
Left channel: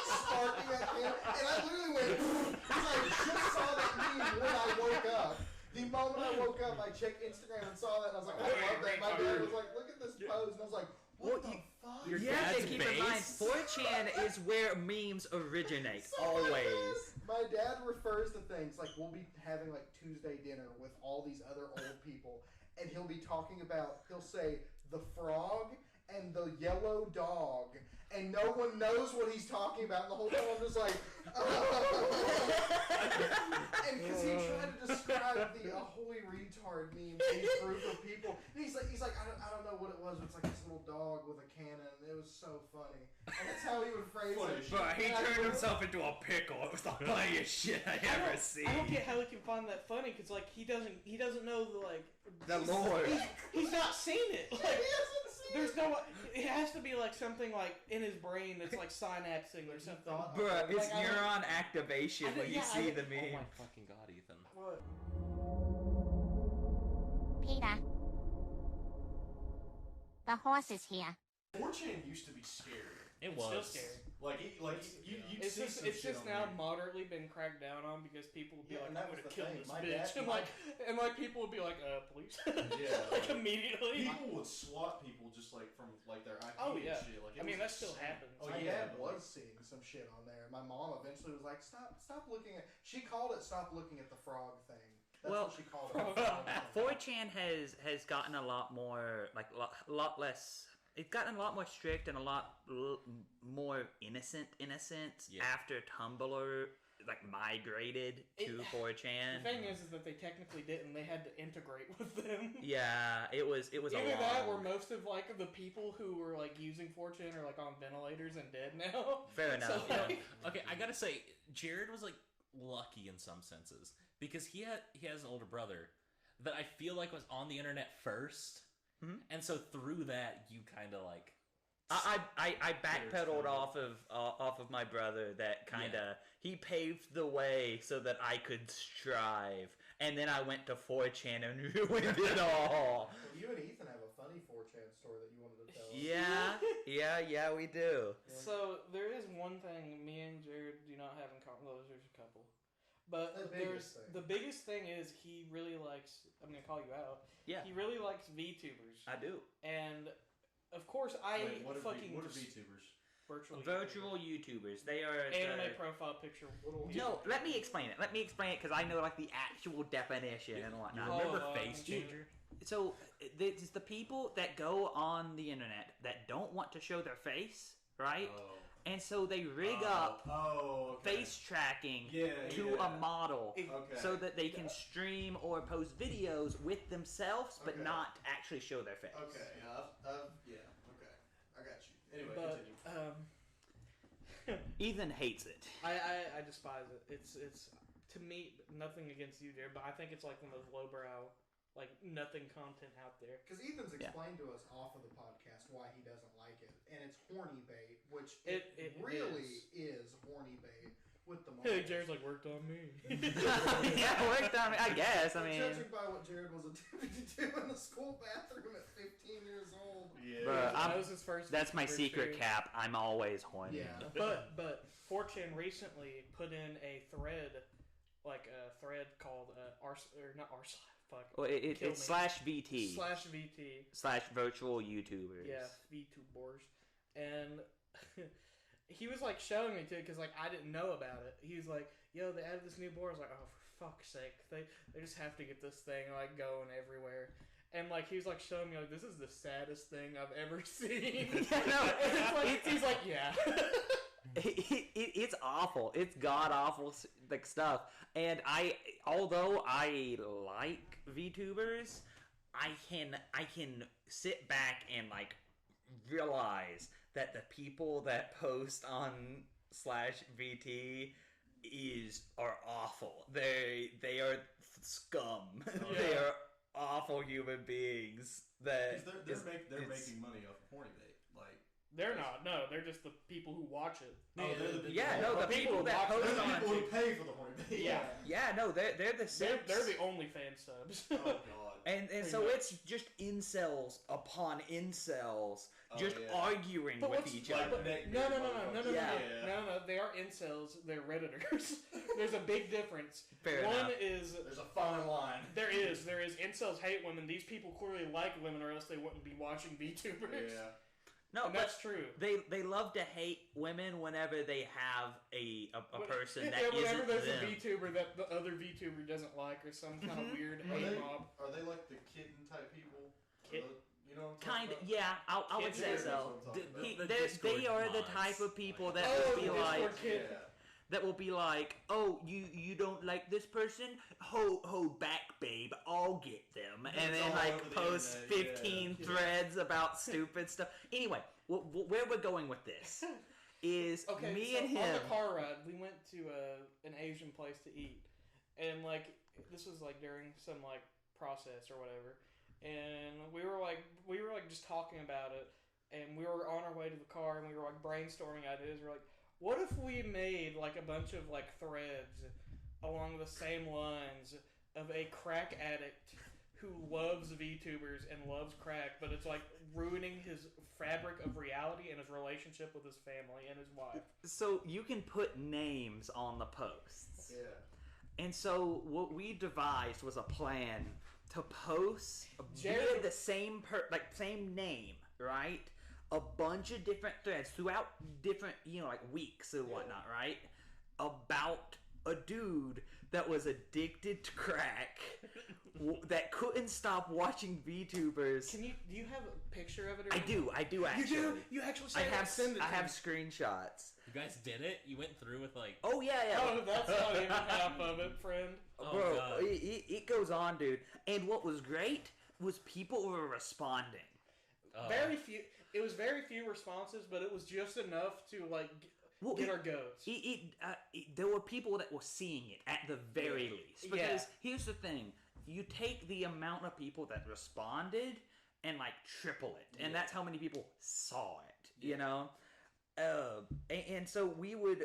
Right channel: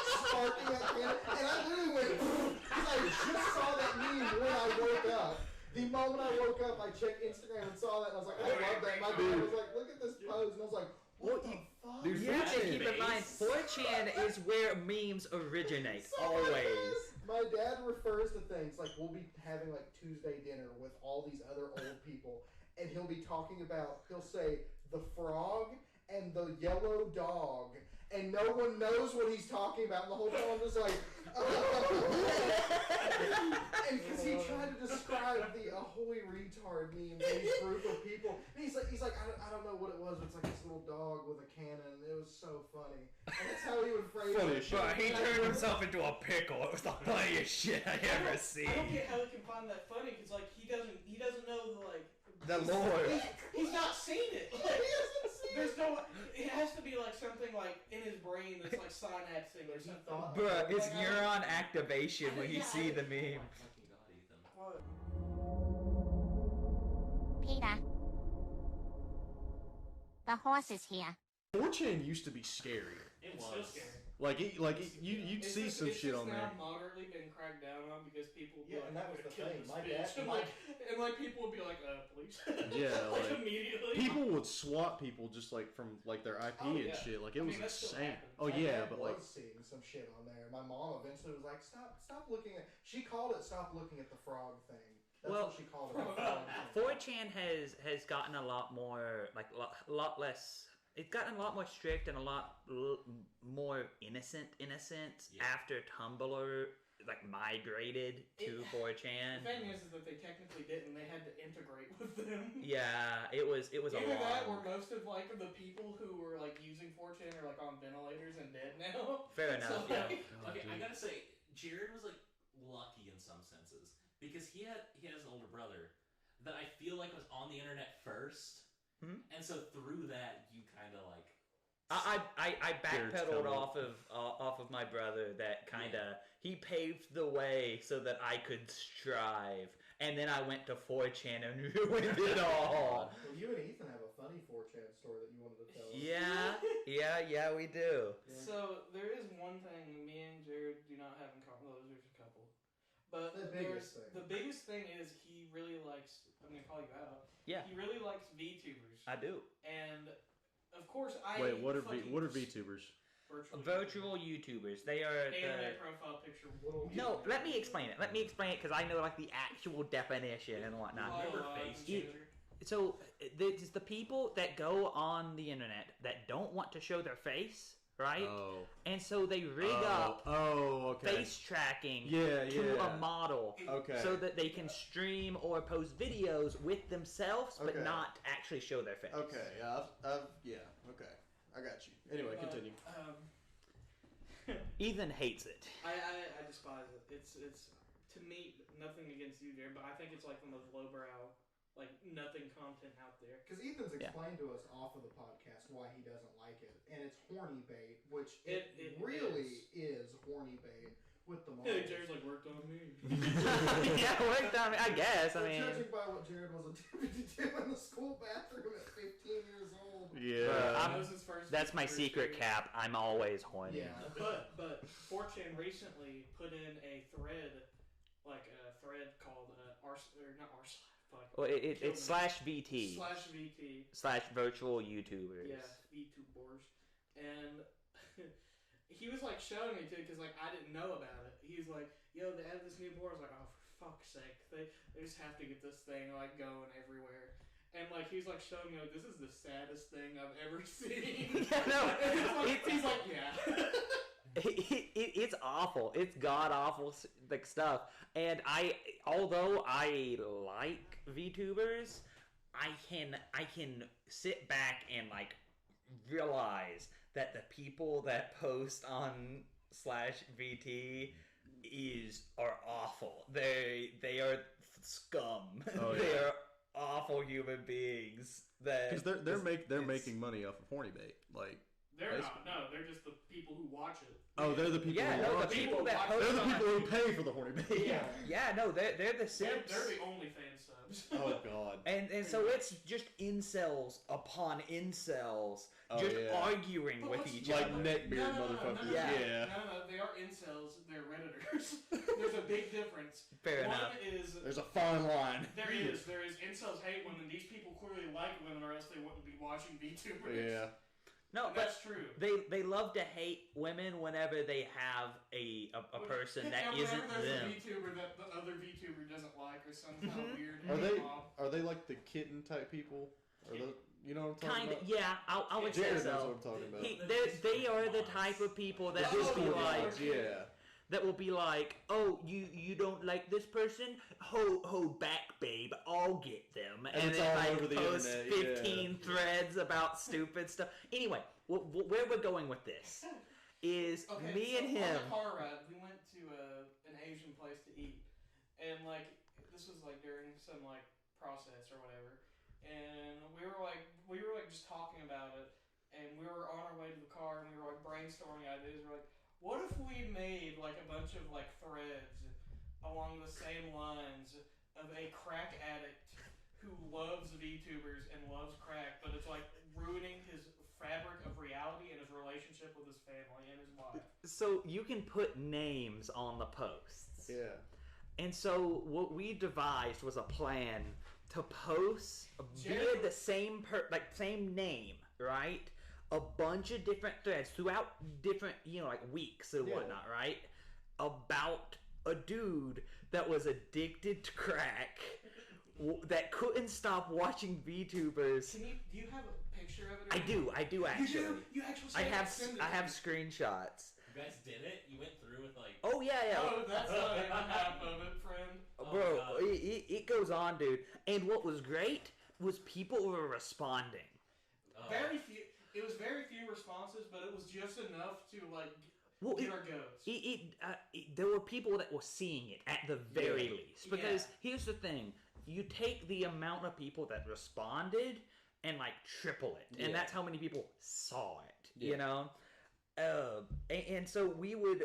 sparking that cannon. And I literally went, because I just saw that meme when I woke up. The moment I woke up, I checked Instagram and saw that, and I was like, I love that. My dad was like, look at this pose, and I was like, what the fuck? Dude, You have to That's keep in mind, base. 4chan is where memes originate, So my always. My dad refers to things like we'll be having like Tuesday dinner with all these other old people, and he'll be talking about, he'll say the frog and the yellow dog, and no one knows what he's talking about. And the whole time I'm just like, and because he tried to describe the ahoy retard meme to this group of people, and he's like, I don't know what it was. But it's like this little dog with a cannon. And it was so funny, and that's how he would phrase Funny it. shit. But he And I turned remember- himself into a pickle. It was the funniest shit I ever I don't seen. get how he can find that funny because like he doesn't know the like. The lore. He's not seen it. He Like, hasn't seen there's no. It has to be like something like in his brain that's like synapsing or something. thought- Bruh, it's Like, I- neuron activation when you Yeah, see the Oh meme. my fucking god, Ethan. What? Peter. The horse is here. 4chan used to be scary. It Still was. scary. You'd It's see just, some it's shit just on now there. moderately been cracked down on because people would be Yeah, like, and that I'm was gonna the kill thing. this My bitch. dad- and, my- like people would be like, please. Yeah, like, Immediately. People would swat people just like from like their IP Oh, and yeah. shit. Like I it mean, was that still insane. happens. Oh My yeah, dad but was like seeing some shit on there. My mom eventually was like, "Stop looking at." She called it "Stop looking at the frog thing." That's Well, what she called it. The frog thing. 4chan has gotten a lot more, like, a lot less. It's gotten a lot more strict and a lot more innocent in a sense Yeah. after Tumblr like migrated to 4chan. The thing is that they technically didn't. They had to integrate with them. Yeah, it was a Either that, or long. most of like the people who were like using 4chan are like on ventilators and dead now. Fair enough. So, Yeah. like, Okay, I gotta say, Jared was like lucky in some senses because he has an older brother that I feel like was on the internet first, and so through that you kind of like. I backpedaled Jared's off of my brother. That kind of he paved the way so that I could strive, and then I went to 4chan and ruined it all. Well, you and Ethan have a funny 4chan story that you wanted to tell us. Yeah, we do. So there is one thing me and Jared do not have in common. Well, there's a couple. But The biggest thing. the biggest thing is he really likes. I'm gonna call you out. Yeah. He really likes VTubers, I do. and of course I. Wait, what are fucking VTubers? Virtual YouTubers. They are anime profile picture. No, let me explain it. Let me explain it because I know like the actual definition and whatnot. Remember Face you- Changer? So it's the people that go on the internet that don't want to show their face, right? Oh. And so they rig up okay. face tracking Yeah, to yeah. a model Okay. so that they can stream or post videos with themselves but Okay. not actually show their face. Okay. Yeah. Okay. I got you. Anyway, continue. Ethan hates it. I despise it. It's to me nothing against you there, but I think it's like one of those lowbrow, like nothing content out there. Because Ethan's explained to us off of the podcast why he doesn't like it, and it's horny bait, which It really is horny bait with the Hey, models. Jared's like worked on me. Yeah, worked on me. I guess. I But mean, judging by what Jared was attempting to do in the school bathroom at 15 years old. Yeah. Bruh, That was his first. that's my first secret video. cap. I'm always horny. Yeah. But 4chan recently put in a thread, like a thread called not r fuck. Well, it's /VT /VT. /virtual YouTubers. Yeah, VTubers. And he was like showing me too, because like I didn't know about it. He was like, "Yo, they added this new board." I was like, "Oh, for fuck's sake! They just have to get this thing like going everywhere." And like he was like showing me like this is the saddest thing I've ever seen. Yeah, no, he's like, yeah. It's awful. It's god awful like stuff. And although I like VTubers, I can sit back and like realize that the people that post on /VT are awful. They are scum. Oh, They yeah. are awful human beings. That Because they're it's- making money off of horny bait. Like They're not. No, they're just the people who watch it. oh, they're the people. Yeah, who no, the watch it. people that They're post They're the on. people who pay for the horny bait. Yeah. Yeah, no, they're the They're simps. the OnlyFans subs. Oh God. And so it's just incels upon incels Oh, just yeah. arguing But with what's- each like other. neckbeard motherfuckers. Yeah. No, they are incels. They're redditors. There's a big difference. Fair One enough. is There's a fine line. there is incels hate women. These people clearly like women, or else they wouldn't be watching VTubers. Yeah. No, And but that's true. they love to hate women whenever they have a person that Whenever isn't there's them. a VTuber that the other VTuber doesn't like, or some kind of weird Are hate they mob. are they like the kitten type people? Are Kitten. you know what I'm talking Kind of, about? yeah, I would say Jared knows so. what I'm talking about. He, The they Discord are the mods. type of people that Oh, will be yeah. like, Yeah. oh, you don't like this person? Ho back, babe, I'll get them. And it's then all like over the post internet, 15 yeah. threads about stupid stuff. Anyway, where we're going with this is Okay, me so and him. on the car ride, we went to an Asian place to eat, and like this was like during some like process or whatever, and we were like just talking about it, and we were on our way to the car, and we were like brainstorming ideas. We're like, what if we made like a bunch of like threads along the same lines of a crack addict who loves VTubers and loves crack, but it's like ruining his fabric of reality and his relationship with his family and his wife. So you can put names on the posts. Yeah. And so what we devised was a plan to post via Jared- the same same name, right? A bunch of different threads throughout different, like weeks and whatnot, right? About a dude that was addicted to crack, that couldn't stop watching VTubers. Do you have a picture of it? Or I do actually. You actually I send it have to me. screenshots. You guys did it? You went through with like. Oh yeah. Oh, that's not a map of it, friend. Oh, Bro, God. it goes on, dude. And what was great was people were responding. Oh. Very few. It was very few responses, but it was just enough to like Well, get our goats. there were people that were seeing it at the very least. Because Yeah. here's the thing: you take the amount of people that responded and like triple it, and that's how many people saw it. You know, and so we would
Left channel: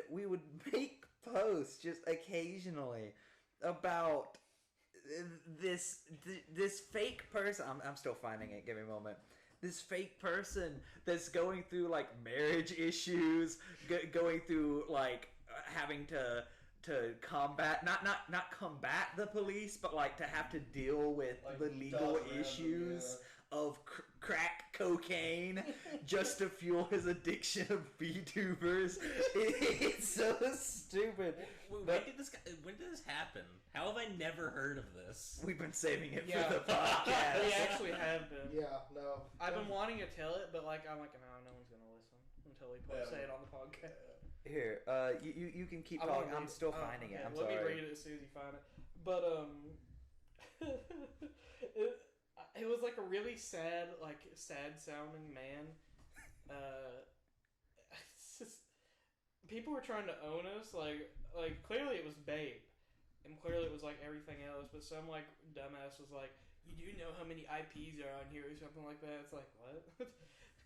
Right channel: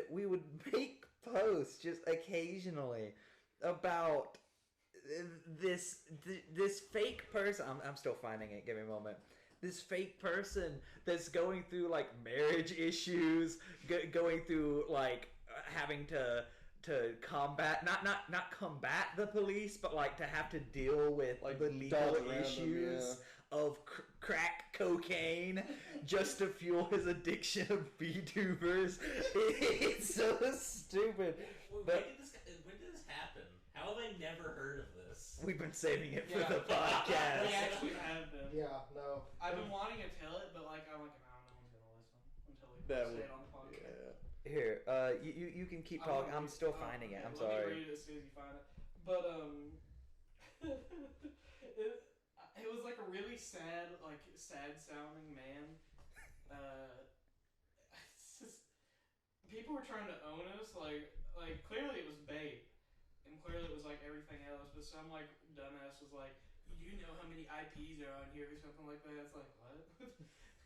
make posts just occasionally about this fake person. I'm still finding it. Give me a moment. This fake person that's going through like marriage issues, going through like having to to combat not combat the police, but like to have to deal with Like, the legal dodge around them, issues of crack cocaine just to fuel his addiction of VTubers. It's so stupid. When did this happen? How have I never heard of this? We've been saving it for Yeah. the I podcast. actually have been. Yeah, no. I've been wanting to tell it, but like I'm like, no one's gonna listen until we That say would- it on the podcast. Here, you can keep I'm talking. gonna I'm read- still finding it. I'm let sorry. me read it as soon as you find it. But it was like a really sad sounding man. It's just, people were trying to own us. Like clearly it was bait, and clearly it was like everything else. But some like dumbass was like, "You do know how many IPs are on here or something like that?" It's like what?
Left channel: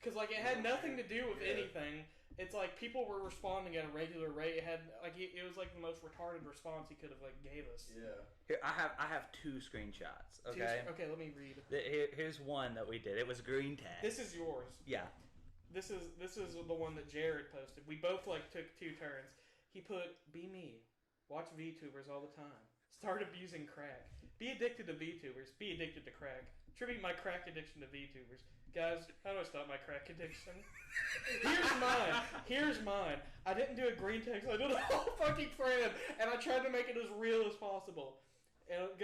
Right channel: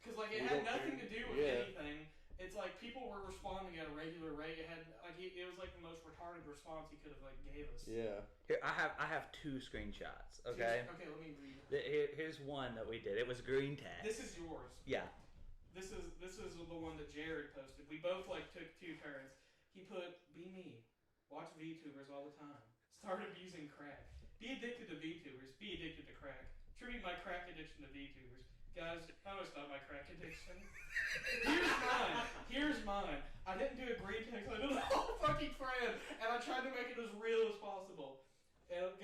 Because like it had nothing to do with anything. It's like people were responding at a regular rate. It had like it was like the most retarded response he could have like gave us. Yeah. Here, I have 2 screenshots. Okay. Okay, let me read. Here's one that we did. It was green text. This is yours. Yeah. This is the one that Jared posted. We both like took 2 turns. He put, "Be me. Watch VTubers all the time. Start abusing crack. Be addicted to VTubers. Be addicted to crack. Attribute my crack addiction to VTubers. Guys, how do I stop my crack addiction? Here's mine. I didn't do a green text. I did a whole fucking thread, and I tried to make it as real as possible. And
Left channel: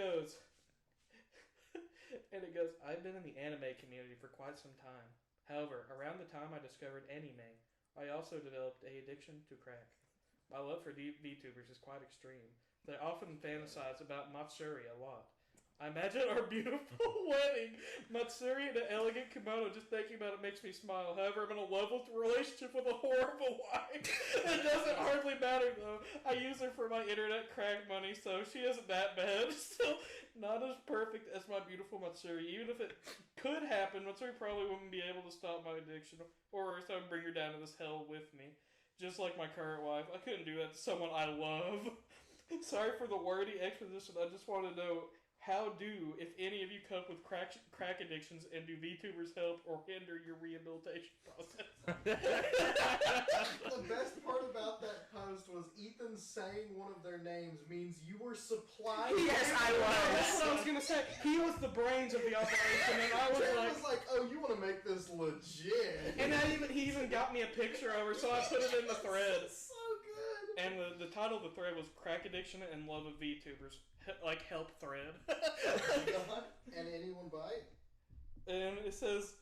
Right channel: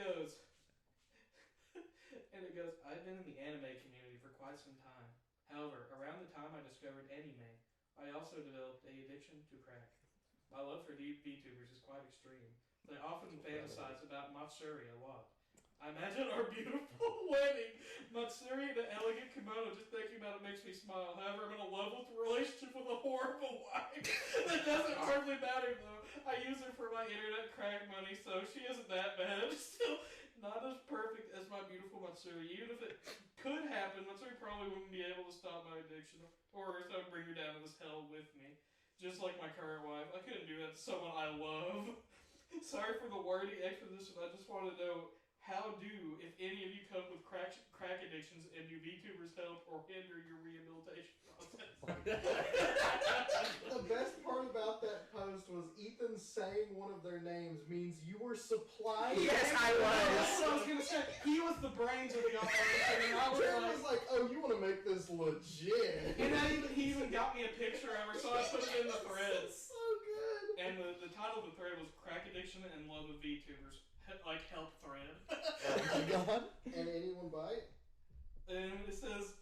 it goes, I've been in the anime community for quite some time. However, around the time I discovered anime, I also developed a addiction to crack. My love for VTubers is quite extreme. They often fantasize about Matsuri a lot. I imagine our beautiful wedding, Matsuri in an elegant kimono, just thinking about it makes me smile. However, I'm in a love relationship with a horrible wife. It doesn't hardly matter though. I use her for my internet crack money, so she isn't that bad. Still not as perfect as my beautiful Matsuri. Even if it could happen, Matsuri probably wouldn't be able to stop my addiction, or if I would bring her down to this hell with me. Just like my current wife, I couldn't do that to someone I love. Sorry for the wordy exposition. I just want to know, how do, if any of you cope with crack addictions, and do VTubers help or hinder your rehabilitation process? The best part about that post was Ethan saying one of their names means you were supplying. Yes, I That's was. what I was going to say. He was the brains of the operation, and I was Jared like... was like, "Oh, you want to make this legit?" And he even got me a picture of her, so I put it in the thread. So good. And the title of the thread was Crack Addiction and Love of VTubers. Like, help thread. Oh my god. And anyone bite? And it says,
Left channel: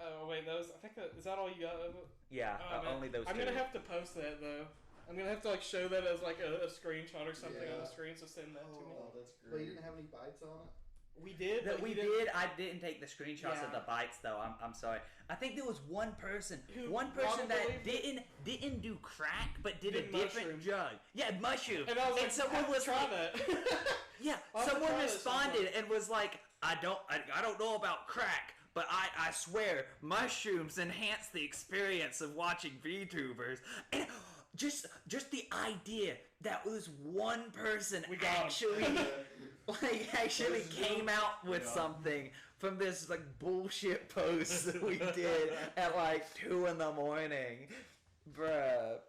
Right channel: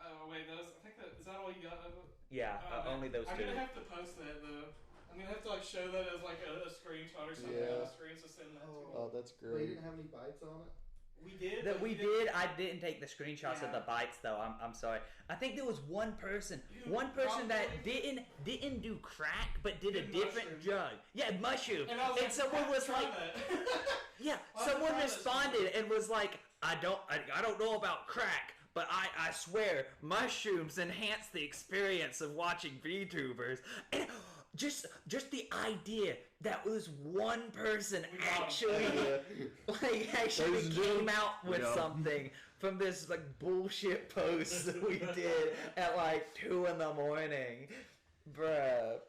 oh wait, I think is that all you got of it? Yeah, only those I'm 2. gonna have to post that though. I'm gonna have to like show that as like a screenshot or something on the screen, so send that to me. Oh, that's But you great. didn't have any bites on it? We did. That we did. I didn't take the screenshots of Yeah. the bites though. I'm sorry. I think there was one person Who- that probably- didn't do crack, but did a Did different mushroom. drug. Yeah, mushroom. And I was And someone was try like, that. yeah, I'll someone try this responded and was like, I don't know about crack, but I swear mushrooms enhance the experience of watching VTubers. And just the idea that was one person We got him. actually Those came new- out with Yeah. something from this like bullshit post that we did at like 2 in the morning, bruh.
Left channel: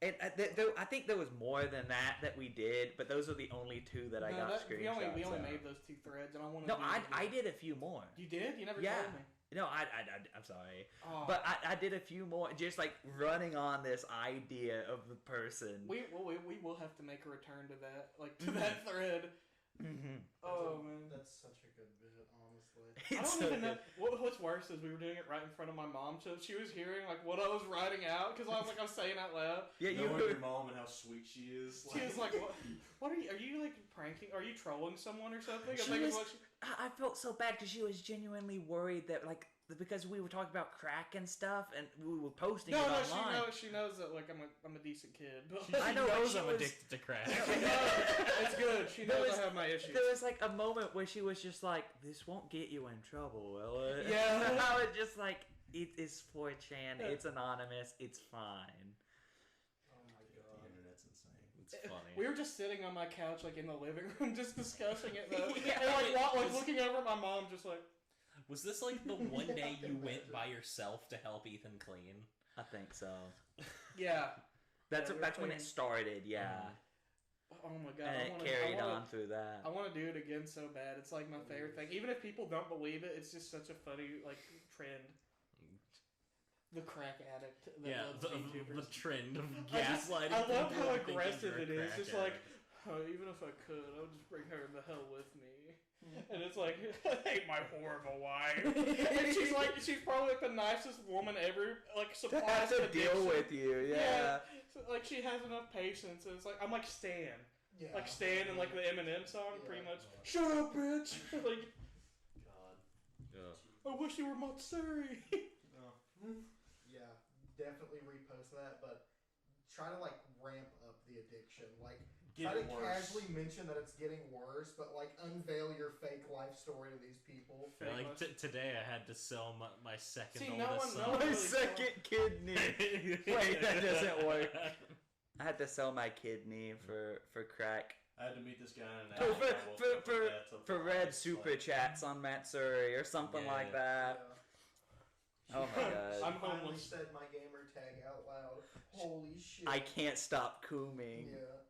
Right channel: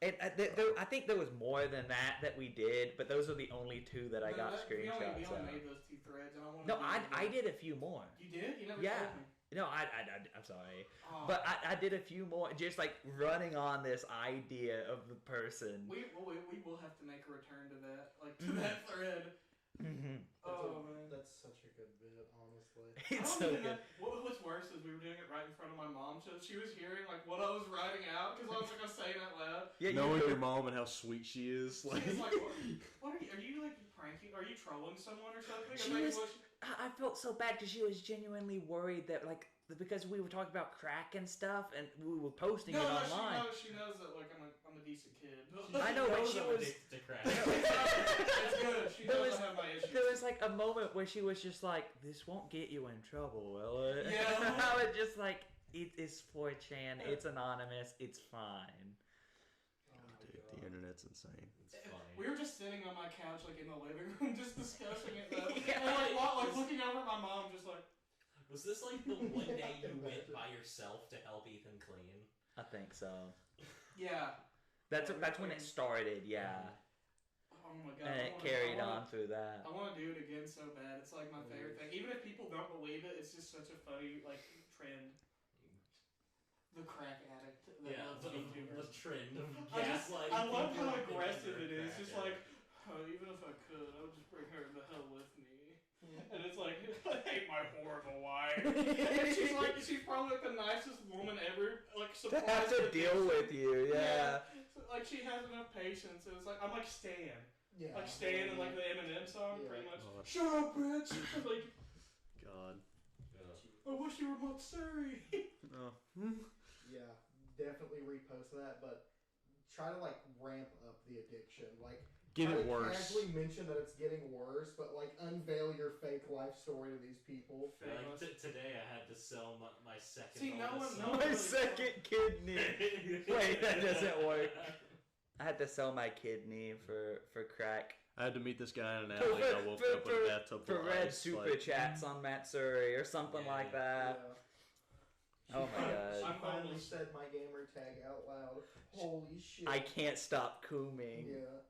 I think there was more than that we did, but those are the only 2 that I got We screenshots only of. made those 2 threads, and I wanted No, to I did a few more. You did? You never Yeah. told me. No, I'm sorry. Oh. But I did a few more, just like running on this idea of the person. We will have to make a return to that, like to that thread. Mm-hmm. Oh man. That's such a good bit, honestly. It's I so don't even good. know, what's worse is we were doing it right in front of my mom, so she was hearing like what I was writing out because I was like I'm saying out loud. Yeah, Knowing your mom and how sweet she is. She was like, "What are you like pranking? Are you trolling someone or something?" She Or maybe was- I felt so bad because she was genuinely worried that like because we were talking about crack and stuff and we were posting it online. She knows that like I'm a decent kid. I know, but knows she I'm was. addicted to crack. It's good. She There knows was- I have my issues. There was like a moment where she was just like, "This won't get you in trouble, will it?" Yeah. I was just like, "It is 4chan. It's anonymous. It's fine." Oh my The god. internet's insane. It's funny. We were just sitting on my couch, like in the living room, just discussing it. Though. Yeah, and like, it was- looking over at my mom, just like. Was this like the one day you went by yourself to help Ethan clean? I think so. Yeah. That's when it started. Yeah. Oh my god! And it carried on through that. I want to do it again so bad. It's like my favorite thing. Even if people don't believe it, it's just such a funny like trend. The crack addict. The trend of I gaslighting. love people how into thinking aggressive you're a it is. crack It's like, addict. even if I could, I would just bring her the hell with me. And it's like, I hate my horrible wife. And she's probably like the nicest woman ever. Like, To have to deal with you, yeah. So, like, she has enough patience. And it's like, I'm like Stan. Yeah. Like Stan in like the Eminem song, Yeah. pretty much. Shut up, bitch! Like, God. I wish you were Montessori. Yeah, definitely repost that, but try to like ramp up the addiction. Like Get try it to worse. casually mention that it's getting worse, but like unveil your fake life story to these people. Like today, I had to sell my second See, no oldest one- son. no one- My second kidney. Wait, that doesn't work. I had to sell my kidney for crack. I had to meet this guy in an For, alley. I woke up with a bathtub for full of red ice, super like, chats on Matt Surrey or something Yeah. like that. Oh my She god. finally said my gamer tag out loud. Holy shit. I can't stop cooming. Yeah.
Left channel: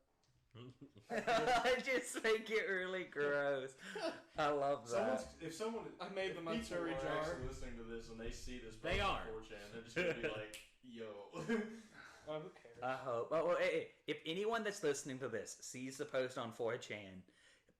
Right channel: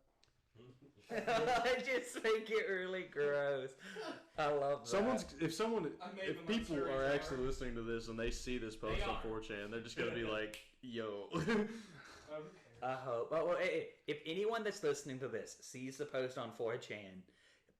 I just make it really gross. I love that. If the people Montessori are jar. actually listening to this and they see this post They on are. 4chan, they're just gonna be like, "Yo." I hope. Well, hey, if anyone that's listening to this sees the post on 4chan,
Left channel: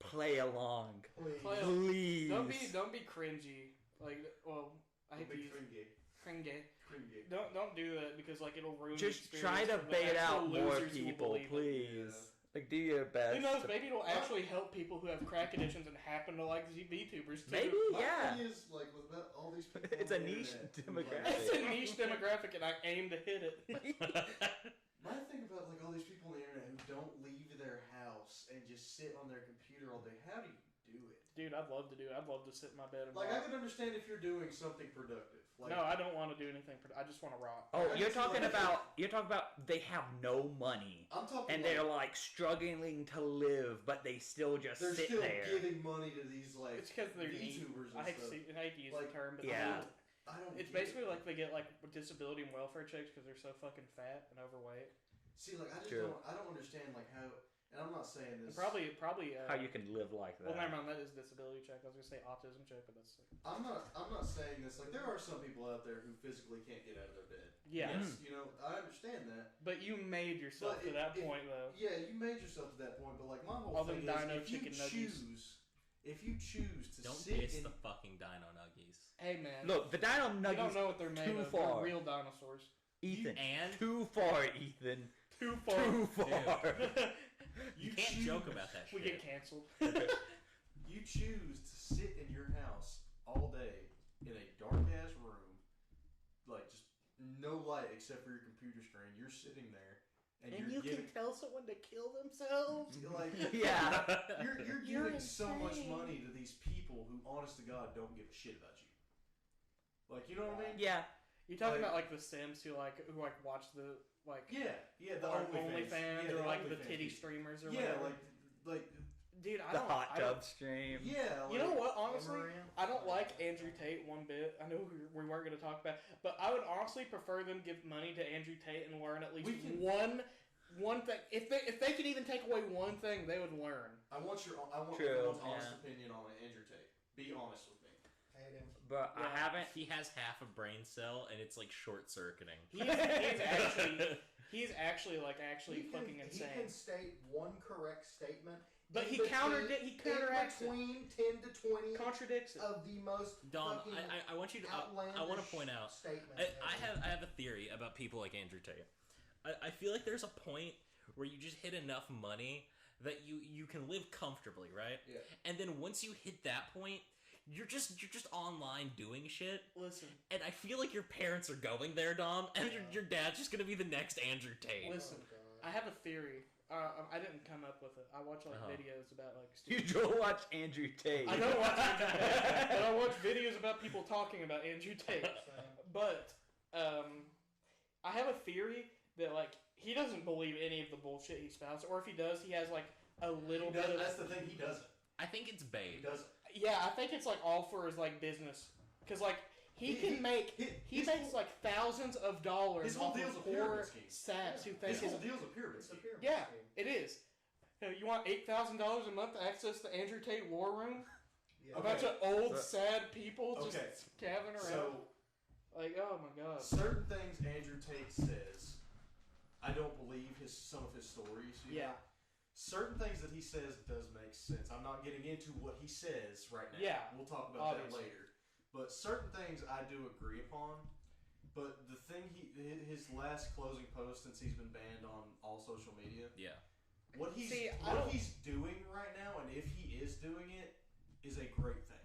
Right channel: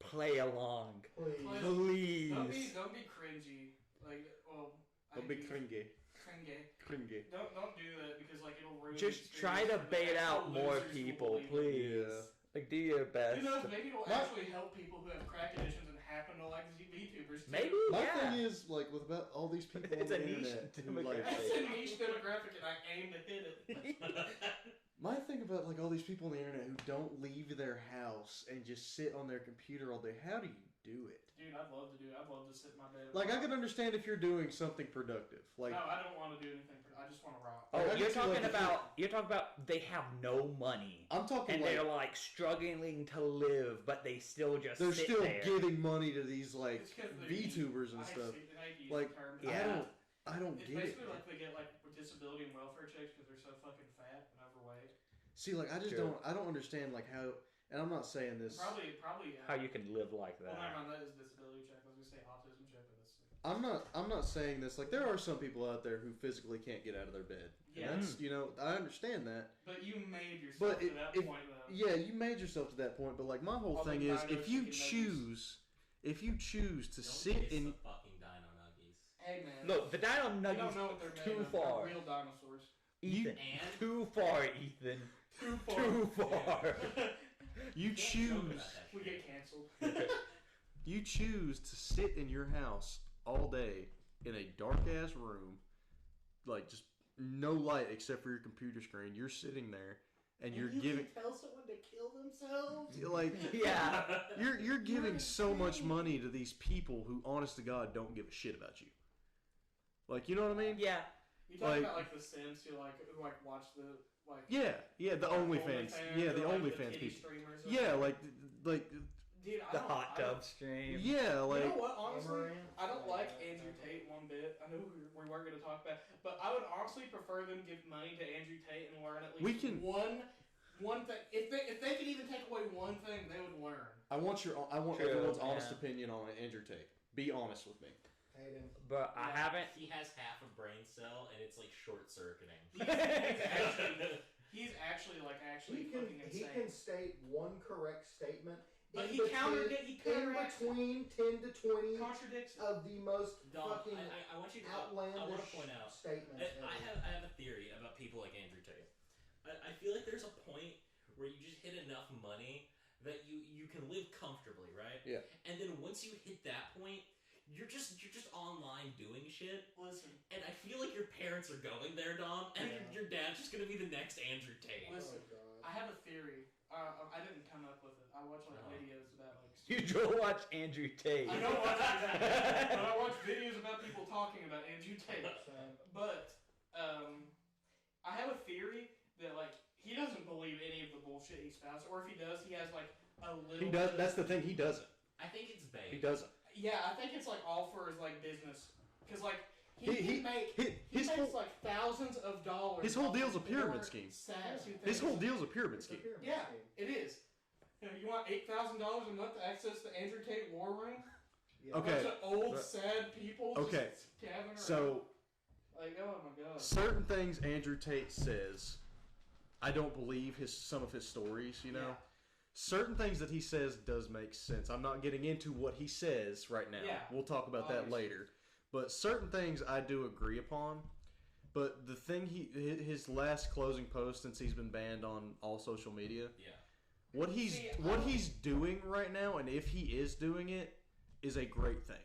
play along. Please. Please. Don't be cringy. Like, well, I Don't be hate cringy. cringy. Don't do that because like it'll ruin. Just the try to experience. bait Actual out more losers will people, believe it. please. Like, do your best. Who knows? to- Maybe it'll actually help people who have crack addictions and happen to like VTubers. Too. Maybe, My yeah. thing is, like, with about all these people It's on a the niche internet, demographic. It's a niche demographic, and I aim to hit it. My thing about, like, all these people on the internet who don't leave their house and just sit on their computer all day, how do you do it? Dude, I'd love to do it. I'd love to sit in my bed. and Like, I rock. can understand if you're doing something productive. Like, No, I don't want to do anything. I just want to rock. Oh, I you're just feel talking like about they have no money I'm talking and like, they're like struggling to live, but they still just they're sit still there. giving money to these, like, It's because they're VTubers and I hate stuff. to use Like, the term, but yeah. I don't it's get basically it. like they get like disability and welfare checks because they're so fucking fat and overweight. See, like, I just True. I don't understand, like, how, and I'm not saying this. Probably. How you can live like Well, never that. mind. That is disability check. I was gonna say autism check, but that's. I'm not saying this. Like, there are some people out there who physically can't get out of their bed. Yeah. That's, you know, I understand that. But you made yourself But to that if- point, though. Yeah, you made yourself to that point, but like my whole All thing them is, dino if you chicken nuggies. choose to Don't sit kiss in, the fucking dino nuggies. Hey man. Look, the dino you don't nuggies know what they're made too of. far. They're real dinosaurs. Ethan. And Too far, Ethan. Too far. Too far. you can't choose, joke about that We shit. get canceled. you choose to sit in your house all day in a dark ass room, like just no light except for your computer screen. You're sitting there, and you're giving tell someone to kill themselves. like Yeah. you're giving so much money to these people who, honest to God, don't give a shit about you. Like, you know what I mean? Yeah. You talk Like- about like the Sims who watch the like Yeah, the OnlyFans. Yeah, the or, like, OnlyFans the titty people. streamers. Or Yeah, whatever. like dude, I The don't- hot I don't- tub stream. yeah, like You know what? Honestly, Amaranth. I don't like Andrew Tate one bit. I know we weren't going to talk about, it, but I would honestly prefer them give money to Andrew Tate and learn at least We can- one thing. If they could even take away one thing, they would learn. I want True, everyone's honest yeah. opinion on Andrew Tate. Be honest with me. Hate him. But I Yeah. haven't. He has half a brain cell, and it's like short circuiting. He's actually He fucking can insane. state one correct statement. But in he between- he counteracts it. between 10 to 20 Contradicts it. of the most Dom, fucking I want you to. outlandish I want to point out. statements. I have a theory about people like Andrew Tate. I feel like there's a point where you just hit enough money that you can live comfortably, right? Yeah. And then once you hit that point, you're just online doing shit. Listen, And I feel like your parents are going there, Dom, and your dad's just gonna be the next Andrew Tate. listen. Oh, God. I have a theory. I didn't come up with it. I watch Uh-huh. videos about You go watch Andrew Tate. I know but I watch videos about people talking about Andrew Tate. But I have a theory that like he doesn't believe any of the bullshit he spouts, or if he does, he has like a little. He bit does. of- That's the thing. He doesn't. I think it's He bait. doesn't. Yeah, I think it's like all for his like business, because like he He- can make. He His makes whole, like thousands of dollars. his whole off deal's of a pyramid poor scheme. Saps who think his whole it's- deal's a pyramid It's a scheme. pyramid Yeah, scheme. it is. Hey, you want $8,000 a month to access the Andrew Tate War Room? Yeah. A Okay. bunch of old, sad people Okay. just gathering around. So, like, oh my god. certain things Andrew Tate says, I don't believe some of his stories, you know? Yeah. Certain things that he says does make sense. I'm not getting into what he says right now. Yeah. We'll talk about that Obviously. later. But certain things I do agree upon. But the thing his last closing post since he's been banned on all social media, Yeah. what he's doing right now, and if he is doing it, is a great thing.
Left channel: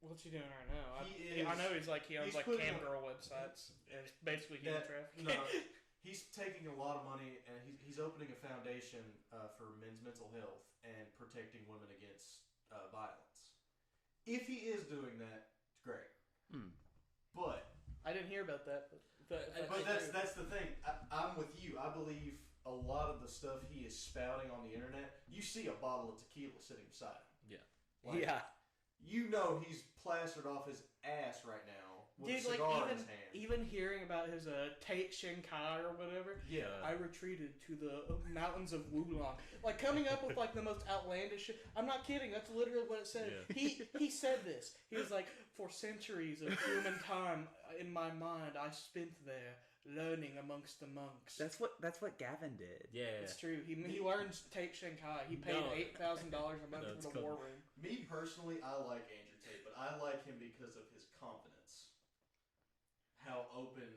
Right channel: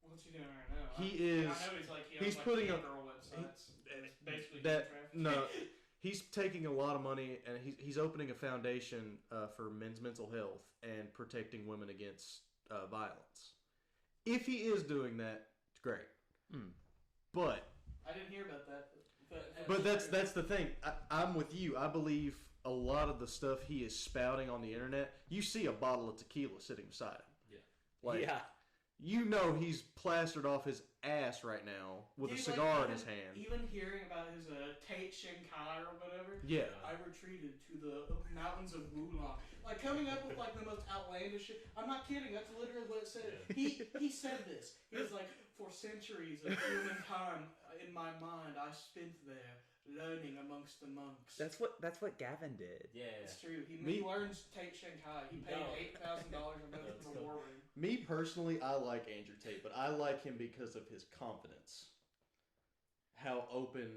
What's he doing right now? He I know he owns he's like putting cam a- girl websites and basically that traffic. no, he's taking a lot of money and he's opening a foundation for men's mental health and protecting women against violence. If he is doing that, it's great. But I didn't hear about that. But that's the thing. I'm with you. I believe a lot of the stuff he is spouting on the internet. You see a bottle of tequila sitting beside him. Yeah. Like, yeah. You know he's plastered off his ass right now with a Dude, cigar in even, his hand. Even hearing about his Tate Shinkai or whatever, Yeah. I retreated to the mountains of Wulong. Like, coming up with, like, the most outlandish shit. I'm not kidding. That's literally what it said. Yeah. He said this. He was like, for centuries of human time, in my mind, I spent there, learning amongst the monks. That's what Gavin did. Yeah. It's true. He learns Tate Shinkai. He paid No. $8,000 a month That's for the cool. war room. Me personally, I like Andrew Tate, but I like him because of his confidence. How open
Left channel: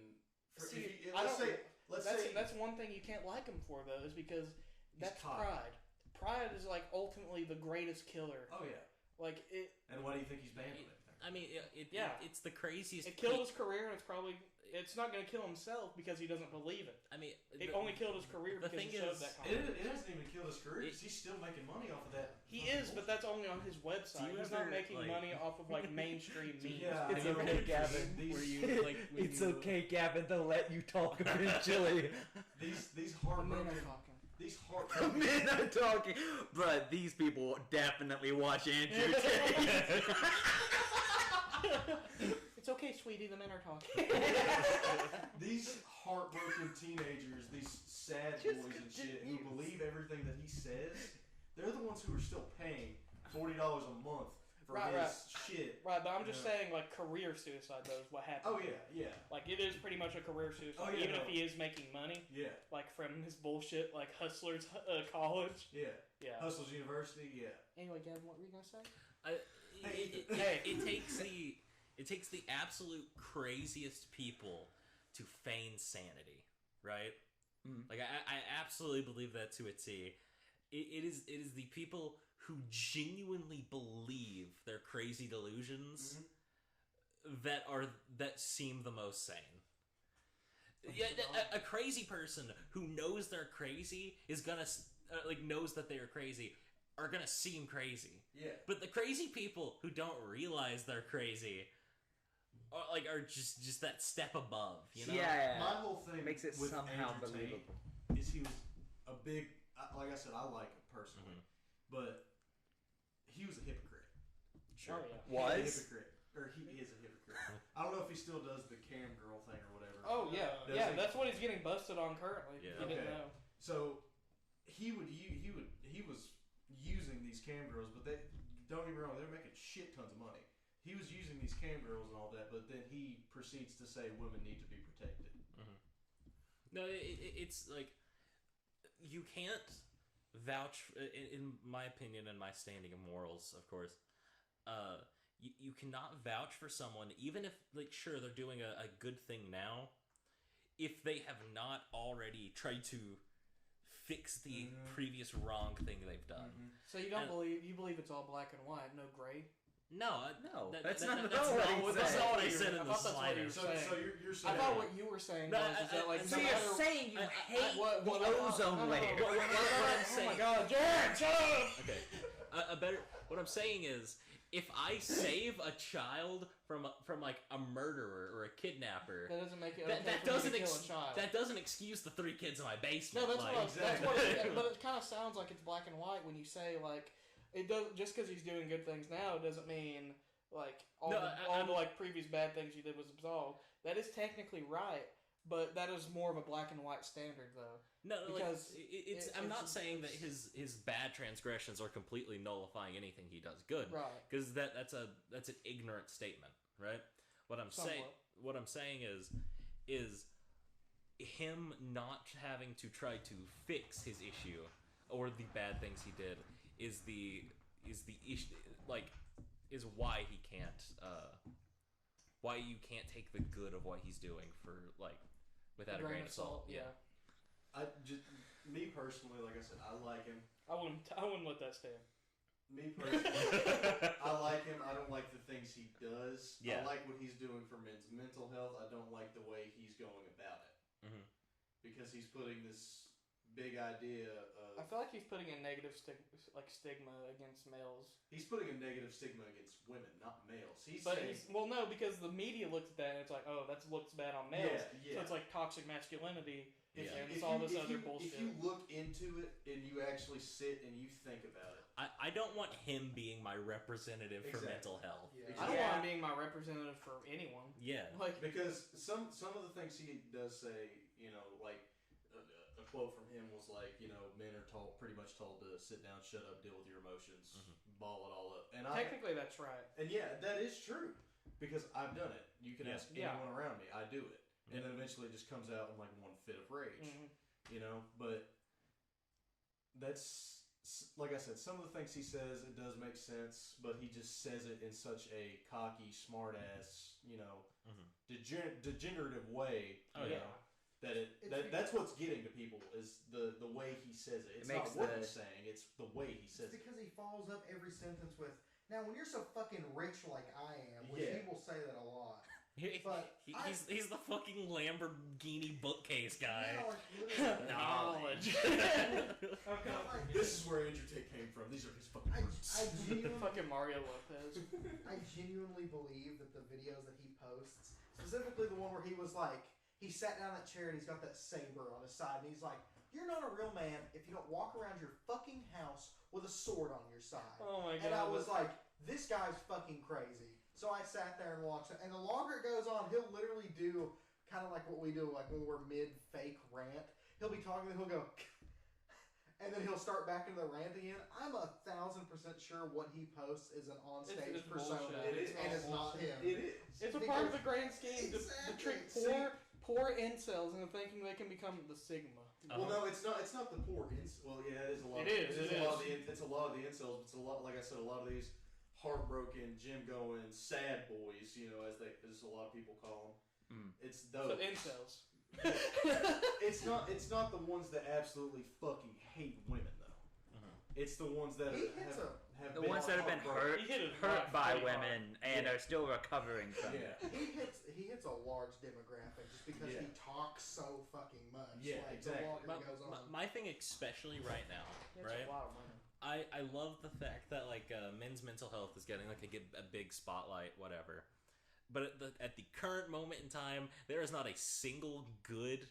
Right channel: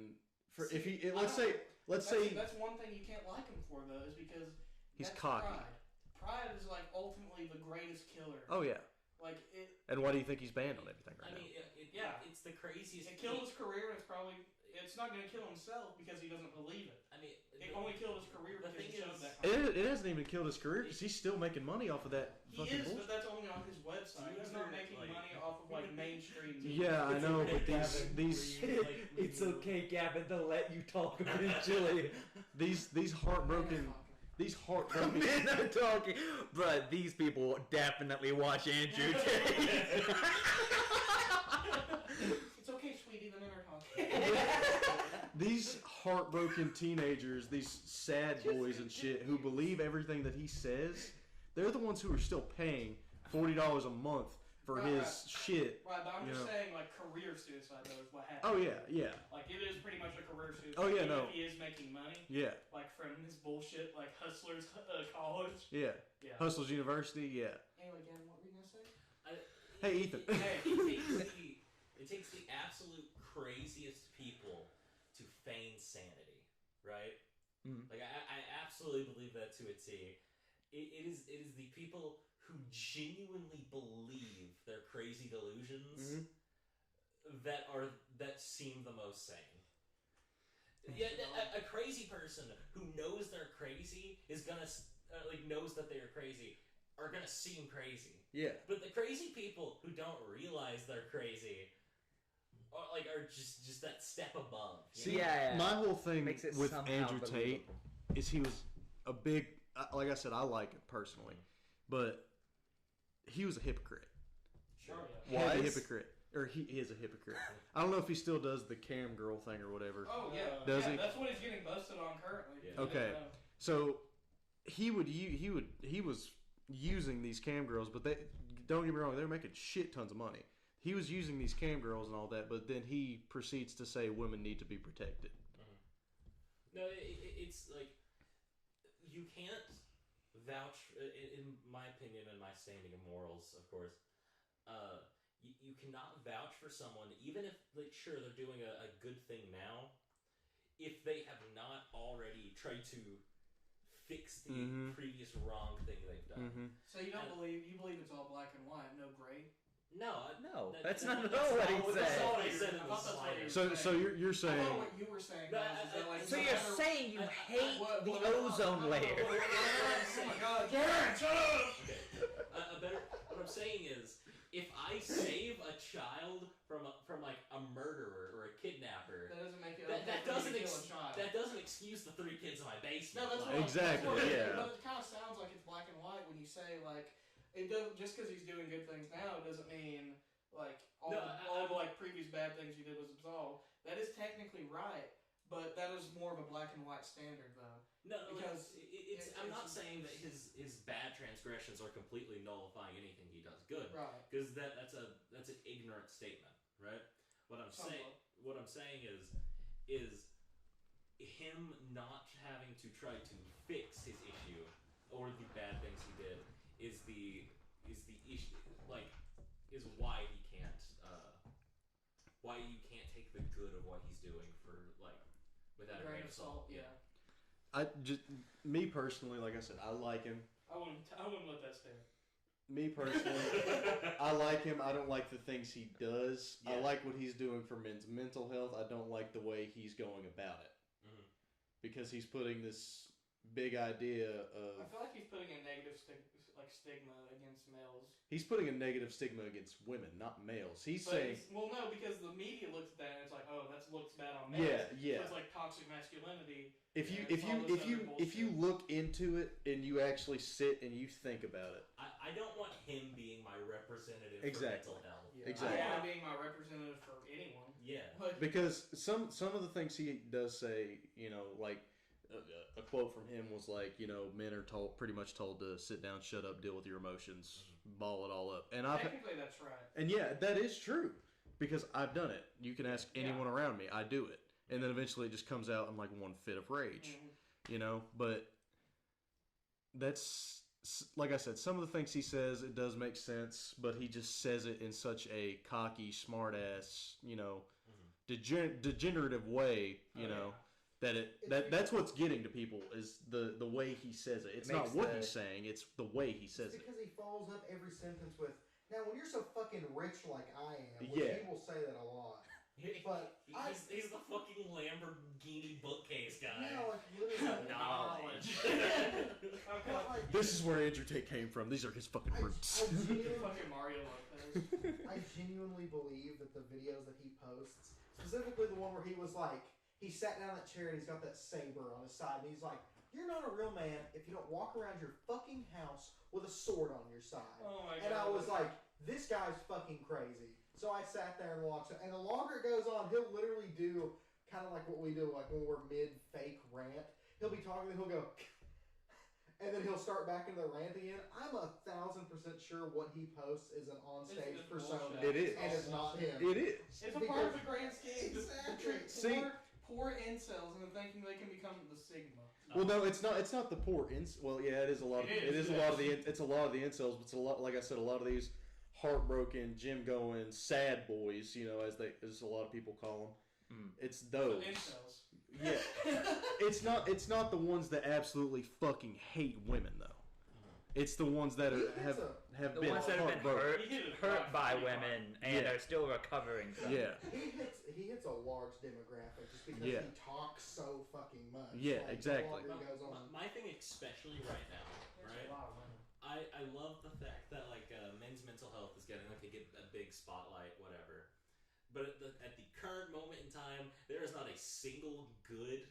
for See, if he I let's don't- say That's one thing you can't like him for, though, is because He's that's cocky. pride. Pride is, like, ultimately the greatest killer. oh yeah. Like, it And why do you think he's banned on everything? I mean, Yeah. it's the craziest. killed his career, and it's not going to kill himself because he doesn't believe it. I mean, It only killed his career the because thing he showed is- that kind of it hasn't even killed his career because he's still making money off of that. He fucking is, but bullshit. that's only on his website. Do you He's ever, not making like- money off of, like, mainstream media. Yeah, I It's know. okay, but Gavin. These Were you, like, when It's you- okay, Gavin. They'll let you talk eventually. these heartbroken The men are talking, but these people definitely watch Andrew Tate. It's okay, sweetie. The men are talking. these heartbroken teenagers, these sad boys and shit who believe everything that he says, they're the ones who are still paying $40 a month for Right, his right. shit. Right, but I'm just Yeah. saying, like, career suicide, though, is what happened. Oh yeah. Like, it is pretty much a career suicide. Oh, yeah, Even no. if he is making money, Yeah, like, from his bullshit, like, Hustlers college. yeah. Yeah. Hustles University, yeah. Anyway, Gavin, what were you going to say? Hey, Ethan. It takes the absolute craziest people to feign sanity, right? Mhm. Like I absolutely believe that to a T. It is the people who genuinely believe their crazy delusions that seem the most sane. Yeah, a crazy person who knows they're crazy is gonna knows that they are crazy are gonna seem crazy. Yeah. But the crazy people who don't realize they're crazy are just that step above. You know? Yeah. My whole thing Makes it with somehow Andrew Tate believable. is he was a big, like I said, I like him personally, but he was a hypocrite. Sure. He was a Was? hypocrite, or he is a hypocrite. I don't know if he still does the cam girl thing or whatever. Oh, yeah. Does Yeah, he? that's what he's getting busted on currently. Yeah. if you didn't Okay. know. So he was using these cam girls, but they don't get me wrong, they were making shit tons of money. He was using these cam girls and all that, but then he proceeds to say women need to be protected. No, it's like you can't vouch, in my opinion and my standing of morals, of course. You cannot vouch for someone, even if, like, sure, they're doing a good thing now, if they have not already tried to fix the previous wrong thing they've done. So you believe it's all black and white, no gray? No, No, that's not at that's all what not he That's said. not what I I said in thought the that's what slider. you were So you're I saying thought what you were saying No, was is that, like, So no you're matter- saying you hate what- the what- ozone layer? What I'm Oh saying, my god, Jared, shut up! okay, what I'm saying is, if I save a child from like a murderer or a kidnapper, That doesn't make it that okay for doesn't me to kill a child. that doesn't excuse the 3 kids in my No, basement. that's like, what, Exactly. That's what Yeah. But it kind of sounds like it's black and white when you say, like, it doesn't, just because he's doing good things now doesn't mean, like, all, No, all the, like, previous bad things you did was absolved. That is technically right, But that is more of a black and white standard, though. No, Because I'm not saying that his bad transgressions are completely nullifying anything he does good, Right. because that's an ignorant statement, right? What I'm saying is him not having to try to fix his issue or the bad things he did is the issue, like, is why he can't why you can't take the good of what he's doing for, like, without a grain of salt. Yeah. Me personally, like I said, I like him. I wouldn't let that stand. Me personally, I like him. I don't like the things he does. Yeah. I like what he's doing for men's mental health. I don't like the way he's going about it. Mhm. Because he's putting this big idea of... I feel like he's putting a negative stigma against males. He's putting a negative stigma against women, not males. He's But saying... well, no, because the media looks bad. It's like, oh, that looks bad on males. Yeah. So it's like toxic masculinity. If you you look into it and you actually sit and you think about it, I don't want him being my representative for mental health. Yeah. Exactly. I want him being my representative for anyone. Yeah. Like, because some of the things he does say, you know, like a quote from him was like, you know, men are pretty much told to sit down, shut up, deal with your emotions, ball it all up. And technically, that's right. And yeah, that is true because I've done it. You can ask anyone around me, I do it, and then eventually it just comes out in like one fit of rage, you know. But that's, like I said, some of the things he says, it does make sense, but he just says it in such a cocky, smart ass, you know, degenerative way, you know. That's what's getting to people is the way he says it. It's not what he's saying; it's the way he says it. Because he follows up every sentence with, "Now, when you're so fucking rich like I am," which he will say that a lot. But he's the fucking Lamborghini bookcase guy. Yeah, like literally. Knowledge. This is where Andrew Tate came from. These are his fucking roots. I genuinely, Fucking Mario Lopez. I genuinely believe that the videos that he posts, specifically the one where he was like, he sat down in that chair and he's got that saber on his side and he's like, "You're not a real man if you don't walk around your fucking house with a sword on your side." Oh my god. And I was like, this guy's fucking crazy. So I sat there and watched it. And the longer it goes on, he'll literally do kind of like what we do, like when we're mid-fake rant. He'll be talking and he'll go, and then he'll start back into the rant again. I'm 1,000% sure what he posts is an onstage persona. It is. And it's not him. It is. It's a part of the grand scheme. Exactly. Poor incels and thinking they can become the Sigma. Well, no, it's not. It's not the poor Well, yeah, it is a lot. It's a lot of the. It's a lot of the incels, but it's a lot. Like I said, a lot of these heartbroken, gym going, sad boys. You know, as a lot of people call them. It's those. So incels. Yeah. It's not the ones that absolutely fucking hate women though. It's the ones that have The been ones that have been hurt by women and are still recovering from it. Yeah. He hits a large demographic just because he talks so fucking much. Yeah, like, exactly. The longer it goes on. My thing, especially right now, right? I love the fact that like men's mental health is getting like a big spotlight, whatever. But at the current moment in time, there is not a single good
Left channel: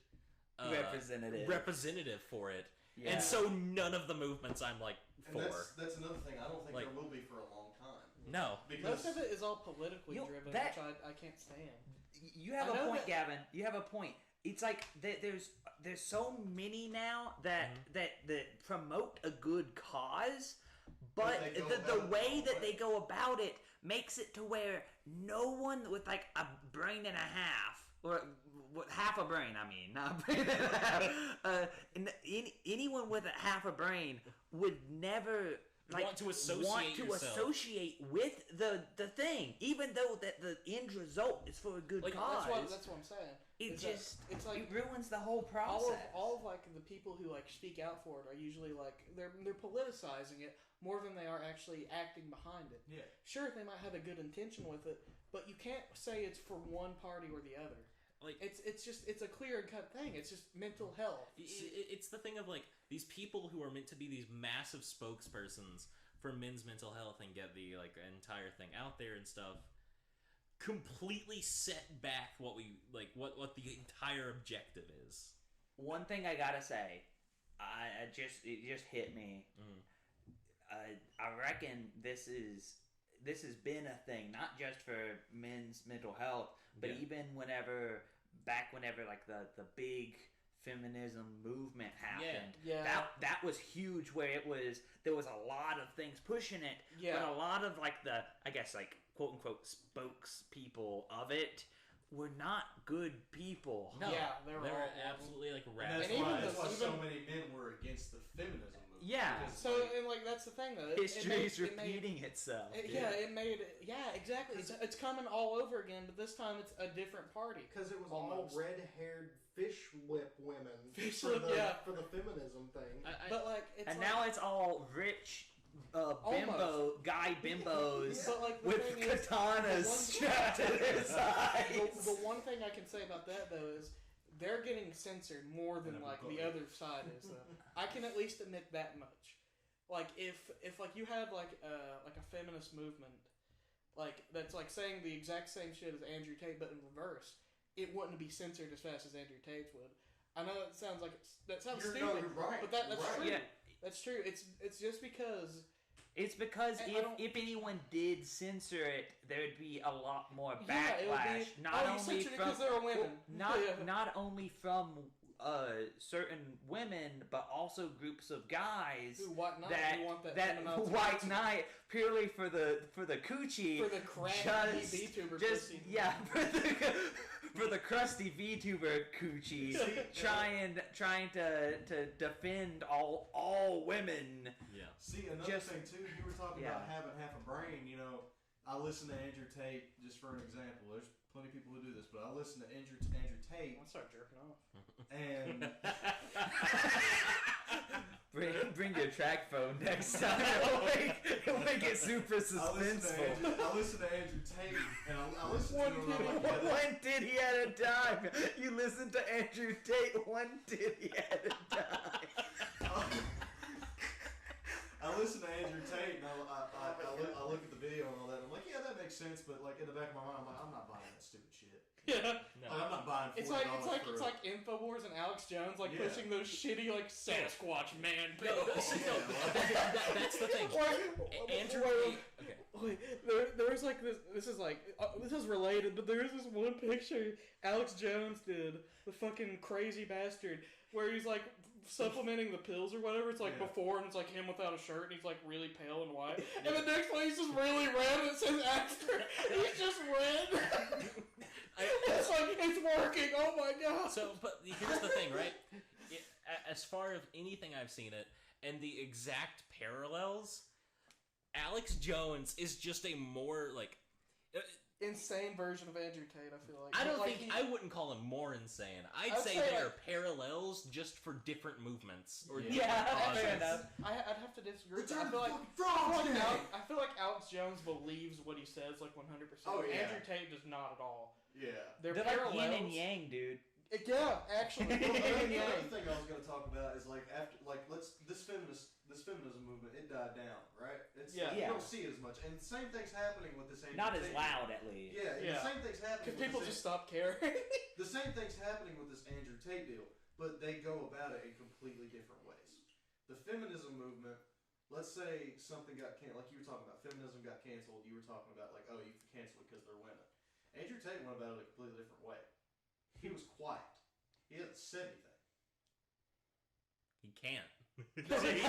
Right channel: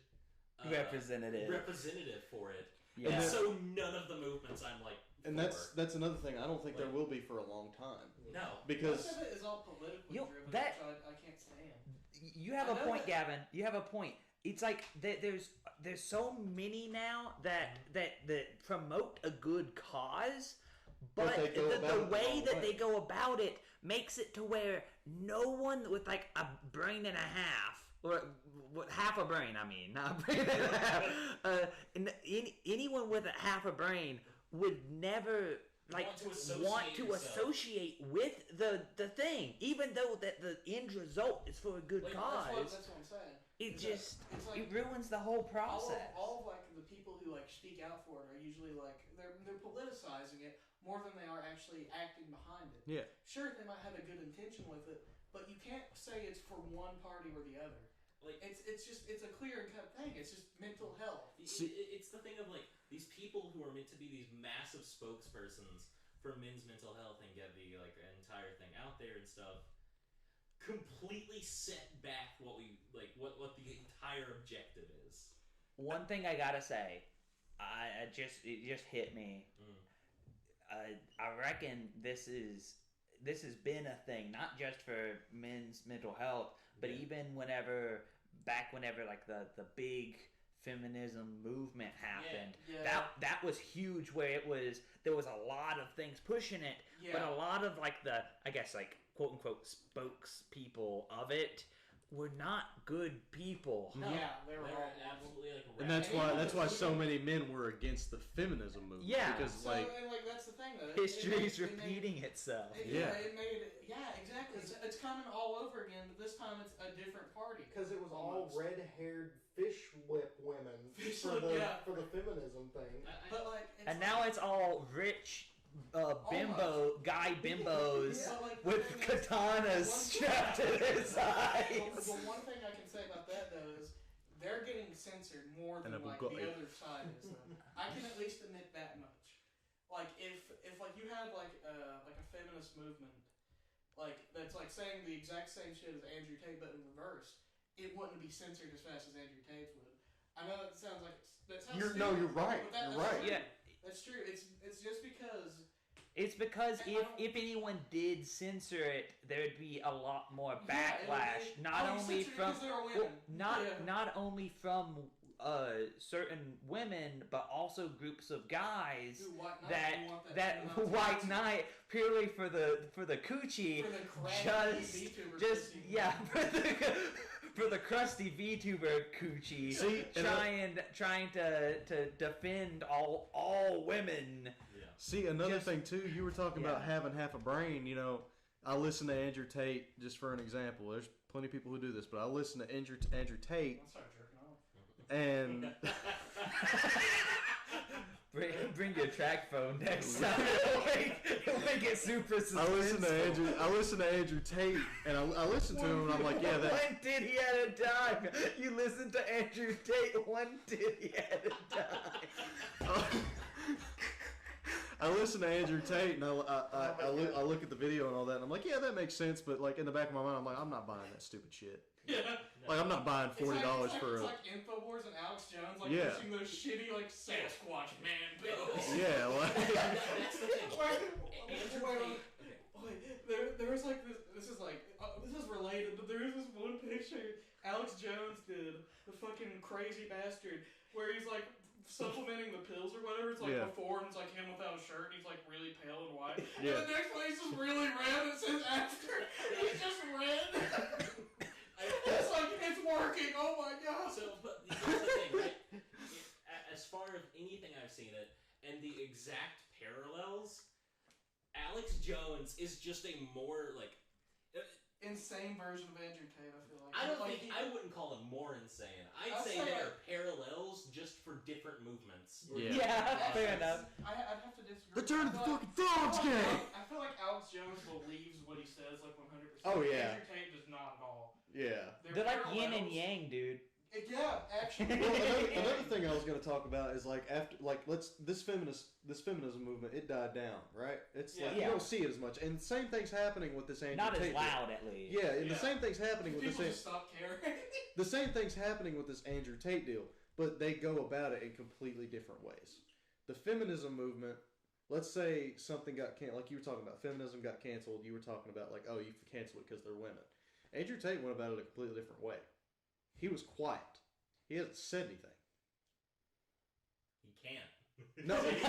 representative for it. Yeah. And so none of the movements I'm like for. And that's another thing. I don't think there will be for a long time. No. Because most of it is all politically driven, which I can't stand. You have a point, Gavin. You have a point. It's like there's so many now that promote a good cause, but the way that they go about it makes it to where no one with like a brain and a half, or half a brain, I mean, not a brain and a half, anyone with a half a brain would never want to associate with the thing, even though that the end result is for a good cause. That's what I'm saying. It ruins the whole process. All of like the people who like speak out for it are usually like they're politicizing it more than they are actually acting behind it. Yeah. Sure, they might have a good intention with it, but you can't say it's for one party or the other. Like it's a clear cut thing. It's just mental health. It's the thing of like these people who are meant to be these massive spokespersons for men's mental health and get the like entire thing out there and stuff. Completely set back what the entire objective is. One thing I gotta say, it just hit me. I reckon this has been a thing, not just for men's mental health, but even whenever back whenever like the big feminism movement happened. Yeah. That was huge, where there was a lot of things pushing it, but a lot of like the, I guess, like quote unquote spokespeople of it were not good people. No, Yeah, they they were were absolutely like And that's radical. why so many men were against the feminism movement. Yeah. Because So like and like that's the thing though. History's repeating itself. Exactly. It's coming all over again, but this time it's a different party. Because it was all Almost. red-haired fish lip women Fish for lip, the yeah. for the feminism thing. But like, it's And like, now it's all rich guy bimbos Yeah, like, with the thing is, katanas strapped to their sides. The one thing I can say about that though is they're getting censored more than And like I've got the it. other side is. Though. I can at least admit that much. Like if like you had like a feminist movement, like that's like saying the exact same shit as Andrew Tate but in reverse, it wouldn't be censored as fast as Andrew Tate's would. I know that sounds like that sounds stupid, you're right. But that's You're right. true. Yeah. That's true. It's just because. It's because And if anyone did censor it, there'd be a lot more Yeah, it would backlash. be- Not oh, you only censored it from 'cause they were well, women. not only from certain women, but also groups of guys Dude, White Knight, that you want that feminized white person. knight purely for the coochie, For the crabby VTuber just pussy. yeah for the crusty VTuber coochie, trying to defend all women. see another just- thing too. You were talking Yeah. about having half a brain. You know, I listen to Andrew Tate just for an example. There's plenty of people who do this, but I listen to Andrew Tate I'll start jerking off. and Bring your track phone next time. It'll make it super I listen to Andrew Tate and I listen to him and I'm like, yeah, that, one titty at a time. You listen to Andrew Tate one titty at a time. I listen to Andrew Tate and I look at the video and all that and I'm like, yeah, that makes sense, but like in the back of my mind, I'm like, I'm not buying that stupid shit. Yeah. Like I'm not buying $40 for It's a like Infowars and Alex Jones like Yeah. pushing those shitty like Sasquatch man bills. yeah. Like, That's the thing. Andrew Tate. Okay. Wait, there was like this. This is like this is related, but there is this one picture Alex Jones did, the fucking crazy bastard, where he's like supplementing the pills or whatever. It's like Yeah. before, and it's like him without a shirt, and he's like really pale and white. Yeah. And the next one, he's just really red, and it says after. He's just red. It's like it's working. Oh my god. So, but here's the thing, right? As far as anything I've seen it, and the exact parallels, Alex Jones is just a more like. Insane version of Andrew Tate. I feel like. I don't Like, think I wouldn't call him more insane. I'd I'd say say, they like- are parallels just for different movements. Or Yeah, different fair causes. enough. I'd have to disagree. Return I to the feel fucking dogs like, game. I feel like Alex Jones believes what he says like 100%. Oh, yeah. Andrew Tate does not at all. yeah. They're like yin and parallels. yang, dude. Yeah, actually. Well, another thing I was going to talk about is like after this feminism movement, it died down, right? It's like, Yeah. you don't see it as much, and the same thing's happening with this Andrew Not as Tate loud, at least. deal. Yeah, and the Yeah. same thing's happening with People this. just stop caring. The same thing's happening with this Andrew Tate deal, but they go about it in completely different ways. The feminism movement, let's say something got canceled, like you were talking about, feminism got canceled. You were talking about like, oh, you can cancel it because they're women. Andrew Tate went about it a completely different way. He was quiet. He hasn't said anything. He can't. No, He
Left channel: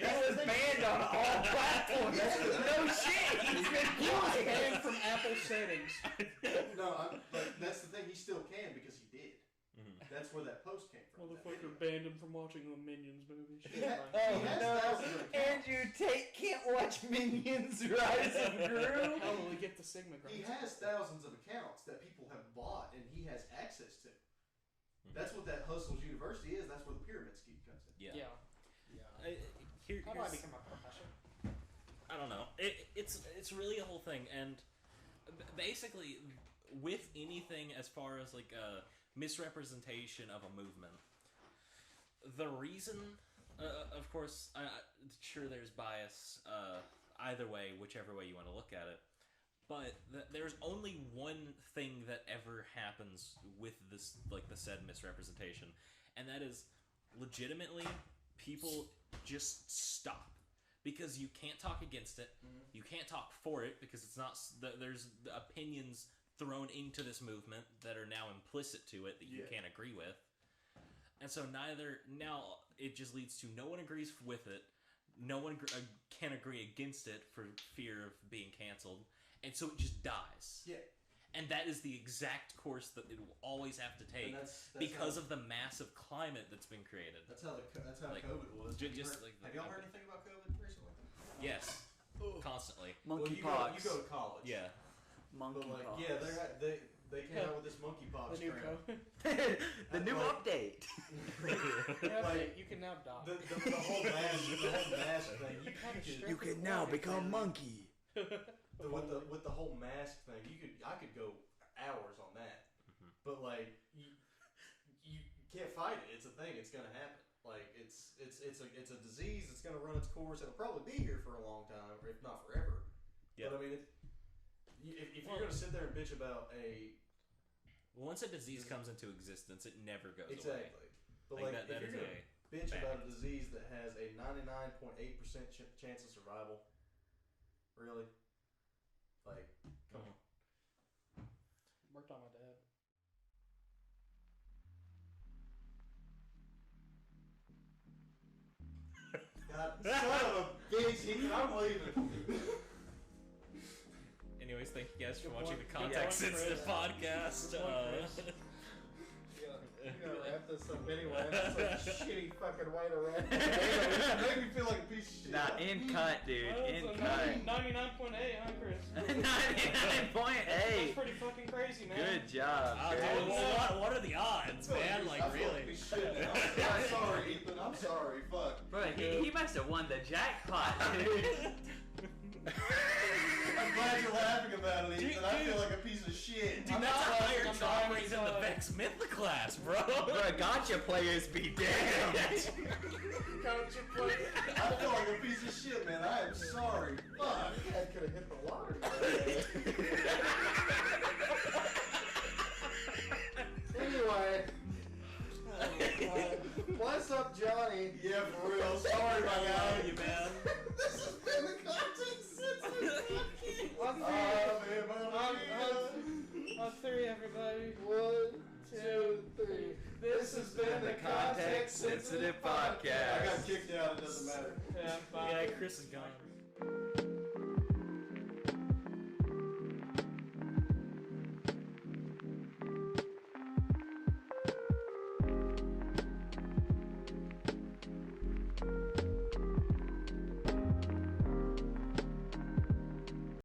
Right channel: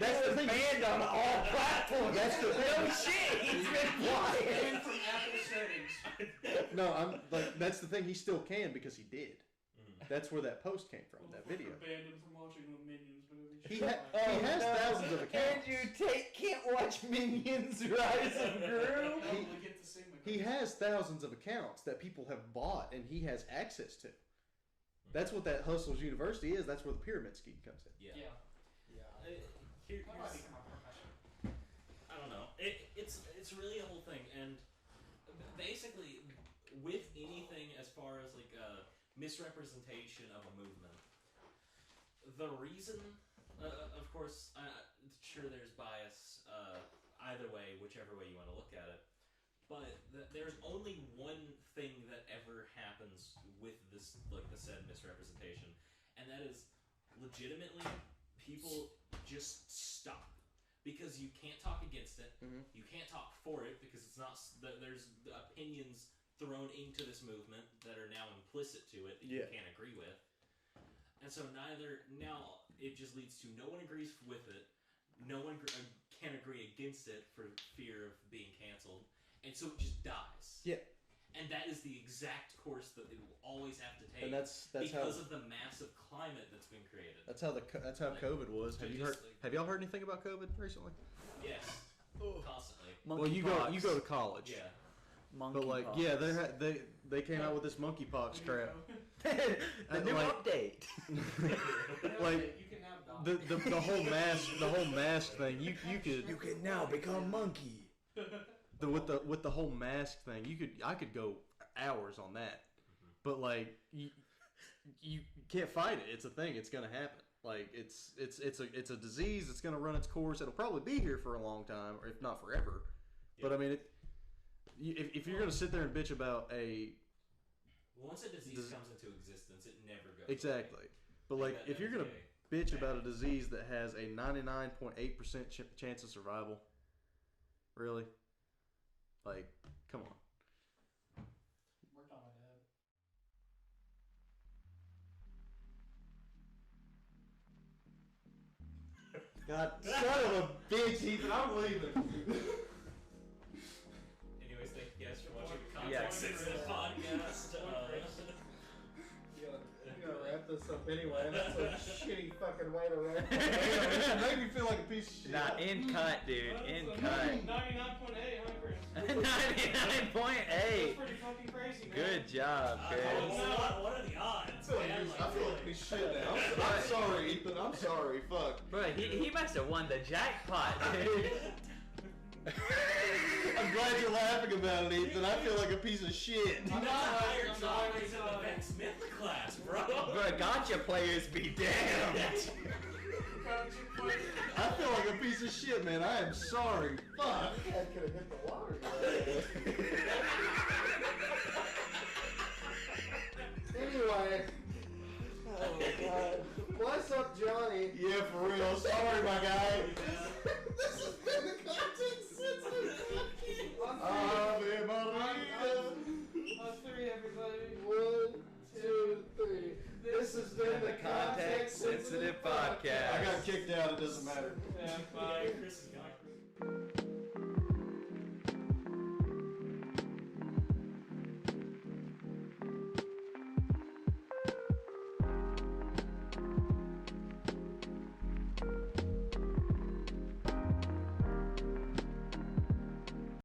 was banned on all platforms. No shit, he's been quiet. From Apple settings. no, but that's the thing. He still can because he did. Mhm. That's where that post came from. That video. Motherfucker banned him from watching the Minions movie. He ha- Oh, has no. thousands of accounts. Andrew Tate can't watch Minions Rise of Gru. Probably get the Sigma. He has thousands of accounts that people have bought and he has access to. That's what that Hustles University is. That's where the pyramid scheme comes in. Yeah. Yeah. Here's That might become my profession. I don't know. It's really a whole thing, and basically, with anything as far as like a misrepresentation of a movement, the reason, of course, sure there's bias either way, whichever way you want to look at it, but there's only one thing that ever happens with this, like the said misrepresentation, and that is legitimately people just stop. Because you can't talk against it, Mhm. you can't talk for it because it's not. There's the opinions thrown into this movement that are now implicit to it that you can't agree with. And so now it just leads to no one agrees with it, no one can agree against it for fear of being canceled, and so it just dies. Yeah. And that is the exact course that it will always have to take, And that's because how, of the massive climate that's been created. That's how Like, COVID was. just Have y'all heard anything about COVID recently? Yes, constantly. Monkeypox. Well, you go to college. Yeah. Monkeypox. They came out with this monkeypox crap. The new update. Like, you can now die. the whole mask thing. You can now become monkey. With the whole mask thing, I could go hours on that. But like you can't fight it. It's a thing. It's gonna happen. Like it's a disease. It's gonna run its course. It'll probably be here for a long time, or if not forever. Yep. But I mean, if you're gonna sit there and bitch about Once a disease comes into existence, it never goes exactly. away. But like that if you're is gonna a bitch fact. about a disease that has a 99.8% chance of survival, really? Like, come on. Worked on my dad. God, son of a bitch, Ethan, I'm leaving. Anyways, thank you guys for watching the Context Sensitive podcast. You gotta wrap this up anyway. That's a shitty fucking way to wrap It it. made me feel like a piece of shit. Nah, in cut, dude. In cut. 99.8, huh, Chris? 99.8. That's pretty fucking crazy, man. Good job, Chris. What are the odds, man? Like, I feel like we really? should now. I'm sorry, Ethan. I'm sorry. Fuck. Bro, he must have won the jackpot, dude. I'm glad you're laughing about it, Ethan. I feel like a piece of shit. Dude, that's a higher drop rate than the Vex Myth class, bro. Bro, gotcha players be damned. I feel like a piece of shit, man. I am sorry. Fuck. Dad could have hit the lottery. Anyway. Oh, God. What's up, Johnny? Yeah, for real. Sorry, my guy. This has been the Context Sensitive Podcast. On three, everybody. 1, 2, 3. This has been the Context Sensitive I Podcast. got kicked out. It doesn't matter. Yeah, Yeah, Chris is gone.